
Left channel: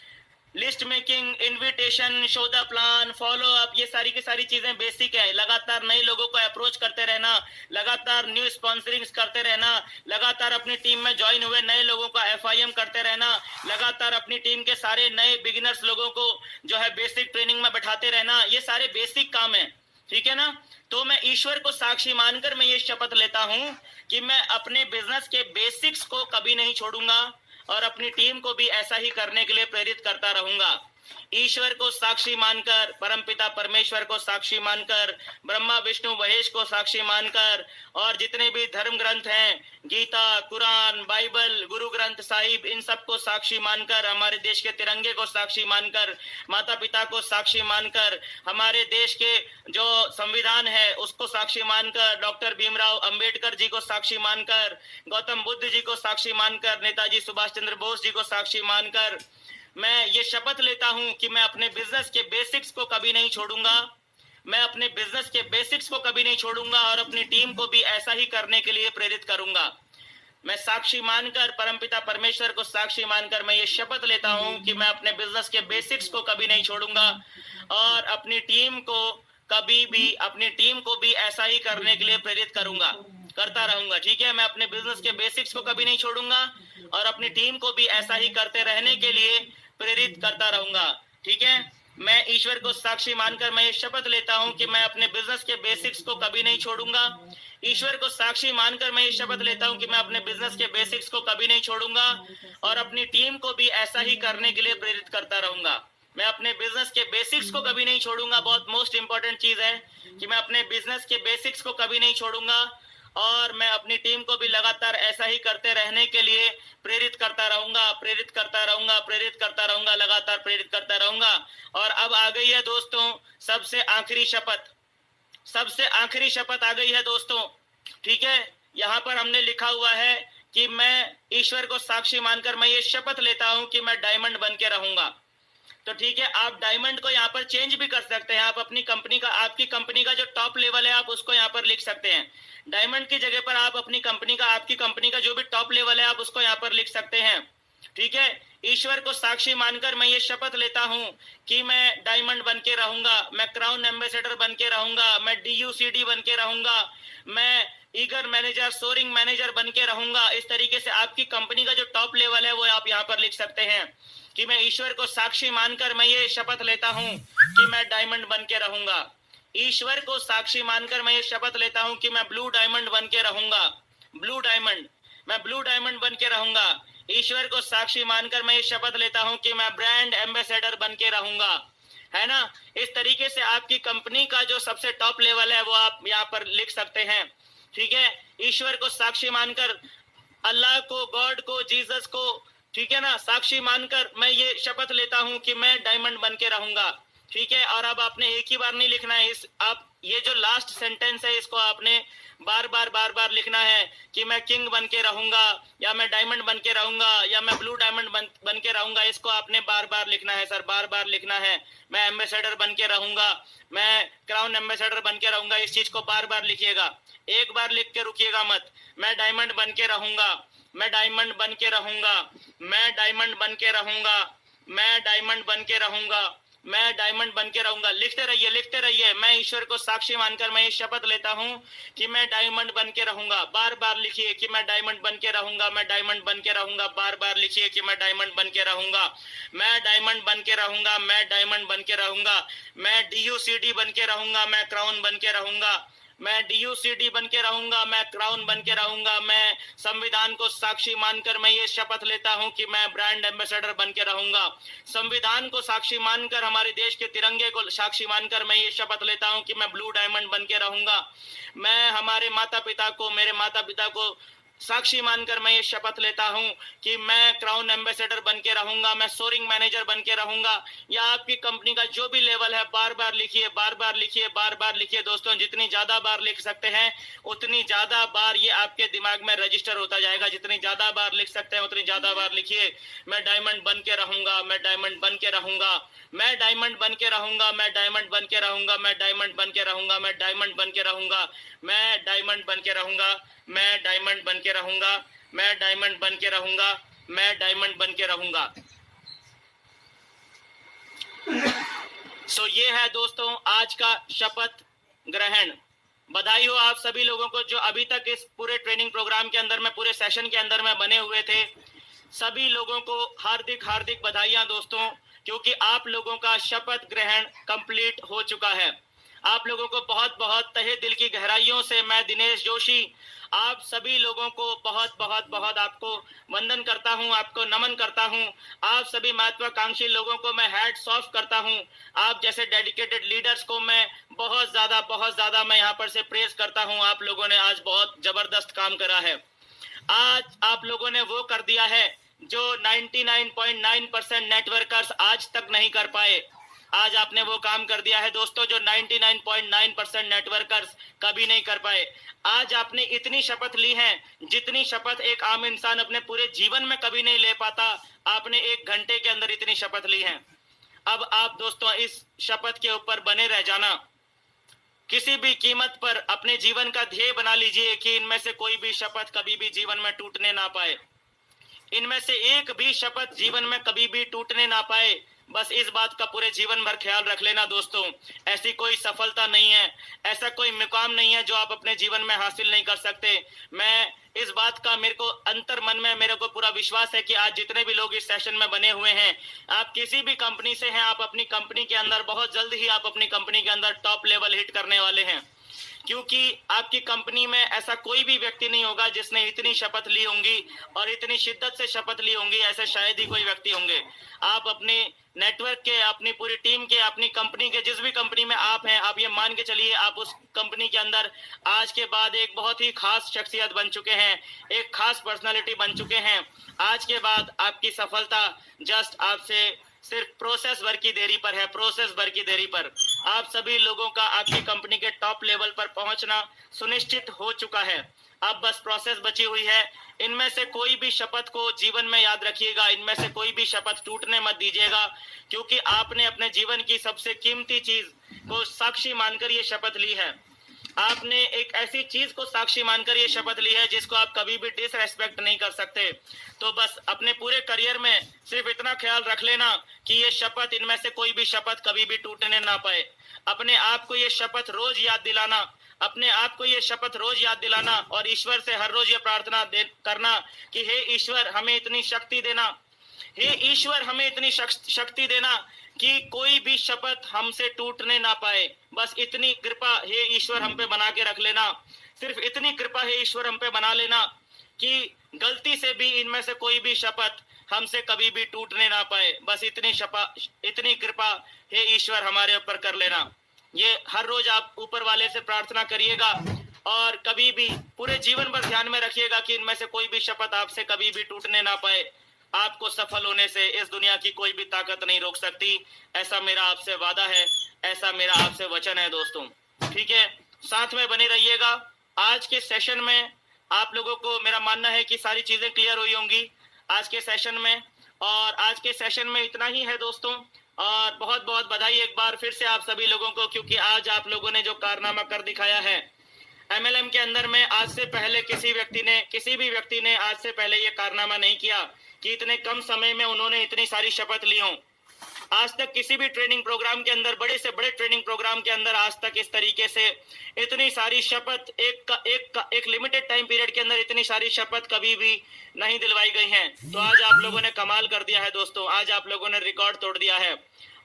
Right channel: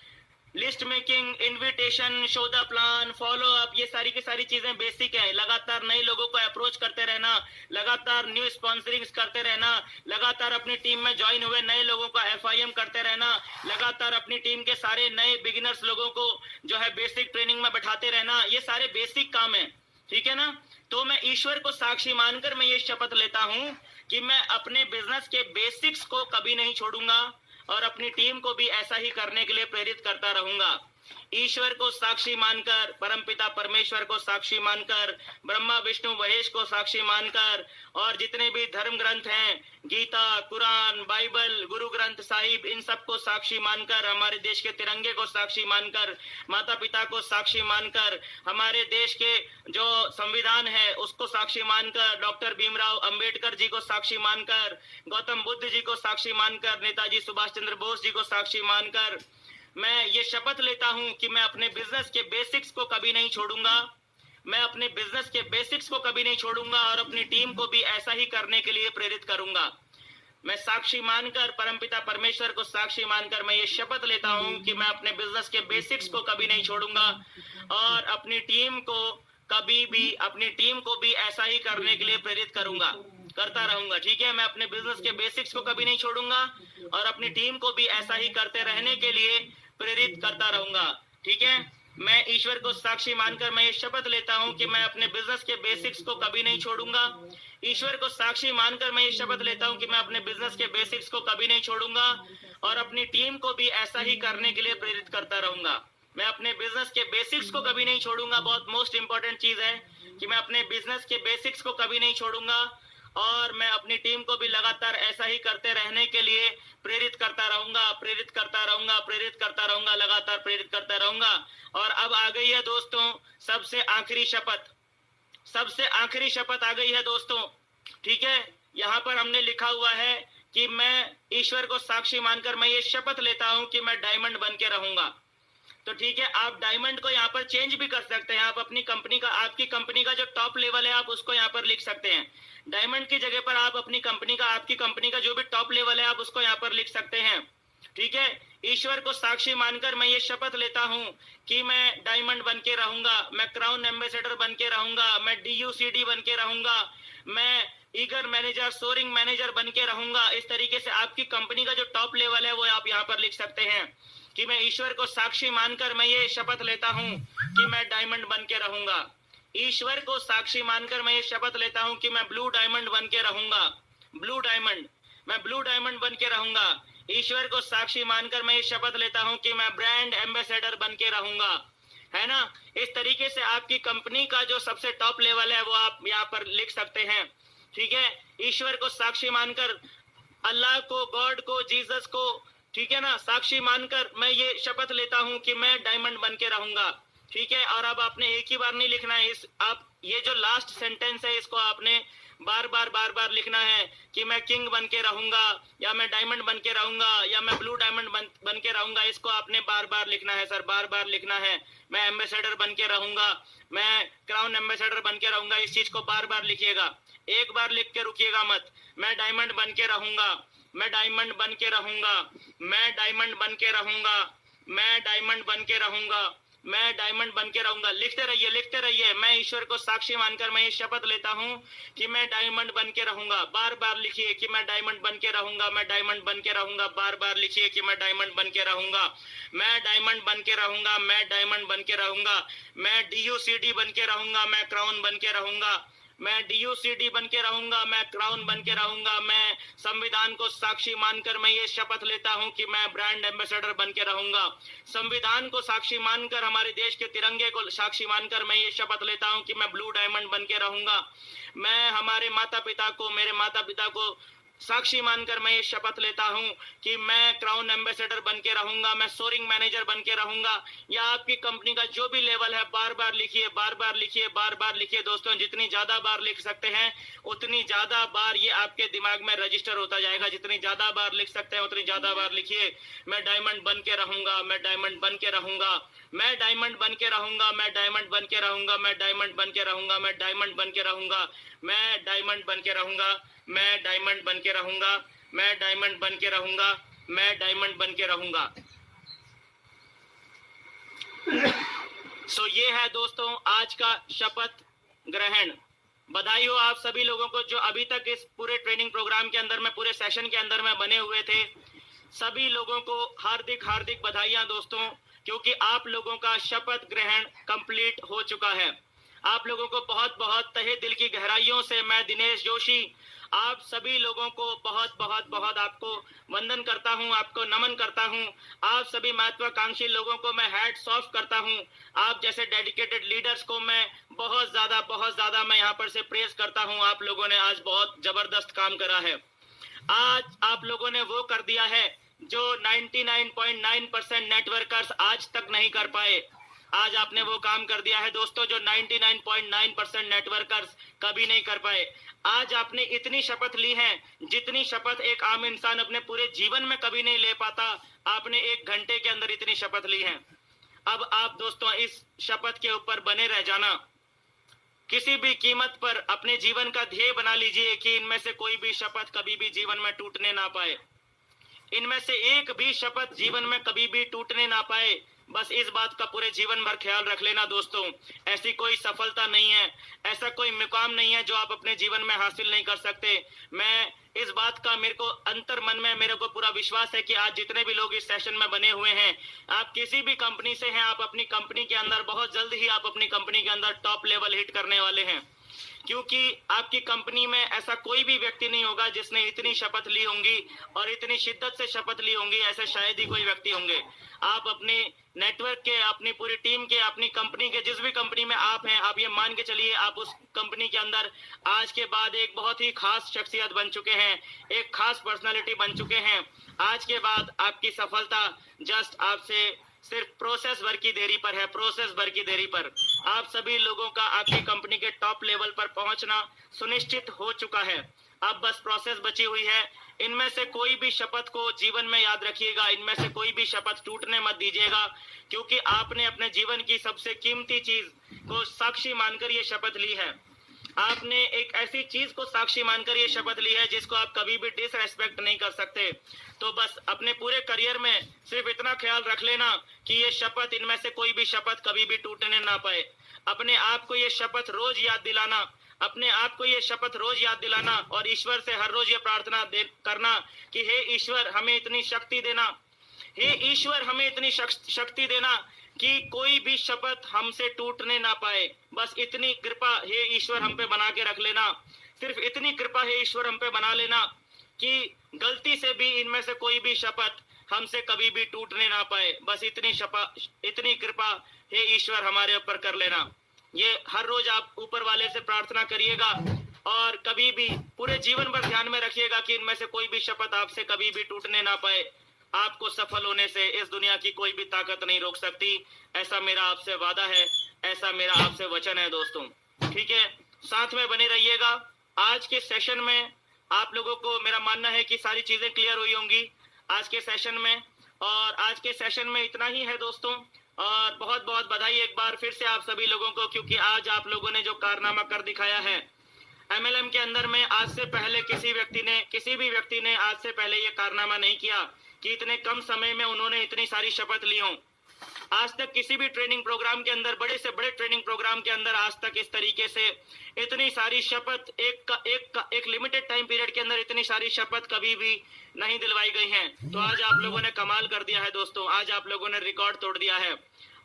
List making, invitation, show the plan, follow up, ये सारी की सारी चीजें बेसिक है। लगातार नए लोगों को अप्रोच करते रहना, लगातार न्यू स्पॉन्सरिंग्स करते रहना, लगातार अपनी टीम में ज्वाइन हुए नए लोगों का FIM करते रहना, लगातार अपनी टीम के सारे नए बिगिनर्स लोगों को जो है बेसिक ट्रेनिंग में बैठाते रहना, ये सारे बेसिक काम है। ठीक है ना? तो मैं ईश्वर को साक्षी मानकर मैं ये शपथ लेता हूं कि मैं अपने बिजनेस के बेसिक्स को कभी नहीं छोड़ूंगा और अपनी टीम को भी ऐसा ही करने के लिए प्रेरित करता रहूंगा। ईश्वर को साक्षी मानकर, परमपिता परमेश्वर को साक्षी मानकर, ब्रह्मा विष्णु महेश को साक्षी मानकर और जितने भी धर्म ग्रंथ हैं, गीता, कुरान, बाइबल, गुरु ग्रंथ साहिब, इन सबको साक्षी मानकर, हमारे देश के तिरंगे को साक्षी मानकर, माता पिता को साक्षी मानकर, हमारे देश के जो संविधान है उसको साक्षी मानकर, डॉक्टर भीमराव अंबेडकर जी को साक्षी मानकर, गौतम बुद्ध जी को साक्षी मानकर, नेताजी सुभाष चंद्र बोस जी को साक्षी मानकर मैं ये शपथ लेता हूं कि मैं अपने बिजनेस के बेसिक्स को कभी नहीं छोड़ूंगा। मैं अपने बिजनेस के बेसिक्स को कभी नहीं छोड़ूंगा और अपनी टीम को भी ऐसा ही करने के लिए प्रेरित करूंगा। मैं साक्षी मानकर, परमपिता परमेश्वर को साक्षी मानकर मैं ये शपथ लेता हूं कि मैं अपने बिजनेस के बेसिक्स को कभी नहीं छोड़ूंगा और अपनी टीम को भी ऐसा ही करने के लिए प्रेरित करता रहूंगा। ठीक है, मैं अपने बिजनेस के बेसिक्स को कभी नहीं छोड़ूंगा और अपनी टीम को भी ऐसा ही करते रहने के लिए प्रेरित करता रहूंगा। ठीक है, मैं ईश्वर को साक्षी मानकर मैं ये शपथ लेता हूं कि मैं अपने बिजनेस के बेसिक्स को कभी नहीं छोड़ूंगा। ईश्वर को साक्षी मानकर मैं ये शपथ लेता हूं कि मैं अपने बिजनेस के बेसिक्स को कभी नहीं छोड़ूंगा और अपनी टीम को भी ऐसा ही करने के लिए प्रेरित करता रहूंगा। मैं अपने बिजनेस के बेसिक्स को कभी नहीं छोड़ूंगा। बहुत मोस्ट इंपॉर्टेंट चीज है कि मैं अपने बिजनेस के बेसिक्स को कभी नहीं छोड़ूंगा और मैं अपनी टीम को भी लगातार ऐसा ही करते रहने के लिए प्रेरित करता रहूंगा, लगातार प्रेरित करता रहूंगा। और अब आ गई है दोस्तों सबसे आखिरी शपथ आ गई है दोस्तों। ठीक है, यहाँ पर हमने लिखा हुआ है कि मैं ईश्वर को साक्षी मानकर मैं ये शपथ लेता हूं कि मैं डायमंड बन के रहूंगा। तो ठीक है, आप डायमंड को यहाँ पर चेंज भी कर सकते हैं। आप अपनी कंपनी का, आपकी कंपनी का जो टॉप लेवल है आप उसको यहाँ पर लिख सकते हैं। डायमंड की जगह पर आप अपनी कंपनी का, आपकी कंपनी का जो भी टॉप लेवल है आप उसको यहाँ पर लिख सकते हैं। ठीक है, ईश्वर को साक्षी मानकर मैं ये शपथ लेता हूं कि मैं डायमंड बन के रहूंगा, मैं क्राउन एम्बेसडर बन के रहूंगा, मैं DUCD बन के रहूंगा, मैं ईगर मैनेजर, सोरिंग मैनेजर बन के रहूंगा। इस तरीके से आपकी कंपनी का जो टॉप लेवल है वो आप यहाँ पर लिख सकते हैं कि मैं ईश्वर को साक्षी मानकर मैं ये शपथ लेता हूं कि मैं डायमंड बन के रहूंगा। ईश्वर को साक्षी मानकर मैं ये शपथ लेता हूं कि मैं ब्लू डायमंड बन के रहूंगा। ब्लू डायमंड, मैं ब्लू डायमंड बन के रहूंगा। ईश्वर को साक्षी मानकर मैं ये शपथ लेता हूं कि मैं ब्रांड एम्बेसडर बन के रहूंगा, है ना। इस तरीके से आपकी कंपनी का जो सबसे टॉप लेवल है वो आप यहाँ पर लिख सकते हैं। ठीक है, ईश्वर को साक्षी मानकर, अल्लाह को, गॉड को, जीसस को, ठीक है ना, साक्षी मानकर मैं ये शपथ लेता हूं कि मैं डायमंड बन के रहूंगा। ठीक है, और अब आपने एक ही बार नहीं लिखना है, इस आप ये जो लास्ट सेंटेंस है इसको आपने बार बार लिखना है कि मैं किंग बन के रहूंगा, या मैं डायमंड बन के रहूंगा, या मैं ब्लू डायमंड बन के रहूंगा। इसको आपने बार लिखना है सर, बार लिखना है। मैं एम्बेसडर बन के रहूंगा, मैं क्राउन एम्बेसडर बन के रहूंगा। इस चीज को बार लिखिएगा, एक बार लिख के रुकिएगा मत। मैं डायमंड बन के रहूंगा, मैं डायमंड बन के रहूंगा, मैं डायमंड बन के रहूंगा, मैं डायमंड बन के रहूंगा, मैं डायमंड बन के रहूंगा। लिखते रहिए, लिखते रहिए। मैं ईश्वर को साक्षी मानकर मैं ये शपथ लेता हूं कि मैं डायमंड बन के रहूंगा। बार लिखिए कि मैं डायमंड बन के रहूंगा, मैं डायमंड बन के रहूंगा। बार लिखिए कि मैं डायमंड बन के रहूंगा, मैं डायमंड बन के रहूंगा, मैं डायमंड बन के रहूंगा, मैं DUCD बन के रहूंगा, मैं क्राउन बन के रहूंगा, मैं DUCD बन के रहूंगा, मैं क्राउन बन के रहूंगा। मैं संविधान को साक्षी मानकर मैं ये शपथ लेता हूं कि मैं ब्रांड एम्बेसडर बन के रहूंगा। संविधान को साक्षी मानकर, हमारे देश के तिरंगे को साक्षी मानकर मैं ये शपथ लेता हूं कि मैं ब्लू डायमंड बन के रहूंगा। मैं हमारे माता पिता को, मेरे माता पिता को साक्षी मानकर मैं ये शपथ लेता हूं कि मैं क्राउन एम्बेसडर बन के रहूंगा, मैं सोरिंग मैनेजर बन के रहूंगा। या आपकी कंपनी का जो भी लेवल है बार लिखिए, बार लिखिए, बार लिखिए। दोस्तों, जितनी ज्यादा बार लिख सकते हैं उतनी ज्यादा बार ये आपके दिमाग में रजिस्टर होता जाएगा। जितनी ज्यादा बार लिख सकते हैं उतनी ज्यादा बार लिखिए। मैं डायमंड बन के रहूंगा, मैं डायमंड बन के रहूंगा, मैं डायमंड बन के रहूंगा, मैं डायमंड बन के रहूंगा, मैं डायमंड बन के रहूंगा, मैं डायमंड बन के रहूंगा, मैं डायमंड बन के रहूंगा, मैं डायमंड बन के रहूंगा, मैं डायमंड बन के रहूंगा, मैं डायमंड बन के रहूंगा। सो ये है दोस्तों आज का शपथ ग्रहण। बधाई हो आप सभी लोगों को जो अभी तक इस पूरे ट्रेनिंग प्रोग्राम के अंदर में, पूरे सेशन के अंदर में बने हुए थे। सभी लोगों को हार्दिक बधाइयां दोस्तों, क्योंकि आप लोगों का शपथ ग्रहण कंप्लीट हो चुका है। आप लोगों को बहुत तहे दिल की गहराइयों से मैं दिनेश जोशी आप सभी लोगों को बहुत आपको वंदन करता हूं, आपको नमन करता हूं। आप सभी महत्वाकांक्षी लोगों को मैं हैट्स ऑफ करता हूं। आप जैसे डेडिकेटेड लीडर्स को मैं बहुत ज्यादा मैं यहाँ पर से प्रेज करता हूं। आप लोगों ने आज बहुत जबरदस्त काम करा है। आज आप लोगों ने वो कर दिया है जो 99.9% नेटवर्कर्स आज तक नहीं कर पाए। आज आपने वो काम कर दिया है दोस्तों जो 99.9% नेटवर्कर्स कभी नहीं कर पाए। आज आपने इतनी शपथ ली है जितनी शपथ एक आम इंसान अपने पूरे जीवन में कभी नहीं ले पाता। आपने 1 घंटे के अंदर इतनी शपथ ली है। अब आप दोस्तों इस शपथ के ऊपर बने रह जाना। किसी भी कीमत पर अपने जीवन का ध्येय बना लीजिए कि इनमें से कोई भी शपथ कभी भी जीवन में टूटने ना पाए। इनमें से एक भी शपथ जीवन में कभी भी टूटने ना पाए। बस इस बात का पूरे जीवन भर ख्याल रख लेना दोस्तों। ऐसी कोई सफलता नहीं है, ऐसा कोई मुकाम नहीं है जो आप अपने जीवन में हासिल नहीं कर सकते। मैं इस बात का, मेरे को अंतर मन में मेरे को पूरा विश्वास है कि आज जितने भी लोग इस सेशन में बने हुए हैं, आप किसी भी कंपनी से हैं, आप अपनी कंपनी के अंदर बहुत जल्द ही आप अपनी कंपनी के अंदर टॉप लेवल हिट करने वाले हैं। क्योंकि आपकी कंपनी में ऐसा कोई भी व्यक्ति नहीं होगा जिसने इतनी शपथ ली होंगी और इतनी शिद्दत से शपथ ली होंगी। ऐसे शायद ही कोई व्यक्ति होंगे। आप अपने नेटवर्क के, अपनी पूरी टीम के, अपनी कंपनी के, जिस भी कंपनी में आप हैं, आप ये मान के चलिए आप उस कंपनी के अंदर आज के बाद एक बहुत ही खास शख्सियत बन चुके हैं, एक खास पर्सनालिटी बन चुके हैं। आज के बाद आपकी सफलता जस्ट आपसे सिर्फ प्रोसेस भर की देरी पर है, प्रोसेस भर की देरी पर। आप सभी लोगों का आपकी कंपनी के टॉप लेवल पर पहुंचना सुनिश्चित हो चुका है। अब बस प्रोसेस बची हुई है। इनमें से कोई भी शपथ को जीवन में याद रखिएगा, इनमें से कोई भी शपथ टूटने मत दीजिएगा, क्योंकि आपने अपने जीवन की सबसे कीमती चीज को साक्षी मानकर ये शपथ ली है। आपने एक ऐसी चीज को साक्षी मानकर ये शपथ ली है जिसको आप कभी भी डिसरेस्पेक्ट नहीं कर सकते। तो बस अपने पूरे करियर में सिर्फ इतना ख्याल रख लेना कि ये शपथ, इनमें से कोई भी शपथ कभी भी टूटने ना पाए। अपने आप को ये शपथ रोज याद दिलाना, अपने आप को ये शपथ रोज याद दिलाना और ईश्वर से हर रोज ये प्रार्थना करना कि हे ईश्वर हमें इतनी शक्ति देना, हे ईश्वर हमें इतनी शक्ति देना कि कोई भी शपथ हमसे टूटने ना पाए। बस इतनी कृपा हे ईश्वर हम पे बना के रख लेना, सिर्फ इतनी कृपा हे ईश्वर हम पे बना लेना कि गलती से भी इनमें से कोई भी शपथ हमसे कभी भी टूटने ना पाए। बस इतनी कृपा हे ईश्वर हमारे ऊपर कर लेना। ये हर रोज आप ऊपर वाले से प्रार्थना करिएगा और कभी भी पूरे जीवन भर ध्यान में रखिएगा कि इनमें से कोई भी शपथ आपसे कभी भी टूटने ना पाए। आपको सफल होने से इस दुनिया की कोई भी ताकत नहीं रोक सकती। ऐसा मेरा आपसे वादा है, ऐसा मेरा आपसे वचन है दोस्तों। ठीक है, साथ में बने रहिएगा। आज के सेशन में आप लोगों को मेरा मानना है कि सारी चीजें क्लियर हुई होंगी आज के सेशन में, और आज के सेशन में इतना ही है दोस्तों। और बहुत बहुत बधाई एक बार फिर से आप सभी लोगों को, क्योंकि आज आप लोगों ने जो कारनामा कर दिखाया है MLM के अंदर में, आज से पहले किसी भी व्यक्ति ने आज से पहले ये कारनामा नहीं किया कि इतने कम समय में उन्होंने इतनी सारी शपथ ली हो। आज तक किसी भी ट्रेनिंग प्रोग्राम के अंदर, बड़े से बड़े ट्रेनिंग प्रोग्राम के अंदर आज तक इस तरीके से इतनी सारी शपथ एक लिमिटेड टाइम पीरियड के अंदर इतनी सारी शपथ कभी भी नहीं दिलवाई गई हैं। तो आज आप लोगों ने कमाल कर दिया है दोस्तों, आज आप लोगों ने रिकॉर्ड तोड़ दिया है।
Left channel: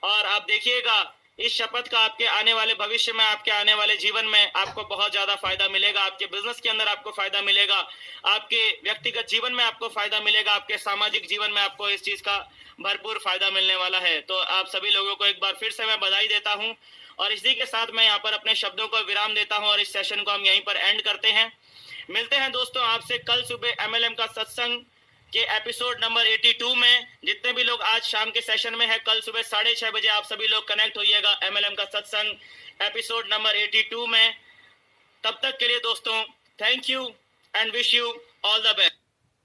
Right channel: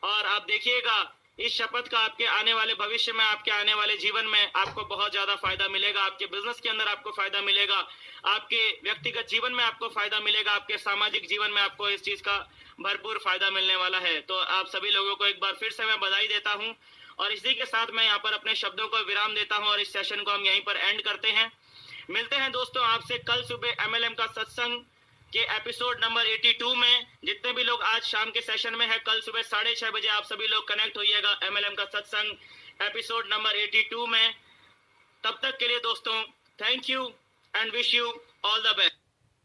और आप देखिएगा इस शपथ का आपके आने वाले भविष्य में, आपके आने वाले जीवन में आपको बहुत ज्यादा फायदा मिलेगा। आपके बिजनेस के अंदर आपको फायदा मिलेगा, आपके व्यक्तिगत जीवन में आपको फायदा मिलेगा, आपके सामाजिक जीवन में आपको इस चीज का भरपूर फायदा मिलने वाला है। तो आप सभी लोगों को एक बार फिर से मैं बधाई देता हूं और इसी के साथ मैं यहाँ पर अपने शब्दों को विराम देता हूं और इस सेशन को हम यहीं पर एंड करते हैं। मिलते हैं दोस्तों आपसे कल सुबह MLM का सत्संग के एपिसोड नंबर 82 में। जितने भी लोग आज शाम के सेशन में है, कल सुबह 6:30 बजे आप सभी लोग कनेक्ट होइएगा MLM का सत्संग एपिसोड नंबर 82 में। तब तक के लिए दोस्तों thank you and wish you all the best.